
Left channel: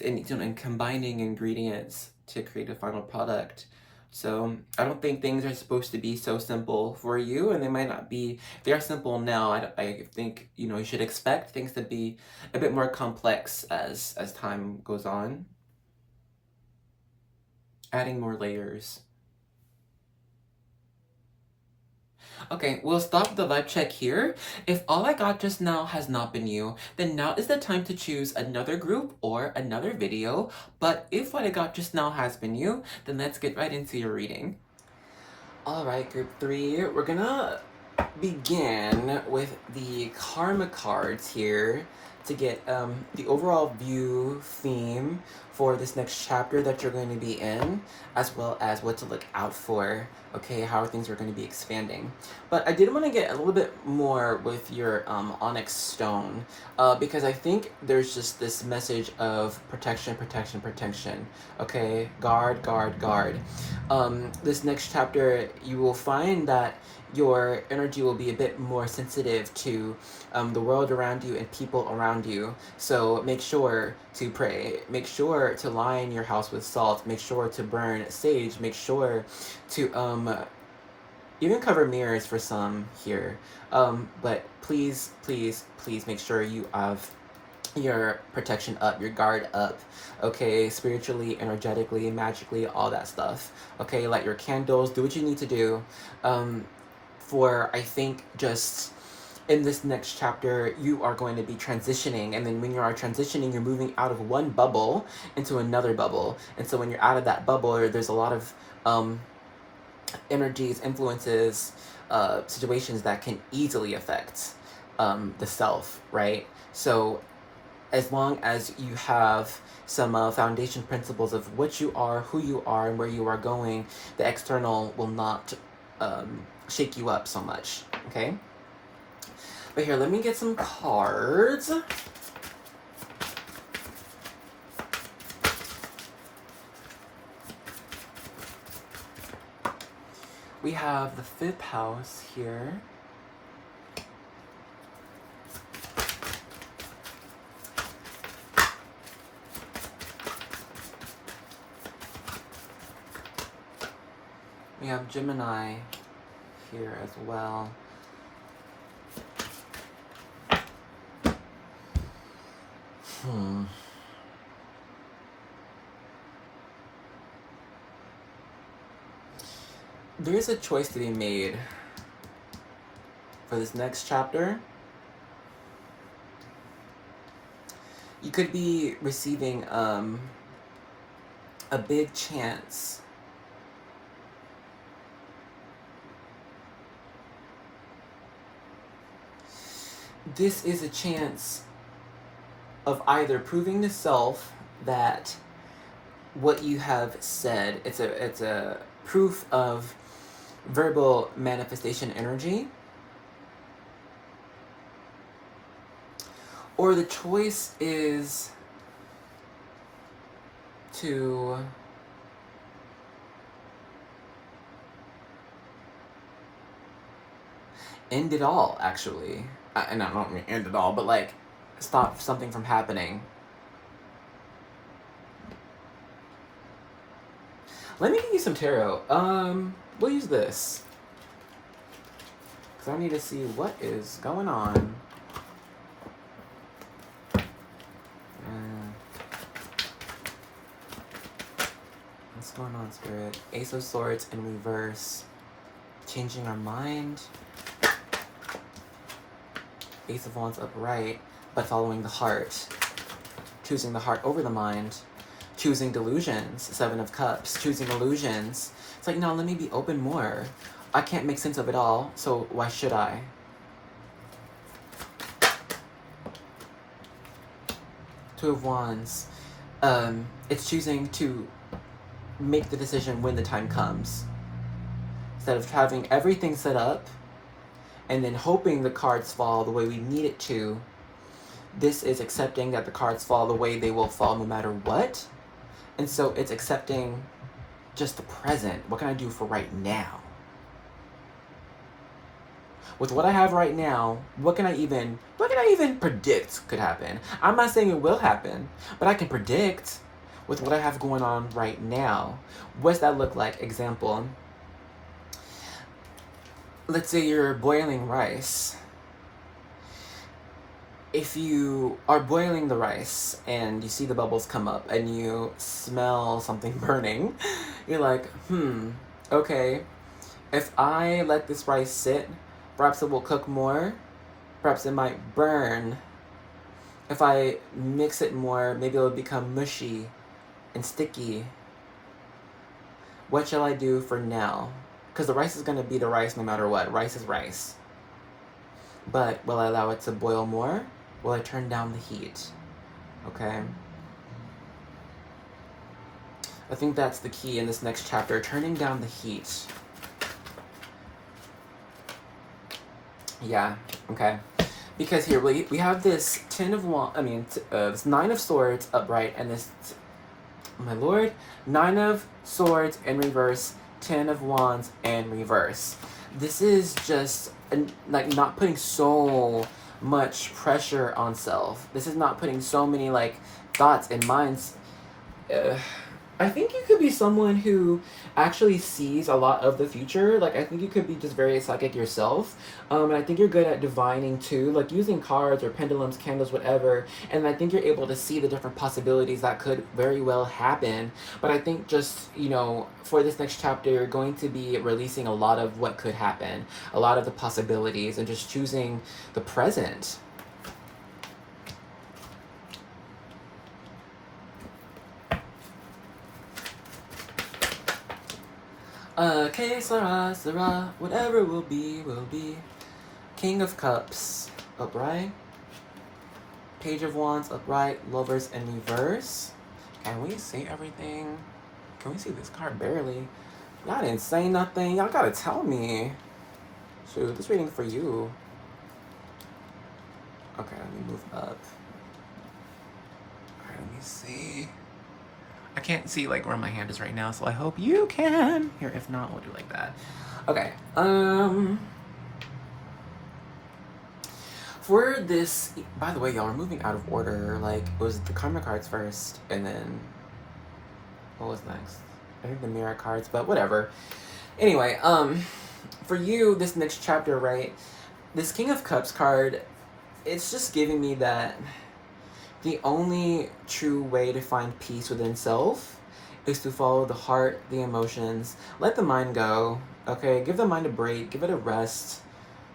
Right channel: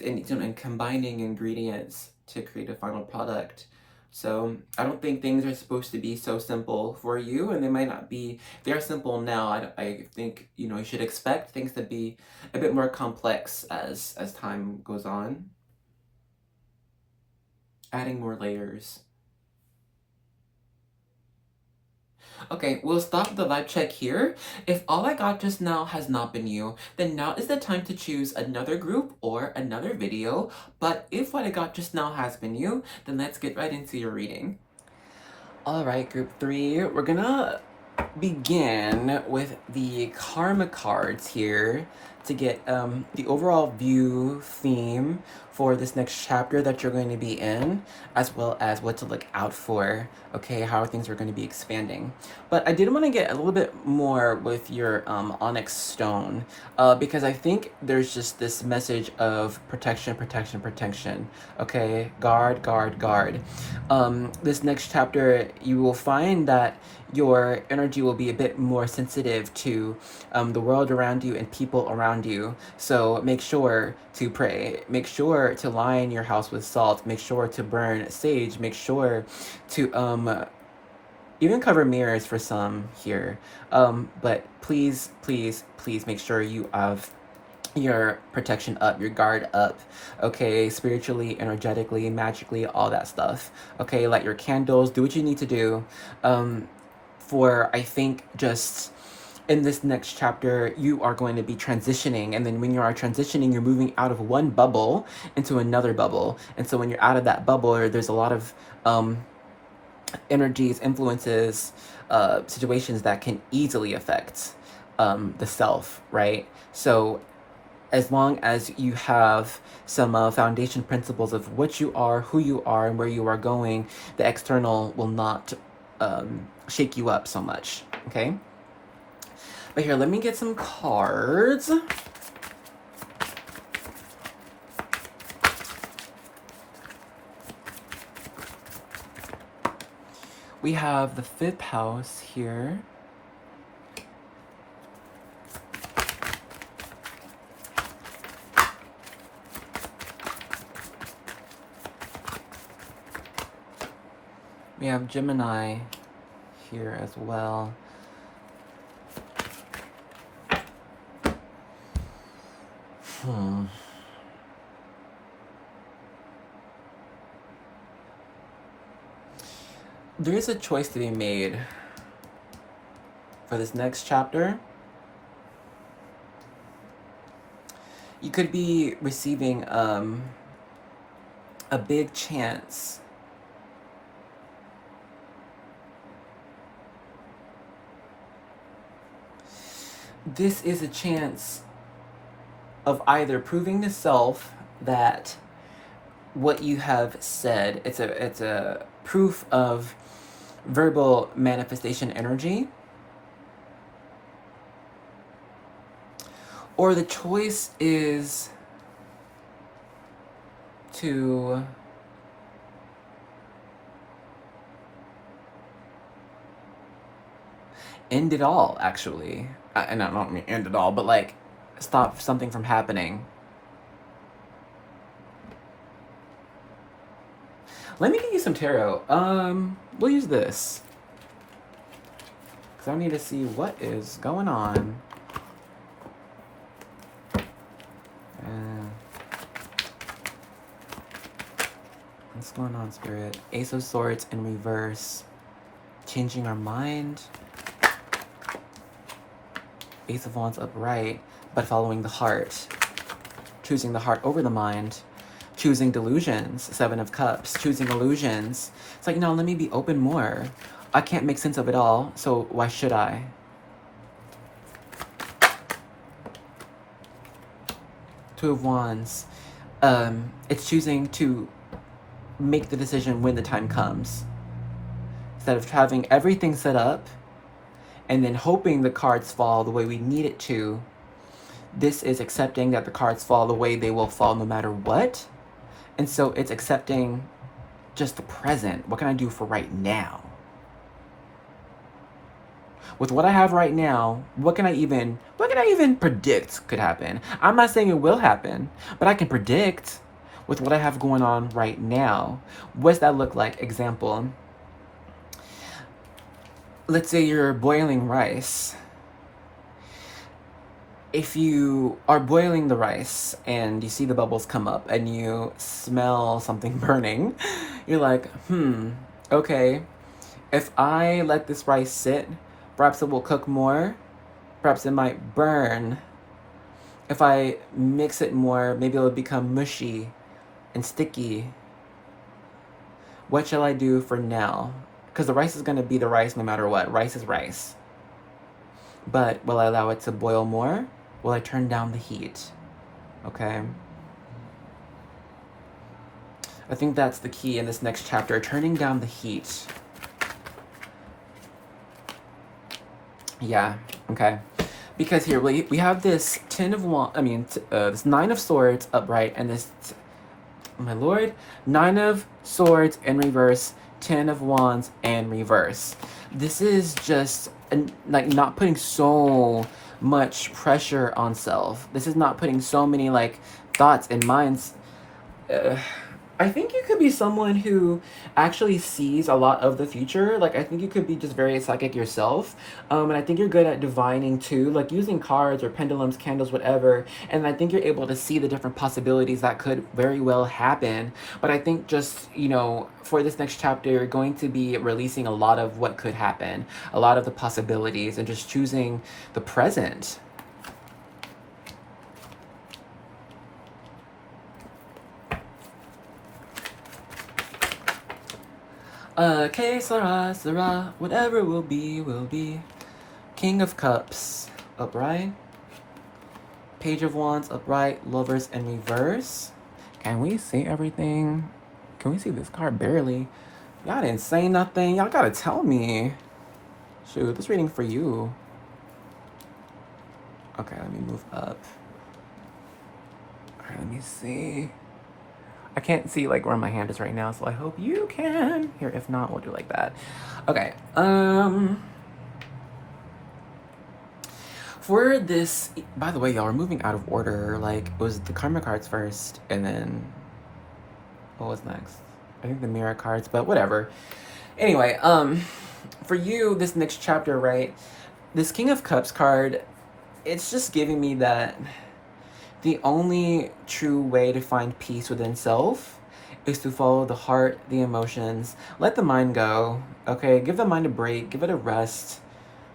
And combining ingredients to create a final product. So I don't think things are supposed to be so simple for you, and they might not be. They are simple now. I think you should expect things to be a bit more complex as time goes on. Adding more layers. Okay, we'll stop the vibe check here. If all I got just now has not been you, then now is the time to choose another group or another video. But if what I got just now has been you, then let's get right into your reading. Alright, group 3, we're gonna begin with the karma cards here to get the overall view theme for this next chapter that you're going to be in, as well as what to look out for, okay, how things are going to be expanding. But I did want to get a little bit more with your onyx stone, because I think there's just this message of protection, protection, protection, okay, guard, guard, guard. This next chapter, you will find that your energy will be a bit more sensitive to the world around you and people around you. So make sure to pray. Make sure to line your house with salt. Make sure to burn sage. Make sure to even cover mirrors for some here. But please, please, please make sure you have your protection up, your guard up, okay, spiritually, energetically, magically, all that stuff, okay, light your candles, do what you need to do, for, I think, just in this next chapter, you are going to be transitioning, and then when you are transitioning, you're moving out of one bubble into another bubble, and so when you're out of that bubble, there's a lot of energies, influences, situations that can easily affect the self, right? So as long as you have some foundation principles of what you are, who you are, and where you are going, the external will not shake you up so much, okay? But here, let me get some cards. We have the 5th house here. We have Gemini here as well. There is a choice to be made for this next chapter. You could be receiving a big chance this is a chance of either proving to self that what you have said, it's a proof of verbal manifestation energy, or the choice is to end it all, actually. And I don't mean end it all, but like stop something from happening. Let me give you some tarot. We'll use this. So I need to see what is going on. What's going on, Spirit? Ace of Swords in reverse. Changing our mind. Ace of Wands upright, but following the heart. Choosing the heart over the mind. Choosing delusions. Seven of Cups. Choosing illusions. It's like, no, let me be open more. I can't make sense of it all, so why should I? Two of Wands. It's choosing to make the decision when the time comes. Instead of having everything set up and then hoping the cards fall the way we need it to, this is accepting that the cards fall the way they will fall no matter what. And so it's accepting just the present. What can I do for right now? With what I have right now, what can I even predict could happen? I'm not saying it will happen, but I can predict with what I have going on right now. What's that look like? Example. Let's say you're boiling rice. If you are boiling the rice and you see the bubbles come up and you smell something burning, you're like, okay, if I let this rice sit, perhaps it will cook more, perhaps it might burn. If I mix it more, maybe it'll become mushy and sticky. What shall I do for now? Because the rice is going to be the rice no matter what. Rice is rice. But will I allow it to boil more? Will I turn down the heat? Okay. I think that's the key in this next chapter, turning down the heat. Yeah, okay. Because here, we have this this Nine of Swords upright, and this, oh my lord, Nine of Swords in reverse, Ten of Wands in reverse. This is just, like, not putting so much pressure on self. This is not putting so many, like, thoughts and minds. I think you could be someone who actually sees a lot of the future. Like, I think you could be just very psychic yourself. And I think you're good at divining too, like using cards or pendulums, candles, whatever. And I think you're able to see the different possibilities that could very well happen. But I think just, you know, for this next chapter, you're going to be releasing a lot of what could happen, a lot of the possibilities, and just choosing the present. Que sera, whatever will be, will be. King of Cups, upright. Page of Wands, upright. Lovers in reverse. Can we see everything? Can we see this card? Barely. Y'all didn't say nothing. Y'all gotta tell me. Shoot, this reading for you. Okay, let me move up. Alright, let me see. I can't see, like, where my hand is right now, so I hope you can. Here, if not, we'll do like that. Okay, for this, by the way, y'all, we're moving out of order. Like, it was the karma cards first, and then, what was next? I think the mirror cards, but whatever. Anyway, for you, this next chapter, right, this King of Cups card, it's just giving me that the only true way to find peace within self is to follow the heart, the emotions, let the mind go, okay? Give the mind a break, give it a rest.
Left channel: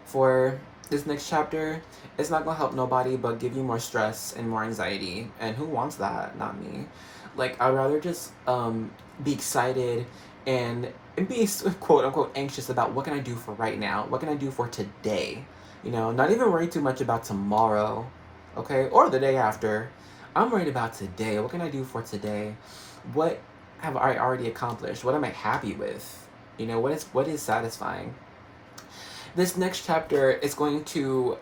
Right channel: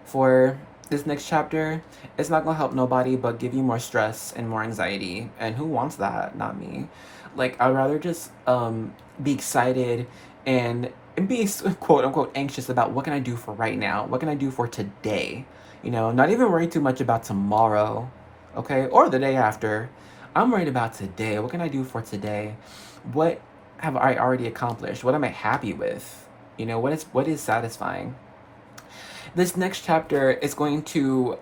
For this next chapter, it's not gonna help nobody but give you more stress and more anxiety. And who wants that? Not me. Like, I'd rather just be excited and be quote unquote anxious about what can I do for right now? What can I do for today? You know, not even worry too much about tomorrow. Okay, or the day after. I'm worried about today. What can I do for today? What have I already accomplished? What am I happy with? You know, what is satisfying? This next chapter is going to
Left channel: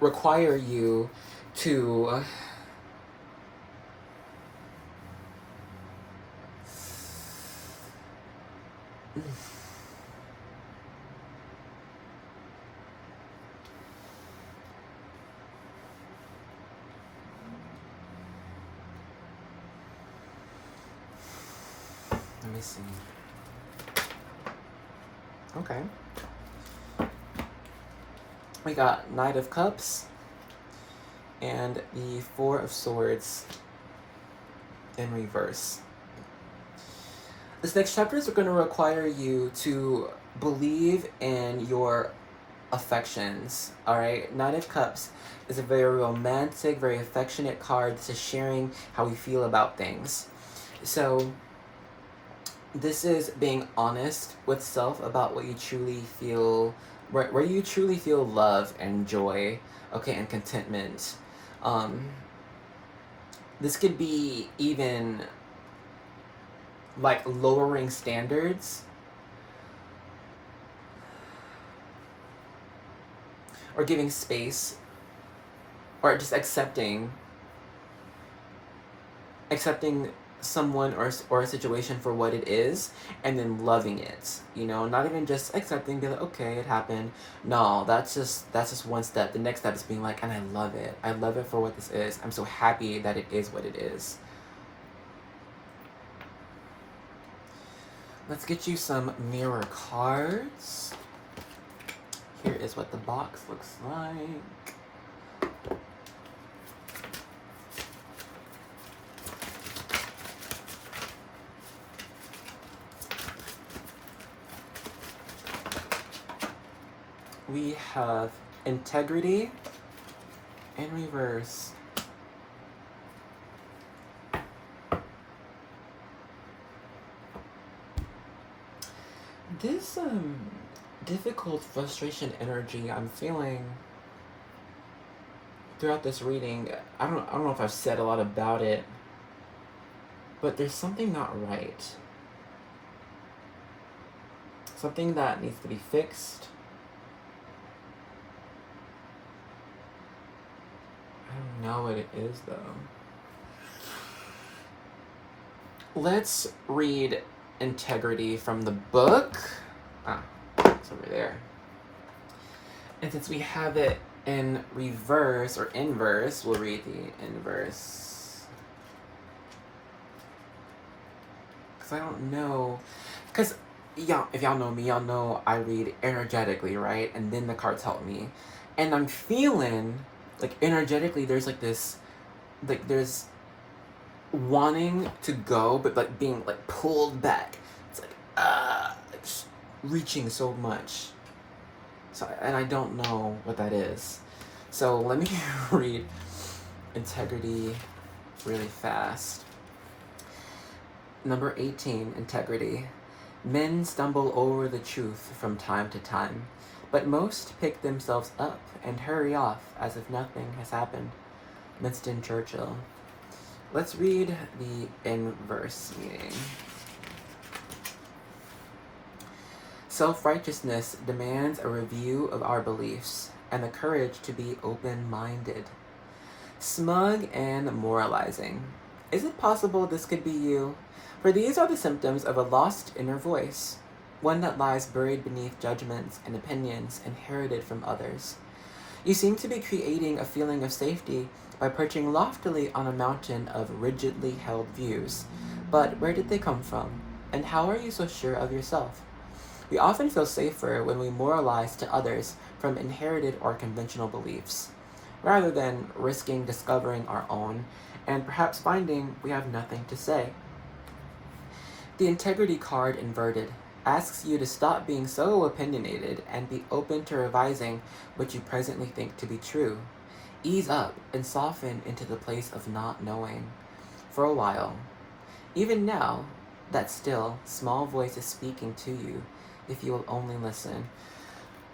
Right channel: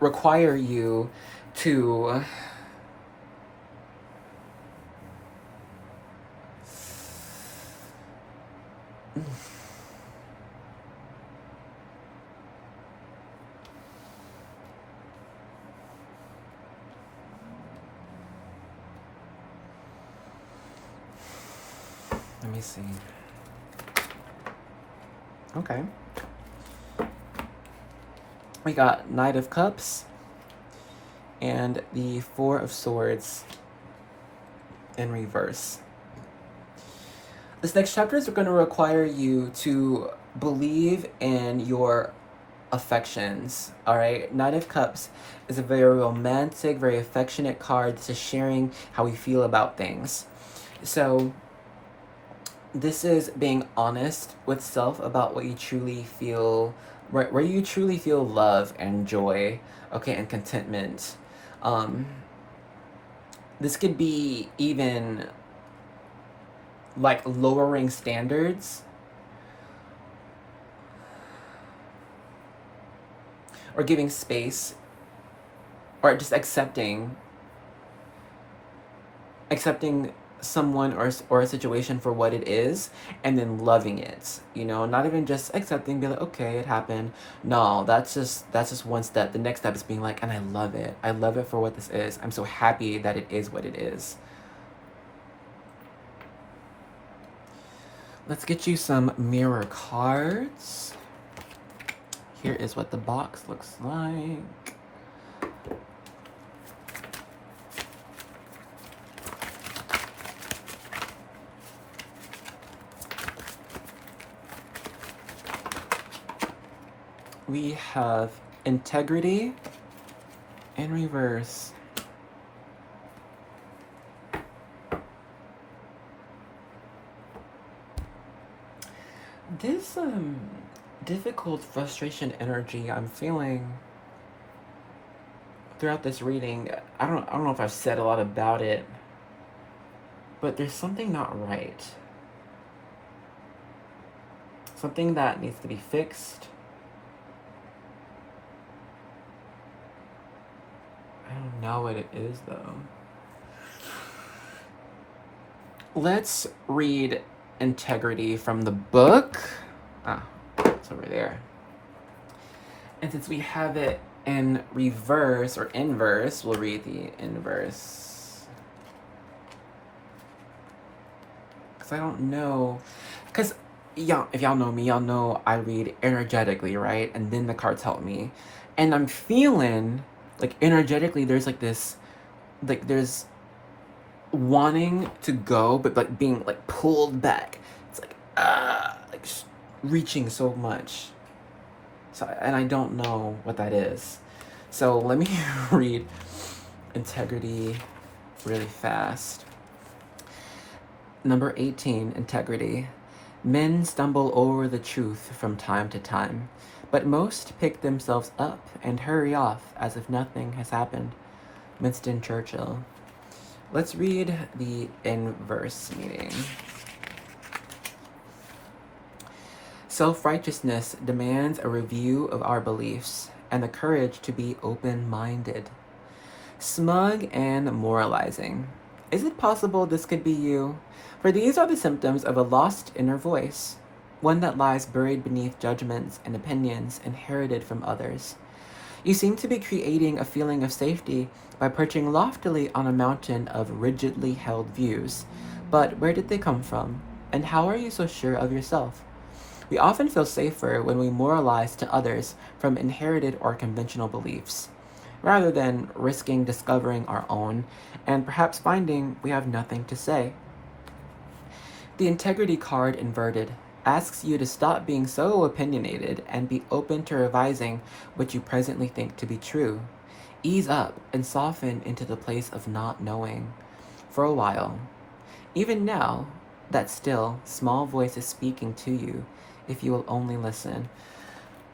require you to let me see. Okay. We got Knight of Cups and the Four of Swords in reverse. This next chapter is going to require you to believe in your affections, all right? Knight of Cups is a very romantic, very affectionate card. This is sharing how we feel about things. So this is being honest with self about what you truly feel, where you truly feel love and joy, okay, and contentment. This could be even like lowering standards or giving space or just accepting someone or a situation for what it is and then loving it, you know, not even just accepting, be like, okay, it happened. No, that's just one step. The next step is being like, and I love it for what this is. I'm so happy that it is what it is. Let's get you some mirror cards. Here is what the box looks like. We have integrity in reverse. This difficult frustration energy I'm feeling throughout this reading, I don't know if I've said a lot about it, but there's something not right. Something that needs to be fixed. I don't know what it is though. Let's read integrity from the book. It's over there. And since we have it in reverse or inverse, we'll read the inverse. Because I don't know. Because if y'all know me, y'all know I read energetically, right? And then the cards help me. And I'm feeling like energetically there's like this, like there's wanting to go, but like being like pulled back. It's like reaching so much. So, and I don't know what that is. So let me read integrity really fast. Number 18, integrity. Men stumble over the truth from time to time, but most pick themselves up and hurry off as if nothing has happened. Winston Churchill. Let's read the inverse meaning. Self-righteousness demands a review of our beliefs and the courage to be open-minded. Smug and moralizing. Is it possible this could be you? For these are the symptoms of a lost inner voice, one that lies buried beneath judgments and opinions inherited from others. You seem to be creating a feeling of safety by perching loftily on a mountain of rigidly held views. But where did they come from? And how are you so sure of yourself? We often feel safer when we moralize to others from inherited or conventional beliefs, rather than risking discovering our own and perhaps finding we have nothing to say. The integrity card inverted asks you to stop being so opinionated and be open to revising what you presently think to be true. Ease up and soften into the place of not knowing. For a while. Even now, that still, small voice is speaking to you, if you will only listen.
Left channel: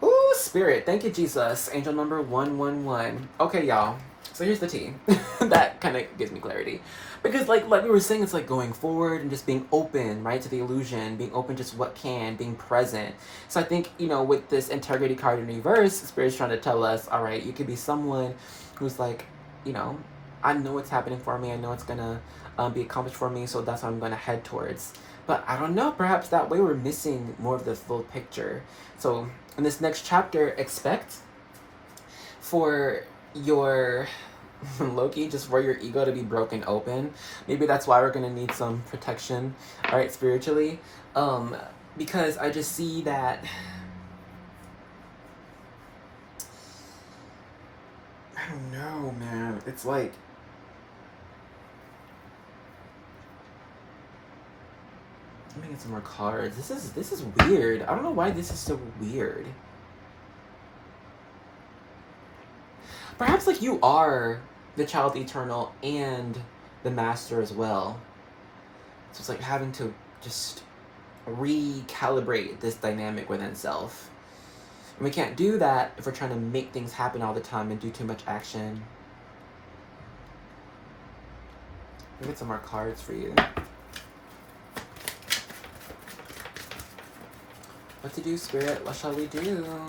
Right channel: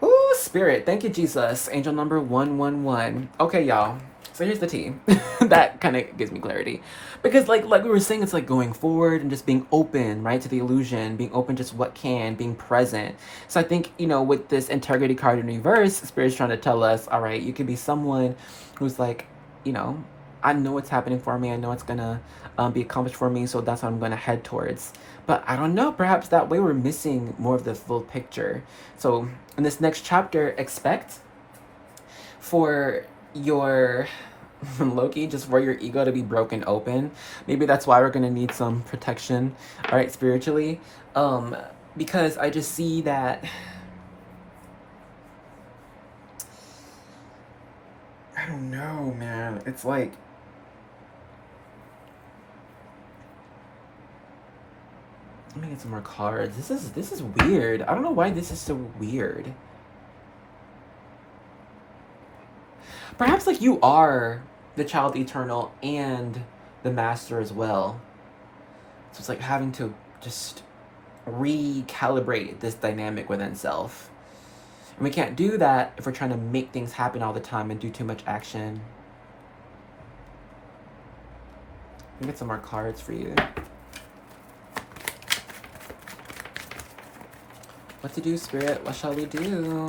Ooh, Spirit, thank you, Jesus. Angel number 111. Okay, y'all. So here's the tea. That kind of gives me clarity. Because like we were saying, it's like going forward and just being open, right, to the illusion, being open just what can, being present. So I think, you know, with this integrity card in reverse, Spirit's trying to tell us, all right, you could be someone who's like, you know, I know what's happening for me. I know it's going to be accomplished for me, so that's what I'm going to head towards. But I don't know, perhaps that way we're missing more of the full picture. So in this next chapter, expect for your Loki, just for your ego to be broken open. Maybe that's why we're gonna need some protection, all right, spiritually. Because I just see that don't know, man. It's like, let me get some more cards. This is weird. I don't know why this is so weird. Perhaps like you are the child eternal and the master as well. So it's like having to just recalibrate this dynamic within self. And we can't do that if we're trying to make things happen all the time and do too much action. Let me get some more cards for you. What to do, Spirit? What shall we do?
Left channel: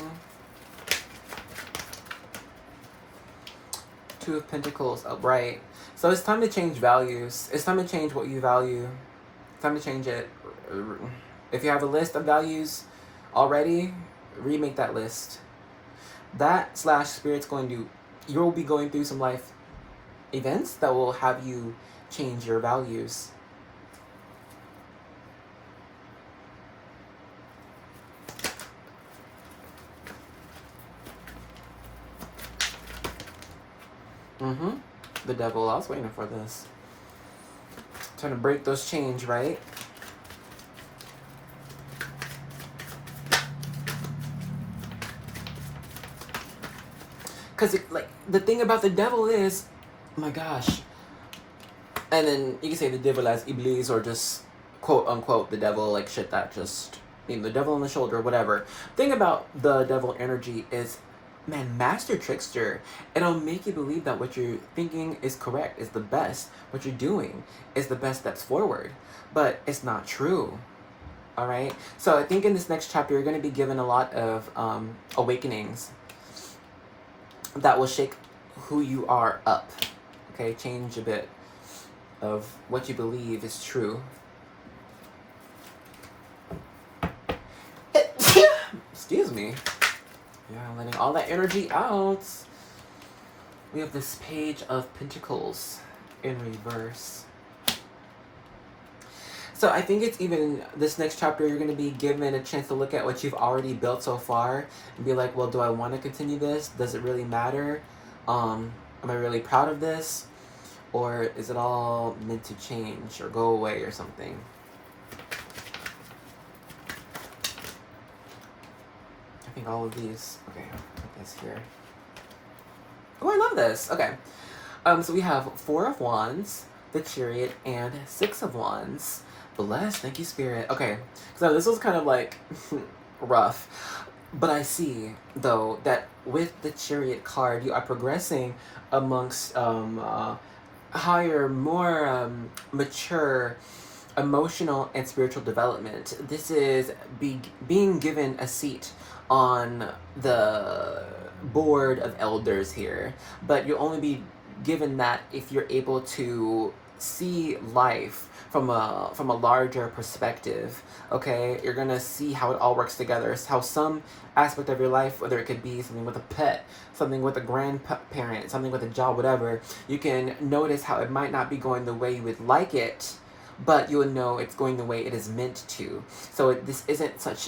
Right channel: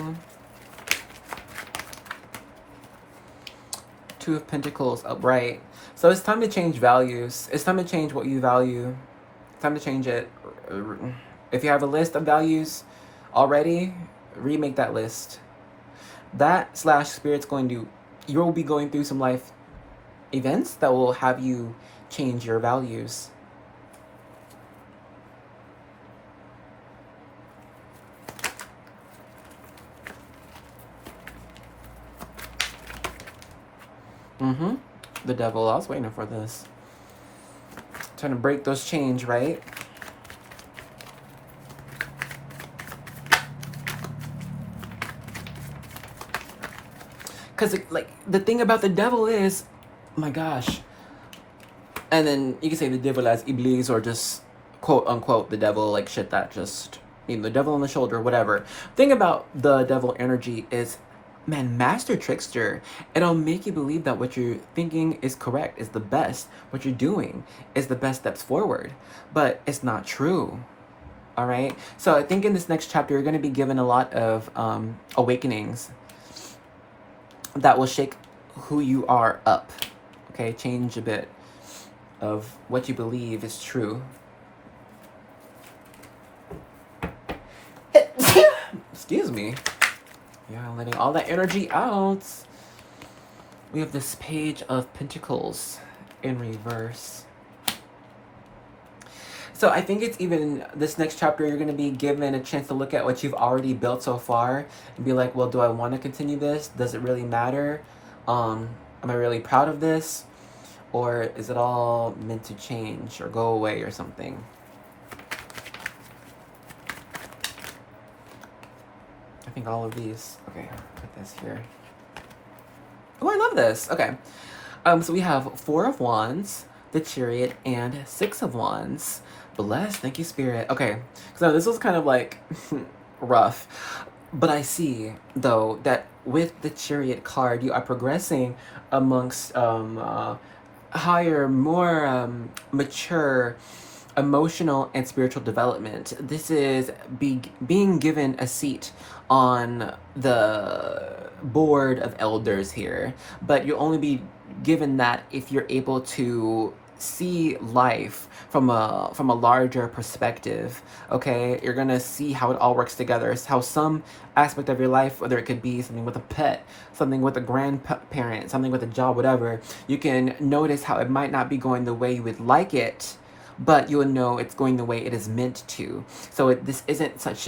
Two of Pentacles upright. So it's time to change values. It's time to change what you value. It's time to change it. If you have a list of values already, remake that list. That / Spirit's going to, you will be going through some life events that will have you change your values. The Devil. I was waiting for this. Trying to break those chains, right? Because, like, the thing about the Devil is, oh my gosh. And then you can say the Devil as Iblis, or just quote unquote the Devil, like shit that just, you know, the Devil on the shoulder, whatever. Thing about the Devil energy is, man, master trickster. It'll make you believe that what you're thinking is correct, is the best. What you're doing is the best steps forward. But it's not true. All right? So I think in this next chapter, you're going to be given a lot of awakenings that will shake who you are up. Okay? Change a bit of what you believe is true. Excuse me. Yeah, letting all that energy out. We have this Page of Pentacles in reverse. So I think it's even this next chapter, you're going to be given a chance to look at what you've already built so far and be like, well, do I want to continue this? Does it really matter? Am I really proud of this? Or is it all meant to change or go away or something? I think all of these. Okay, put this here. Oh, I love this. Okay. So we have 4 of Wands, the Chariot, and 6 of Wands. Bless. Thank you, Spirit. Okay. So this was kind of like rough. But I see, though, that with the Chariot card, you are progressing amongst higher, more mature emotional and spiritual development. This is being given a seat on the board of elders here, but you'll only be given that if you're able to see life from a larger perspective. Okay, you're gonna see how it all works together, how some aspect of your life, whether it could be something with a pet, something with a grandparent, something with a job, whatever, you can notice how it might not be going the way you would like it, but you will know it's going the way it is meant to. So this isn't such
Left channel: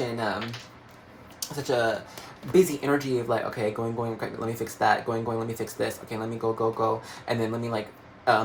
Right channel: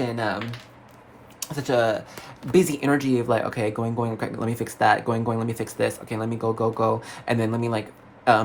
a busy energy of like, okay, going, okay, let me fix that, going, let me fix this, okay, let me go, and then let me like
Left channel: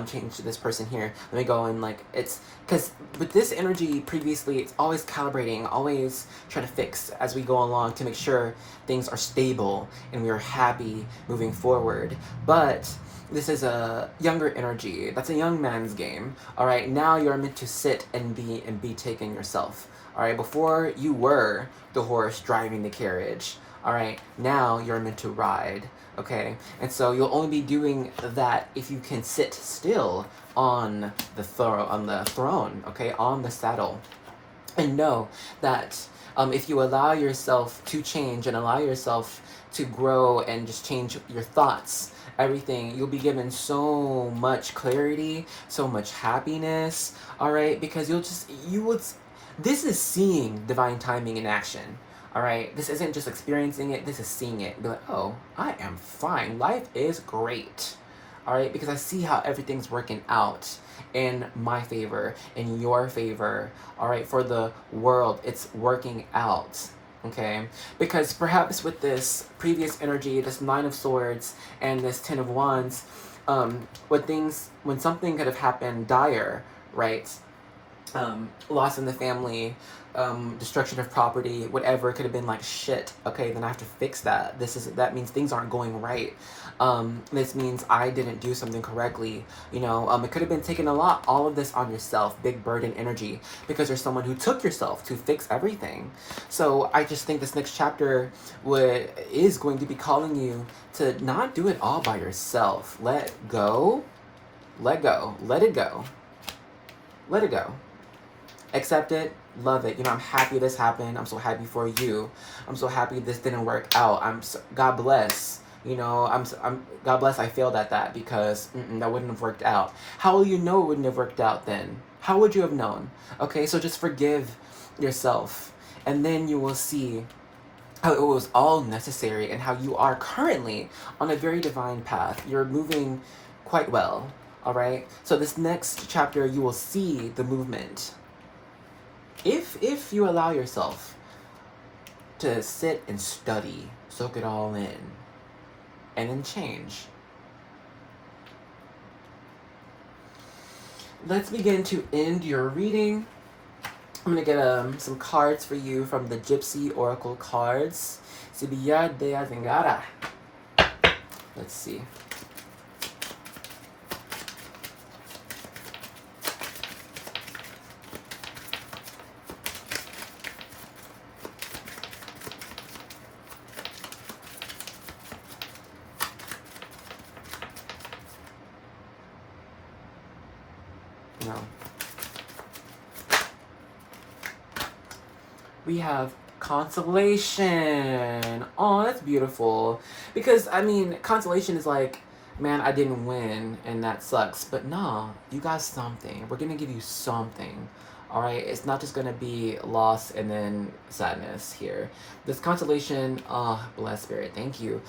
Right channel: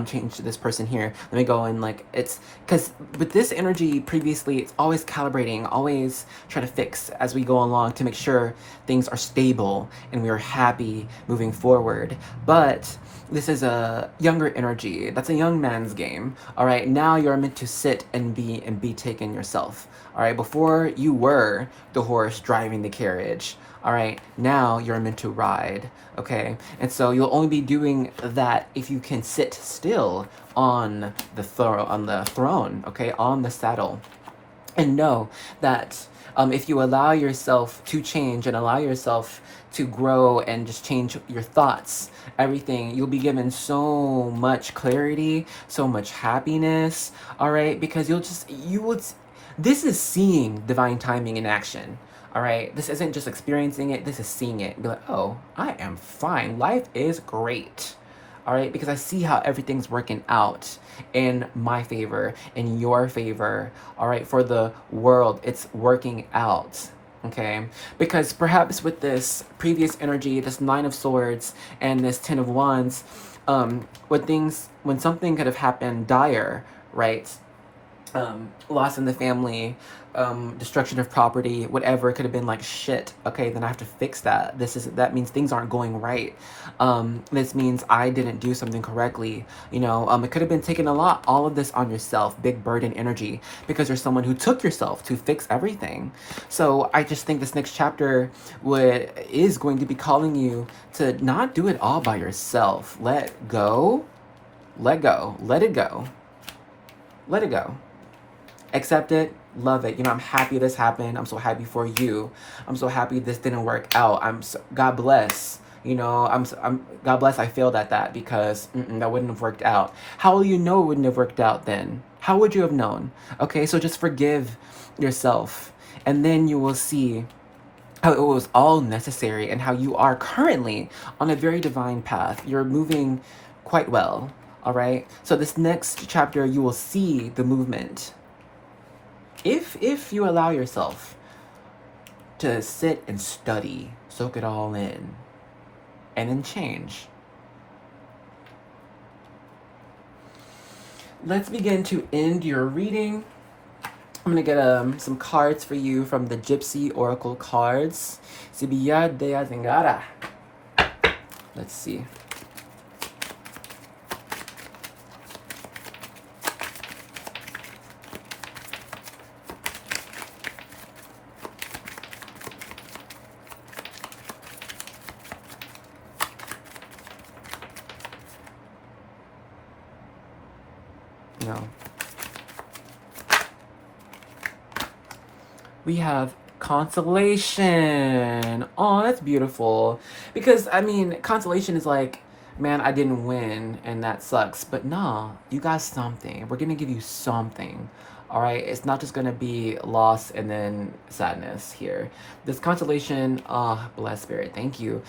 change this person here, let me go, and like, it's because with this energy previously, it's always calibrating, always try to fix as we go along to make sure things are stable and we are happy moving forward. But this is a younger energy. That's a young man's game. All right, now you're meant to sit and be taken yourself. All right, before you were the horse driving the carriage. All right, now you're meant to ride. Okay, and so you'll only be doing that if you can sit still on the throne. Okay, on the saddle, and know that if you allow yourself to change and allow yourself to grow and just change your thoughts, everything, you'll be given so much clarity, so much happiness. All right, because this is seeing divine timing in action. All right, this isn't just experiencing it, this is seeing it. Be like, oh, I am fine. Life is great. All right, because I see how everything's working out in my favor, in your favor. All right, for the world, it's working out. Okay, because perhaps with this previous energy, this Nine of Swords and this Ten of Wands, when something could have happened dire, right? Loss in the family, destruction of property, whatever. It could have been like shit. Okay, then I have to fix that. That means things aren't going right. This means I didn't do something correctly. You know, it could have been taking all of this on yourself, big burden energy, because there's someone who took yourself to fix everything. So I just think this next chapter is going to be calling you to not do it all by yourself. Let go. Let go. Let it go. Let it go. Accept it, love it. You know, I'm happy this happened. I'm so happy for you. I'm so happy this didn't work out. God bless. You know, I'm God bless. I failed at that because that wouldn't have worked out. How will you know it wouldn't have worked out then? How would you have known? Okay, so just forgive yourself, and then you will see how it was all necessary and how you are currently on a very divine path. You're moving quite well. All right. So this next chapter, you will see the movement. If you allow yourself to sit and study, soak it all in, and then change. Let's begin to end your reading. I'm going to get some cards for you from the Gypsy Oracle cards. Let's see. No. We have consolation. Oh, that's beautiful. Because, I mean, consolation is like, man, I didn't win, and that sucks. But no, you got something. We're going to give you something. All right? It's not just going to be loss and then sadness here. This consolation, oh, blessed spirit, thank you.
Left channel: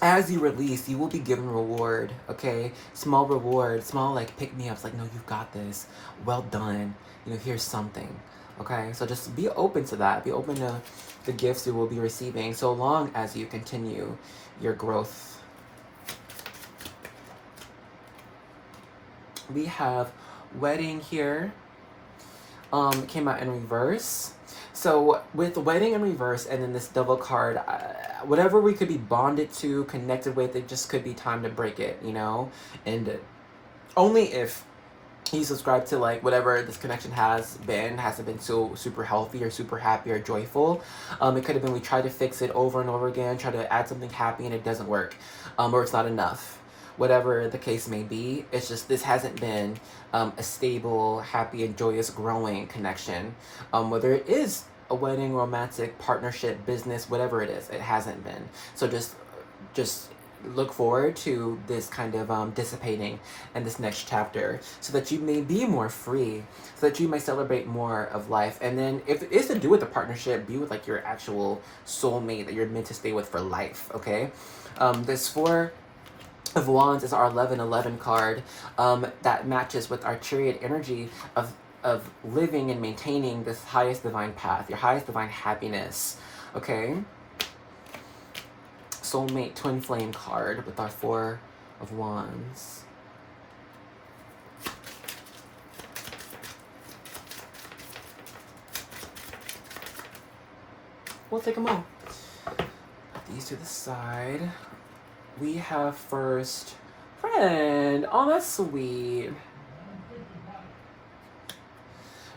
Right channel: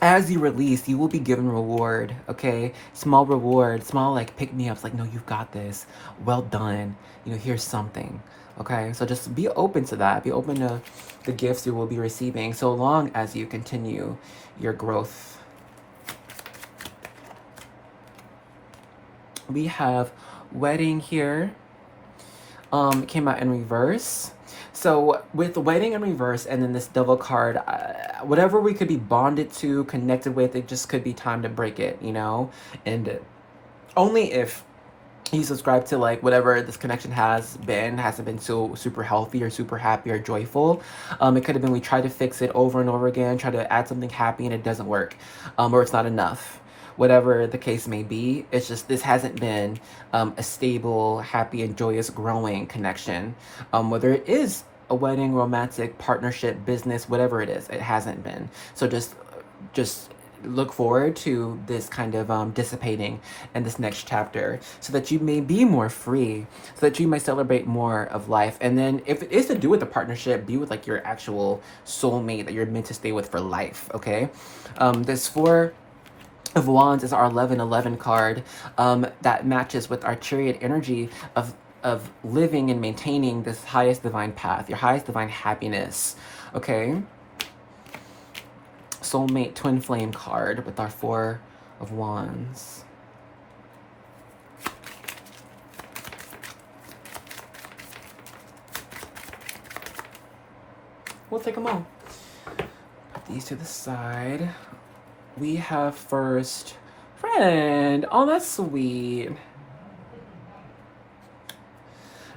As you release, you will be given reward, okay? Small reward, small like pick-me-ups, like, no, you've got this. Well done. You know, here's something. Okay, so just be open to that. Be open to the gifts you will be receiving so long as you continue your growth. We have wedding here. Came out in reverse. So with the wedding in reverse and then this devil card, whatever we could be bonded to, connected with, it just could be time to break it, you know? And only if you subscribe to like whatever this connection hasn't been so super healthy or super happy or joyful. It could have been we try to fix it over and over again, try to add something happy and it doesn't work, or it's not enough. Whatever the case may be, it's just this hasn't been a stable, happy, and joyous growing connection. Whether it is a wedding, romantic, partnership, business, whatever it is, it hasn't been. So just look forward to this kind of dissipating in this next chapter so that you may be more free, so that you may celebrate more of life. And then if it is to do with a partnership, be with like your actual soulmate that you're meant to stay with for life, okay? This Four of Wands is our 1111 card that matches with our Chariot energy of living and maintaining this highest divine path, your highest divine happiness, okay? Soulmate twin flame card with our Four of Wands. We'll take them all. Put these to the side. We have first friend. Oh, that's sweet.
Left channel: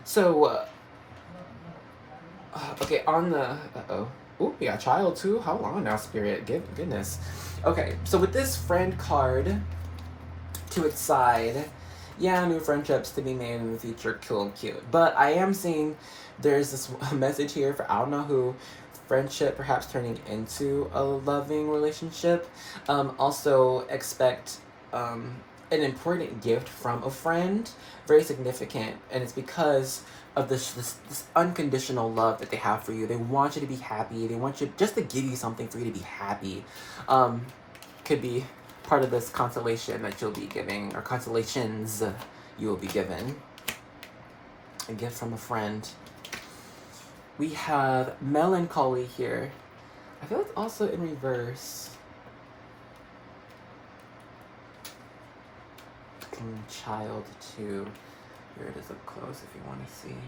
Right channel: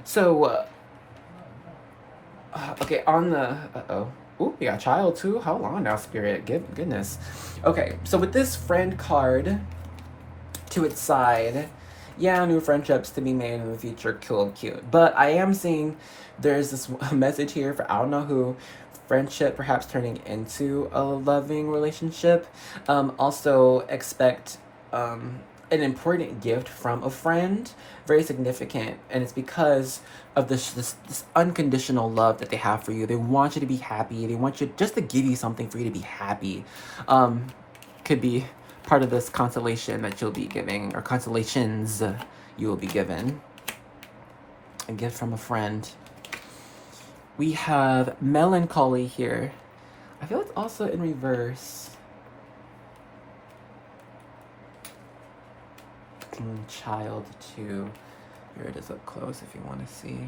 So, okay, on the, ooh, we got child too. How long now, spirit? Goodness. Okay, so with this friend card to its side, yeah, new friendships to be made in the future, cool and cute. But I am seeing there's this message here for I don't know who. Friendship perhaps turning into a loving relationship. Also expect an important gift from a friend, very significant, and it's because of this unconditional love that they have for you. They want you to be happy. They want you just to give you something for you to be happy. Could be part of this consolation that you'll be giving, or consolations you will be given. A gift from a friend. We have melancholy here. I feel it's also in reverse. Child too. Here it is up close if you want to see.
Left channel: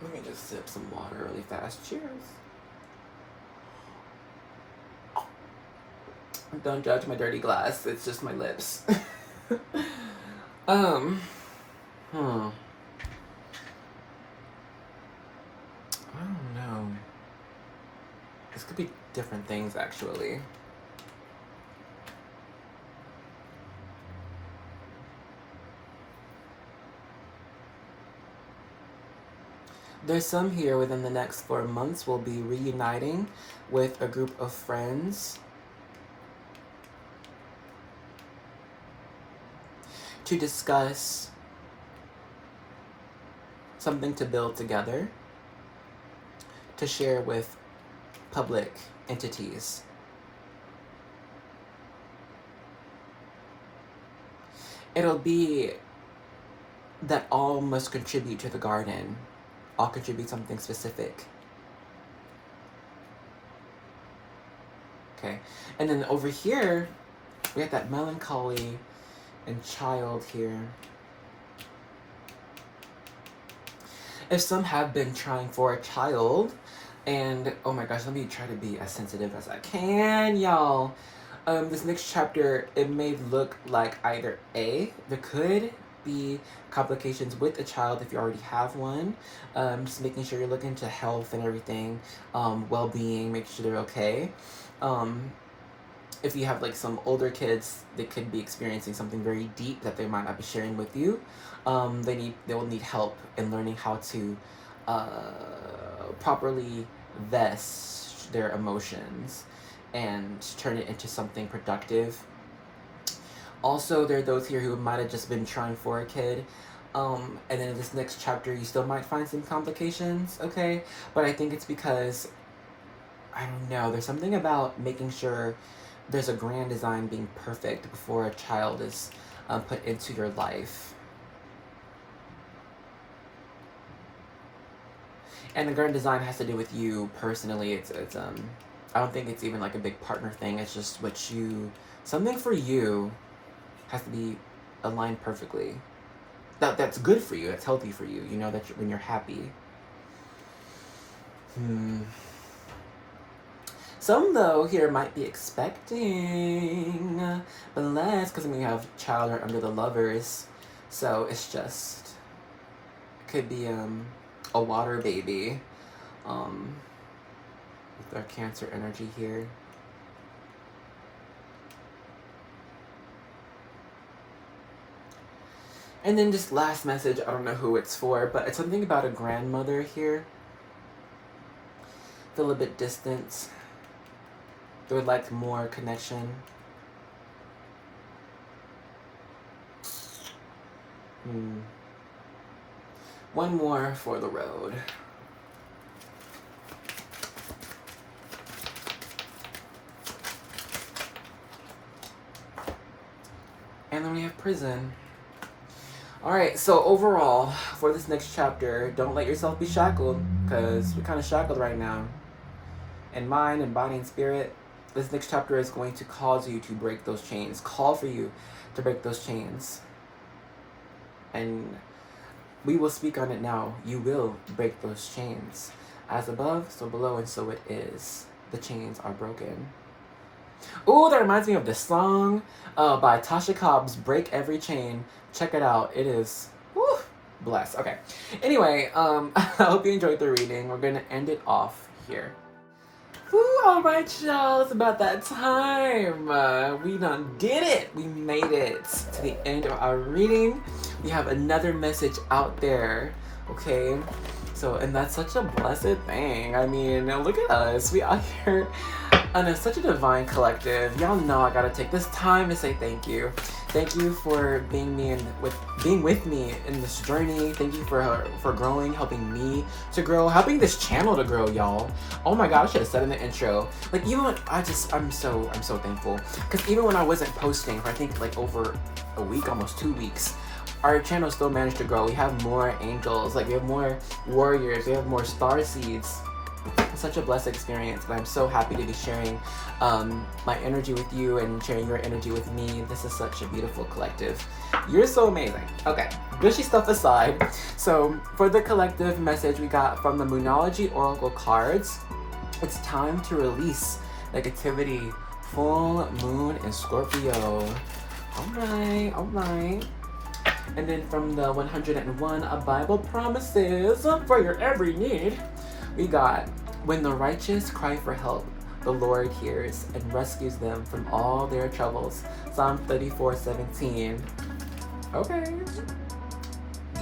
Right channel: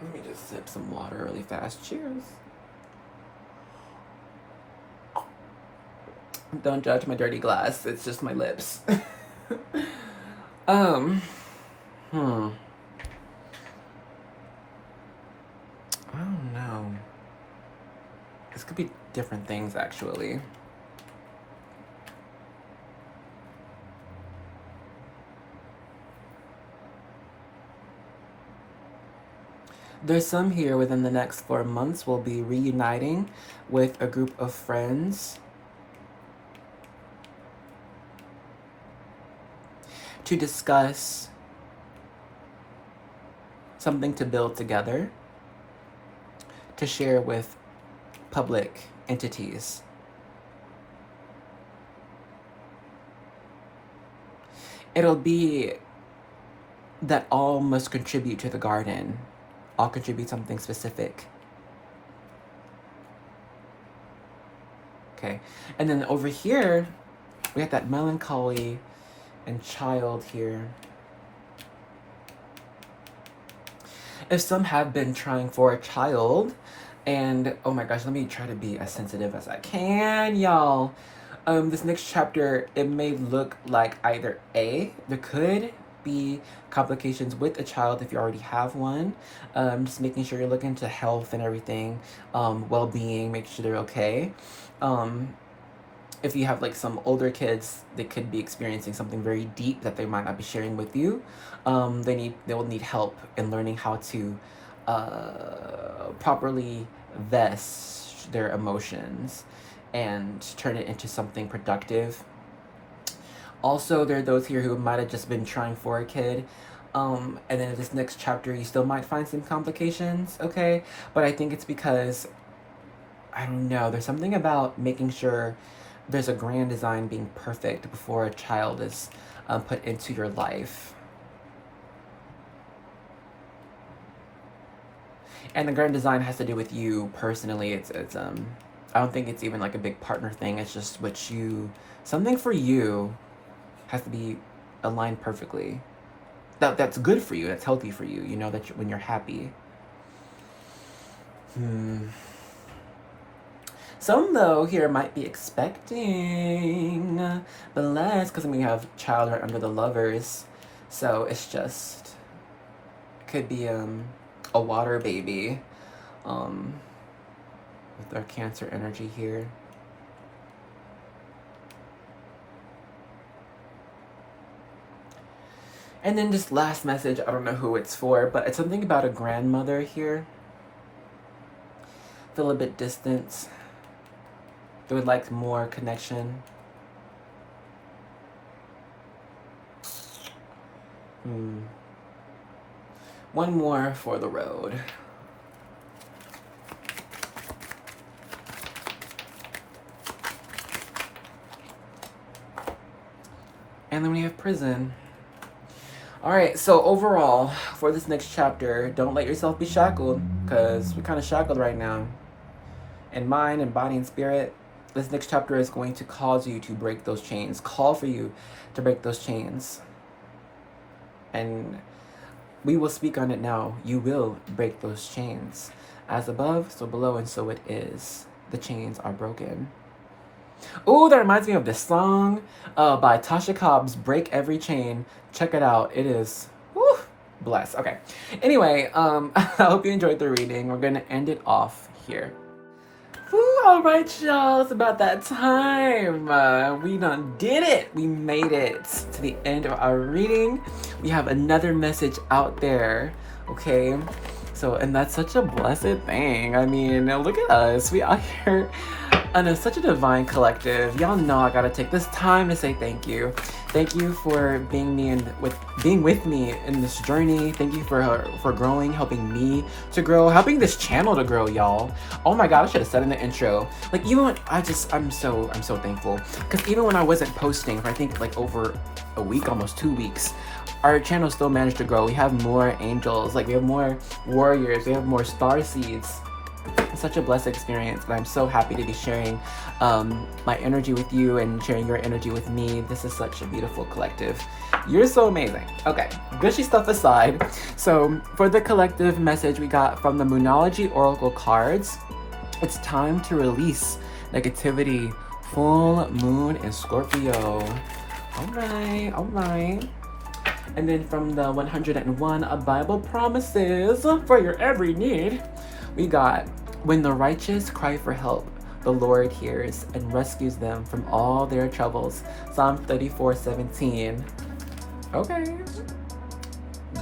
Let me just sip some water really fast. Cheers. Don't judge my dirty glass. It's just my lips. I don't know. This could be different things, actually. There's some here within the next 4 months will be reuniting with a group of friends to discuss something to build together, to share with public entities. It'll be that all must contribute to the garden. All contribute something specific. Okay, and then over here, we have that melancholy and child here. If some have been trying for a child, and oh my gosh, let me try to be as sensitive as I can, y'all. This next chapter, it may look like either A, there could be complications with a child if you already have one. Just making sure you're looking to health and everything, well-being, make sure they're okay. If you have like some older kids, they could be experiencing something very deep that they might not be sharing with you. They will need help in learning how to properly vest their emotions and turn it into something productive. Also, there are those here who might have just been trying for a kid. And then in this next chapter, you still might find some complications, okay? But I think it's because, I don't know, there's something about making sure there's a grand design being perfect before a child is put into your life. And the grand design has to do with you personally. It's I don't think it's even like a big partner thing. It's just what you, something for you has to be aligned perfectly. That's good for you. That's healthy for you. You know that when you're happy. Some though here might be expecting the less, because we have child right under the lovers, so it's just could be a water baby with our Cancer energy here. And then this last message, I don't know who it's for, but it's something about a grandmother here. Feel a bit distant. They would like more connection. One more for the road. And then we have prison. Alright, so overall, for this next chapter, don't let yourself be shackled, because we're kind of shackled right now. In mind, and body, and spirit. This next chapter is going to cause you to break those chains. Call for you to break those chains. And we will speak on it now. You will break those chains. As above, so below, and so it is. The chains are broken. Oh, that reminds me of this song by Tasha Cobbs, Break Every Chain. Check it out. It is, woo, blessed. Okay. Anyway, I hope you enjoyed the reading. We're going to end it off here. All right, y'all. It's about that time. We done did it. We made it to the end of our reading. We have another message out there. Okay. So, and that's such a blessed thing. I mean, look at us. We out here And it's such a divine collective. Y'all know I gotta take this time to say thank you. Thank you for being with me in this journey. Thank you for growing, helping me to grow, helping this channel to grow, y'all. Oh my god, I should have said in the intro. Like even when I'm so thankful. Because even when I wasn't posting, I think like over a week, almost 2 weeks, our channel still managed to grow. We have more angels, like we have more warriors, we have more star seeds. It's such a blessed experience, and I'm so happy to be sharing my energy with you and sharing your energy with me. This is such a beautiful collective. You're so amazing. Okay, gushy stuff aside. So for the collective message we got from the Moonology Oracle cards, it's time to release negativity. Full moon in Scorpio. All right. And then from the 101 Bible promises for your every need, we got, when the righteous cry for help, the Lord hears and rescues them from all their troubles. Psalm 34:17. Okay.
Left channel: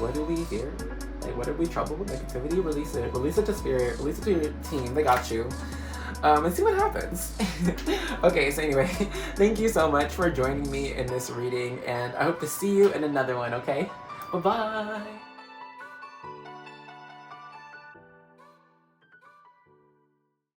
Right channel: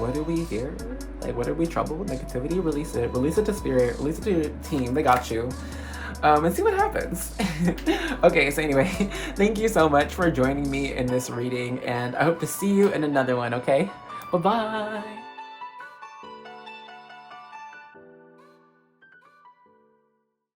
What do we hear? Like, what are we trouble? Negativity? Release it. Release it to spirit. Release it to your team. They got you. And see what happens. Okay, so anyway, thank you so much for joining me in this reading, and I hope to see you in another one, okay? Bye-bye!